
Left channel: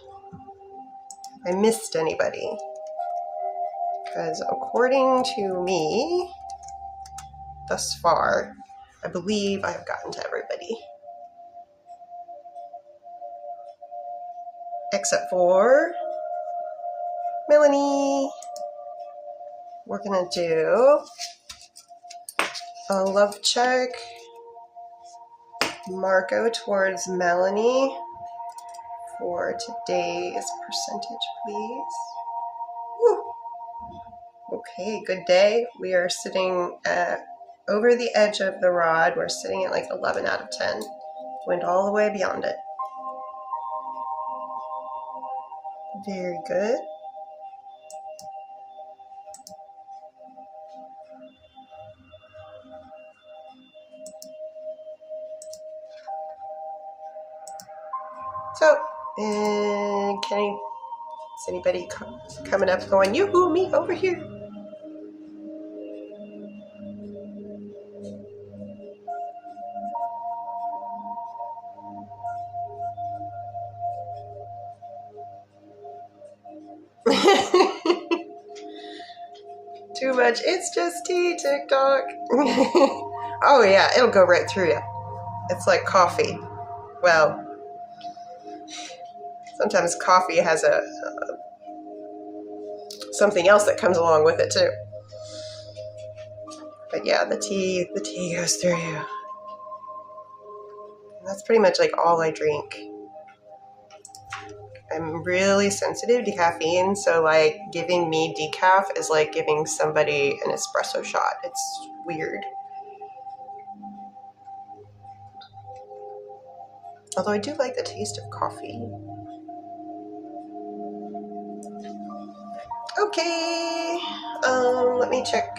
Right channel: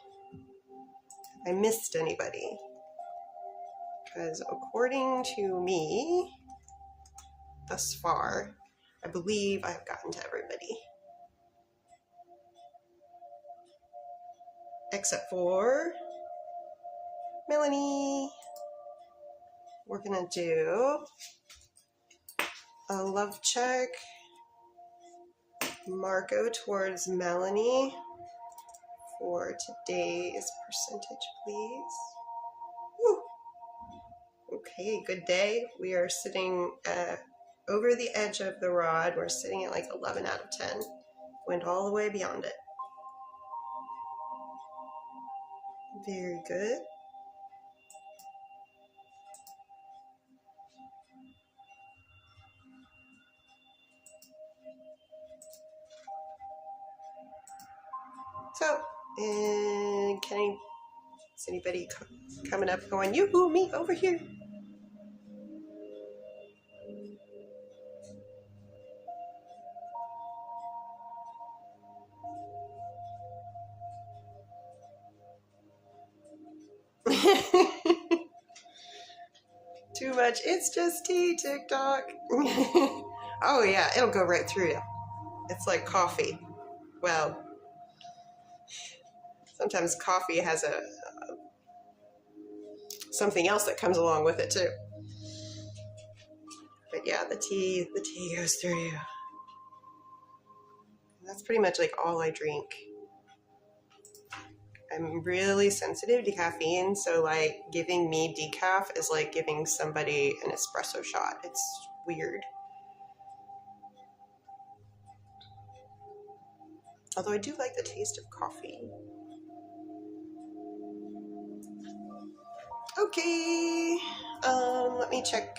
I missed anybody? Because according to me, thus far, I believe I have gotten to everybody. Except for Melanie. We're gonna do a love check. Marco towards Melanie for today's percentage, please. Woo. Okay, good day. We are sitting at over the edge of the rod. We're sitting at like 11 out of 10. Went all the way beyond it. Very good. So, is anybody coming up going, yoo-hoo, me over here? much. It's just tea, TikTok. Oh yeah, it'll go right through you. It's like coffee. Well, sometimes coffee has something else that comes along with it too. But yeah, the tea goes through you. That's pretty much like all I drink. I'm really sensitive to caffeine, so like giving me decaf is like giving somebody an espresso shot. It's weird. Although I do like the taste of coffee. Okay, let me check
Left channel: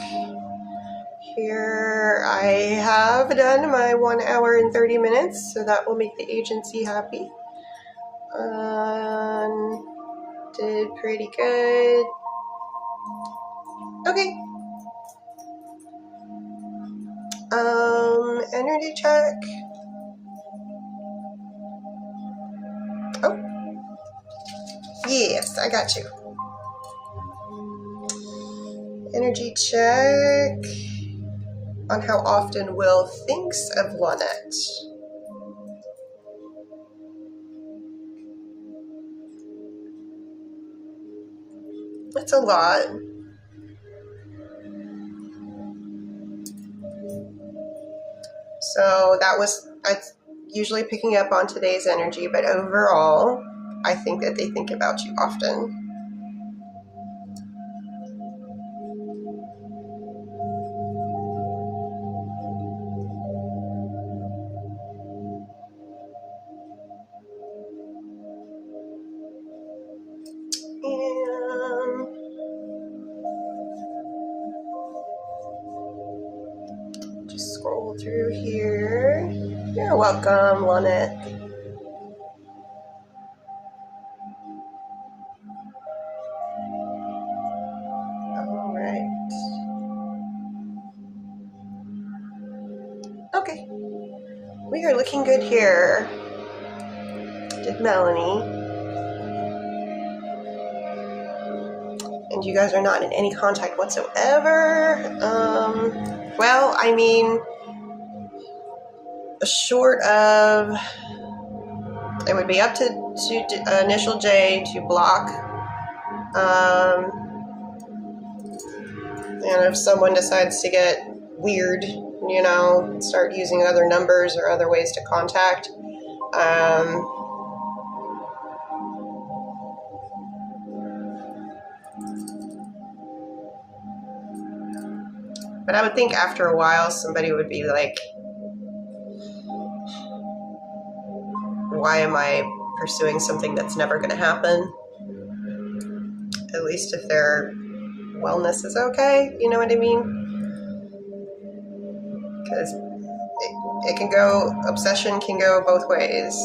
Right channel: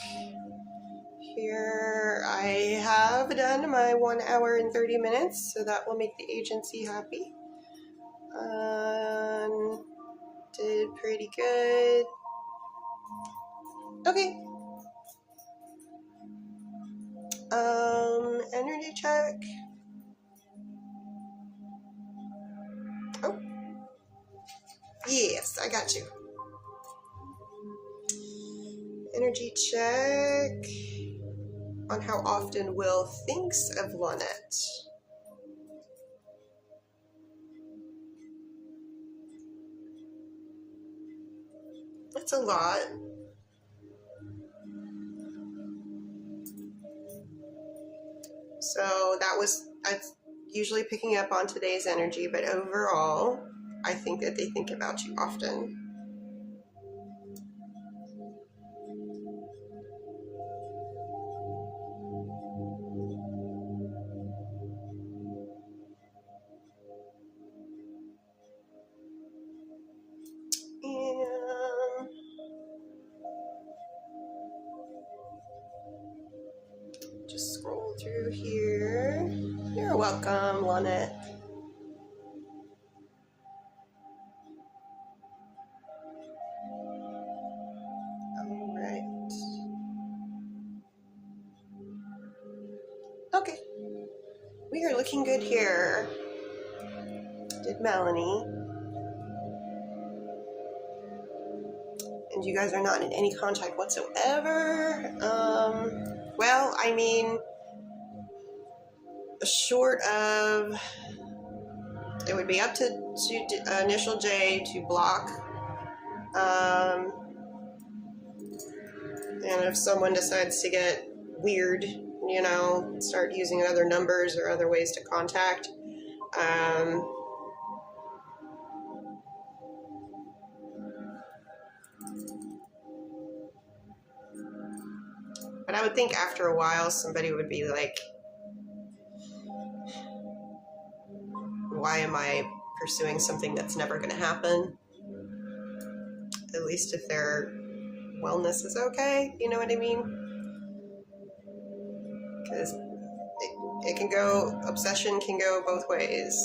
here. I have done my 1 hour and 30 minutes, so that will make the agency happy. Did pretty good. Okay. Energy check. Oh. Yes, I got you. Energy check on how often Will thinks of Lynette. That's a lot. So that's usually picking up on today's energy, but overall, I think that they think about you often. And just scroll through here. You're welcome, Lynette. All right. Okay. We are looking good here. Did Melanie. And you guys are not in any contact whatsoever. Well, I mean, short of, it would be up to initial J to block. And if someone decides to get weird, you know, start using other numbers or other ways to contact, but I would think after a while somebody would be like, why am I pursuing something that's never going to happen? At least if their wellness is okay, you know what I mean? Because it can go, obsession can go both ways.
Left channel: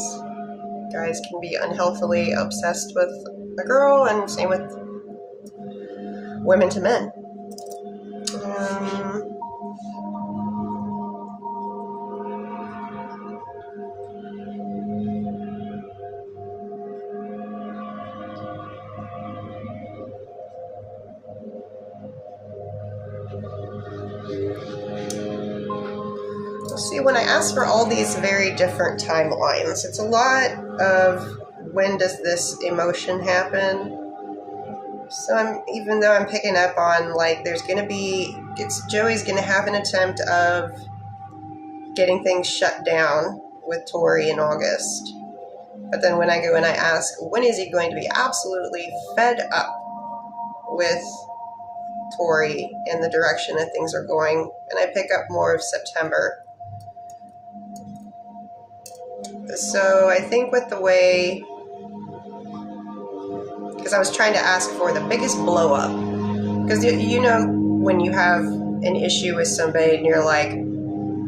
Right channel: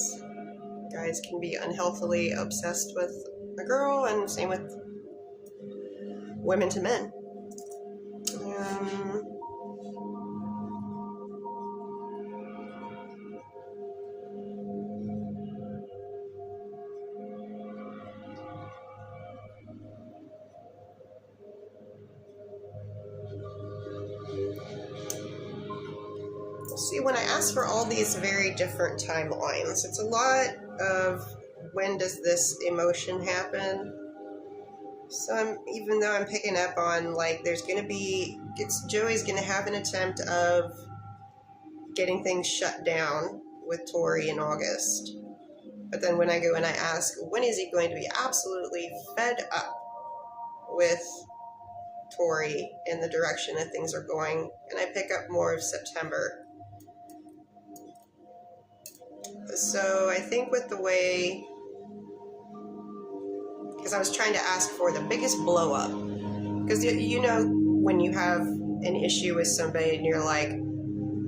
Guys can be unhealthily obsessed with a girl, and same with women to men. See, when I ask for all these very different timelines, it's a lot of when does this emotion happen? So even though I'm picking up on, like, there's going to be, Joey's going to have an attempt of getting things shut down with Tori in August. But then when I go and I ask, when is he going to be absolutely fed up with Tori and the direction that things are going? And I pick up more of September. So I think with the way, because I was trying to ask for the biggest blow up, because you know when you have an issue with somebody and you're like,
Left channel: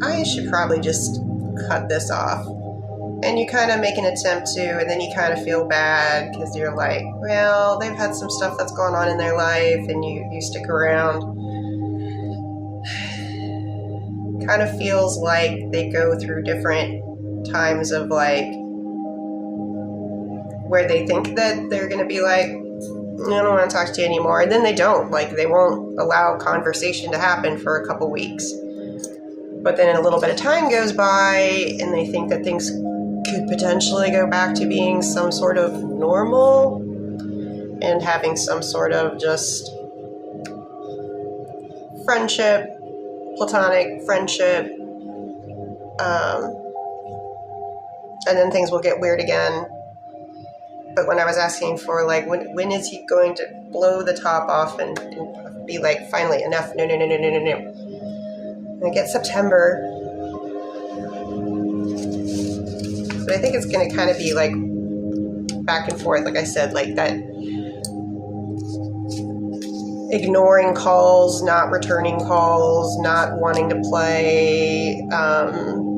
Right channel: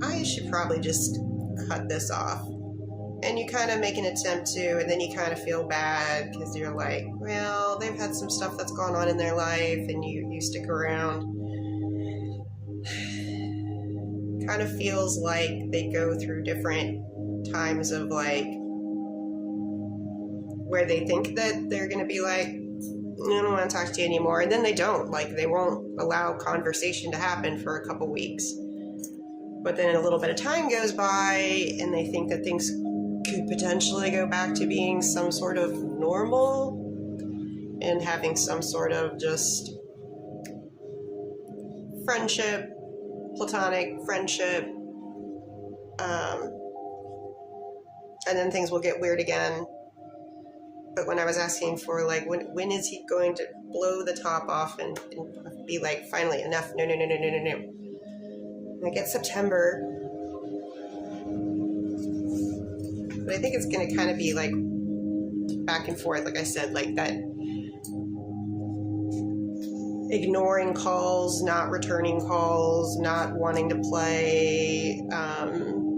I should probably just cut this off, and you kind of make an attempt to, and then you kind of feel bad because you're like, well, they've had some stuff that's gone on in their life, and you stick around. Kind of feels like they go through different times of, like, where they think that they're going to be like, I don't want to talk to you anymore. And then they don't. Like, they won't allow conversation to happen for a couple weeks. But then a little bit of time goes by, and they think that things could potentially go back to being some sort of normal and having some sort of just friendship, platonic friendship. And then things will get weird again. But when I was asking for, like, when is he going to blow the top off and be like, finally, enough, no. And I get September. But I think it's going to kind of be, like, back and forth, like I said, like that ignoring calls, not returning calls, not wanting to play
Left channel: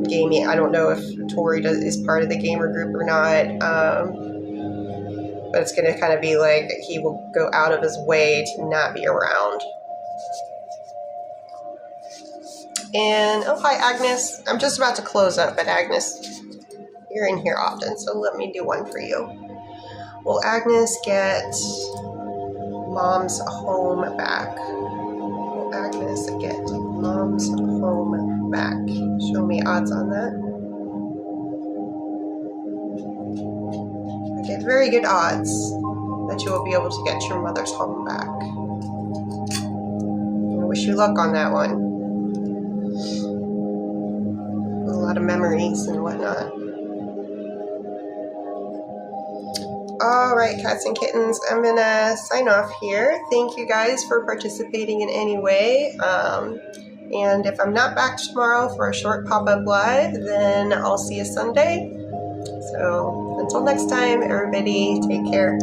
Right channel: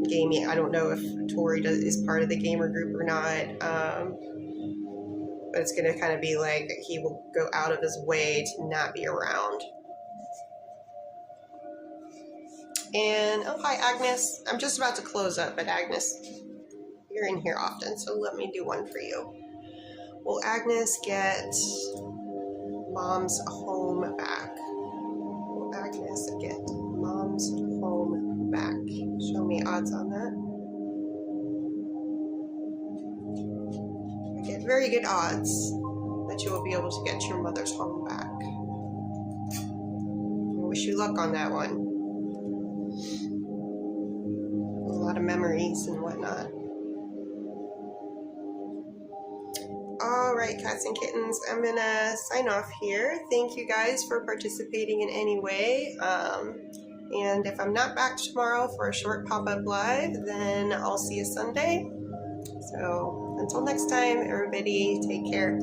gaming. I don't know if Tori is part of the gamer group or not. But it's going to kind of be like he will go out of his way to not be around. And, oh, hi, Agnes. I'm just about to close up, but Agnes, you're in here often, so let me do one for you. Will Agnes get Mom's home back? Will Agnes get Mom's home back? Show me odds on that. Okay, very good odds that you will be able to get your mother's home back. I wish you luck on that one. A lot of memories and whatnot. All right, cats and kittens, I'm gonna sign off here. Thank you guys for participating in any way. And if I'm not back tomorrow for a short pop-up live, then I'll see you Sunday. So until next time, everybody, take care.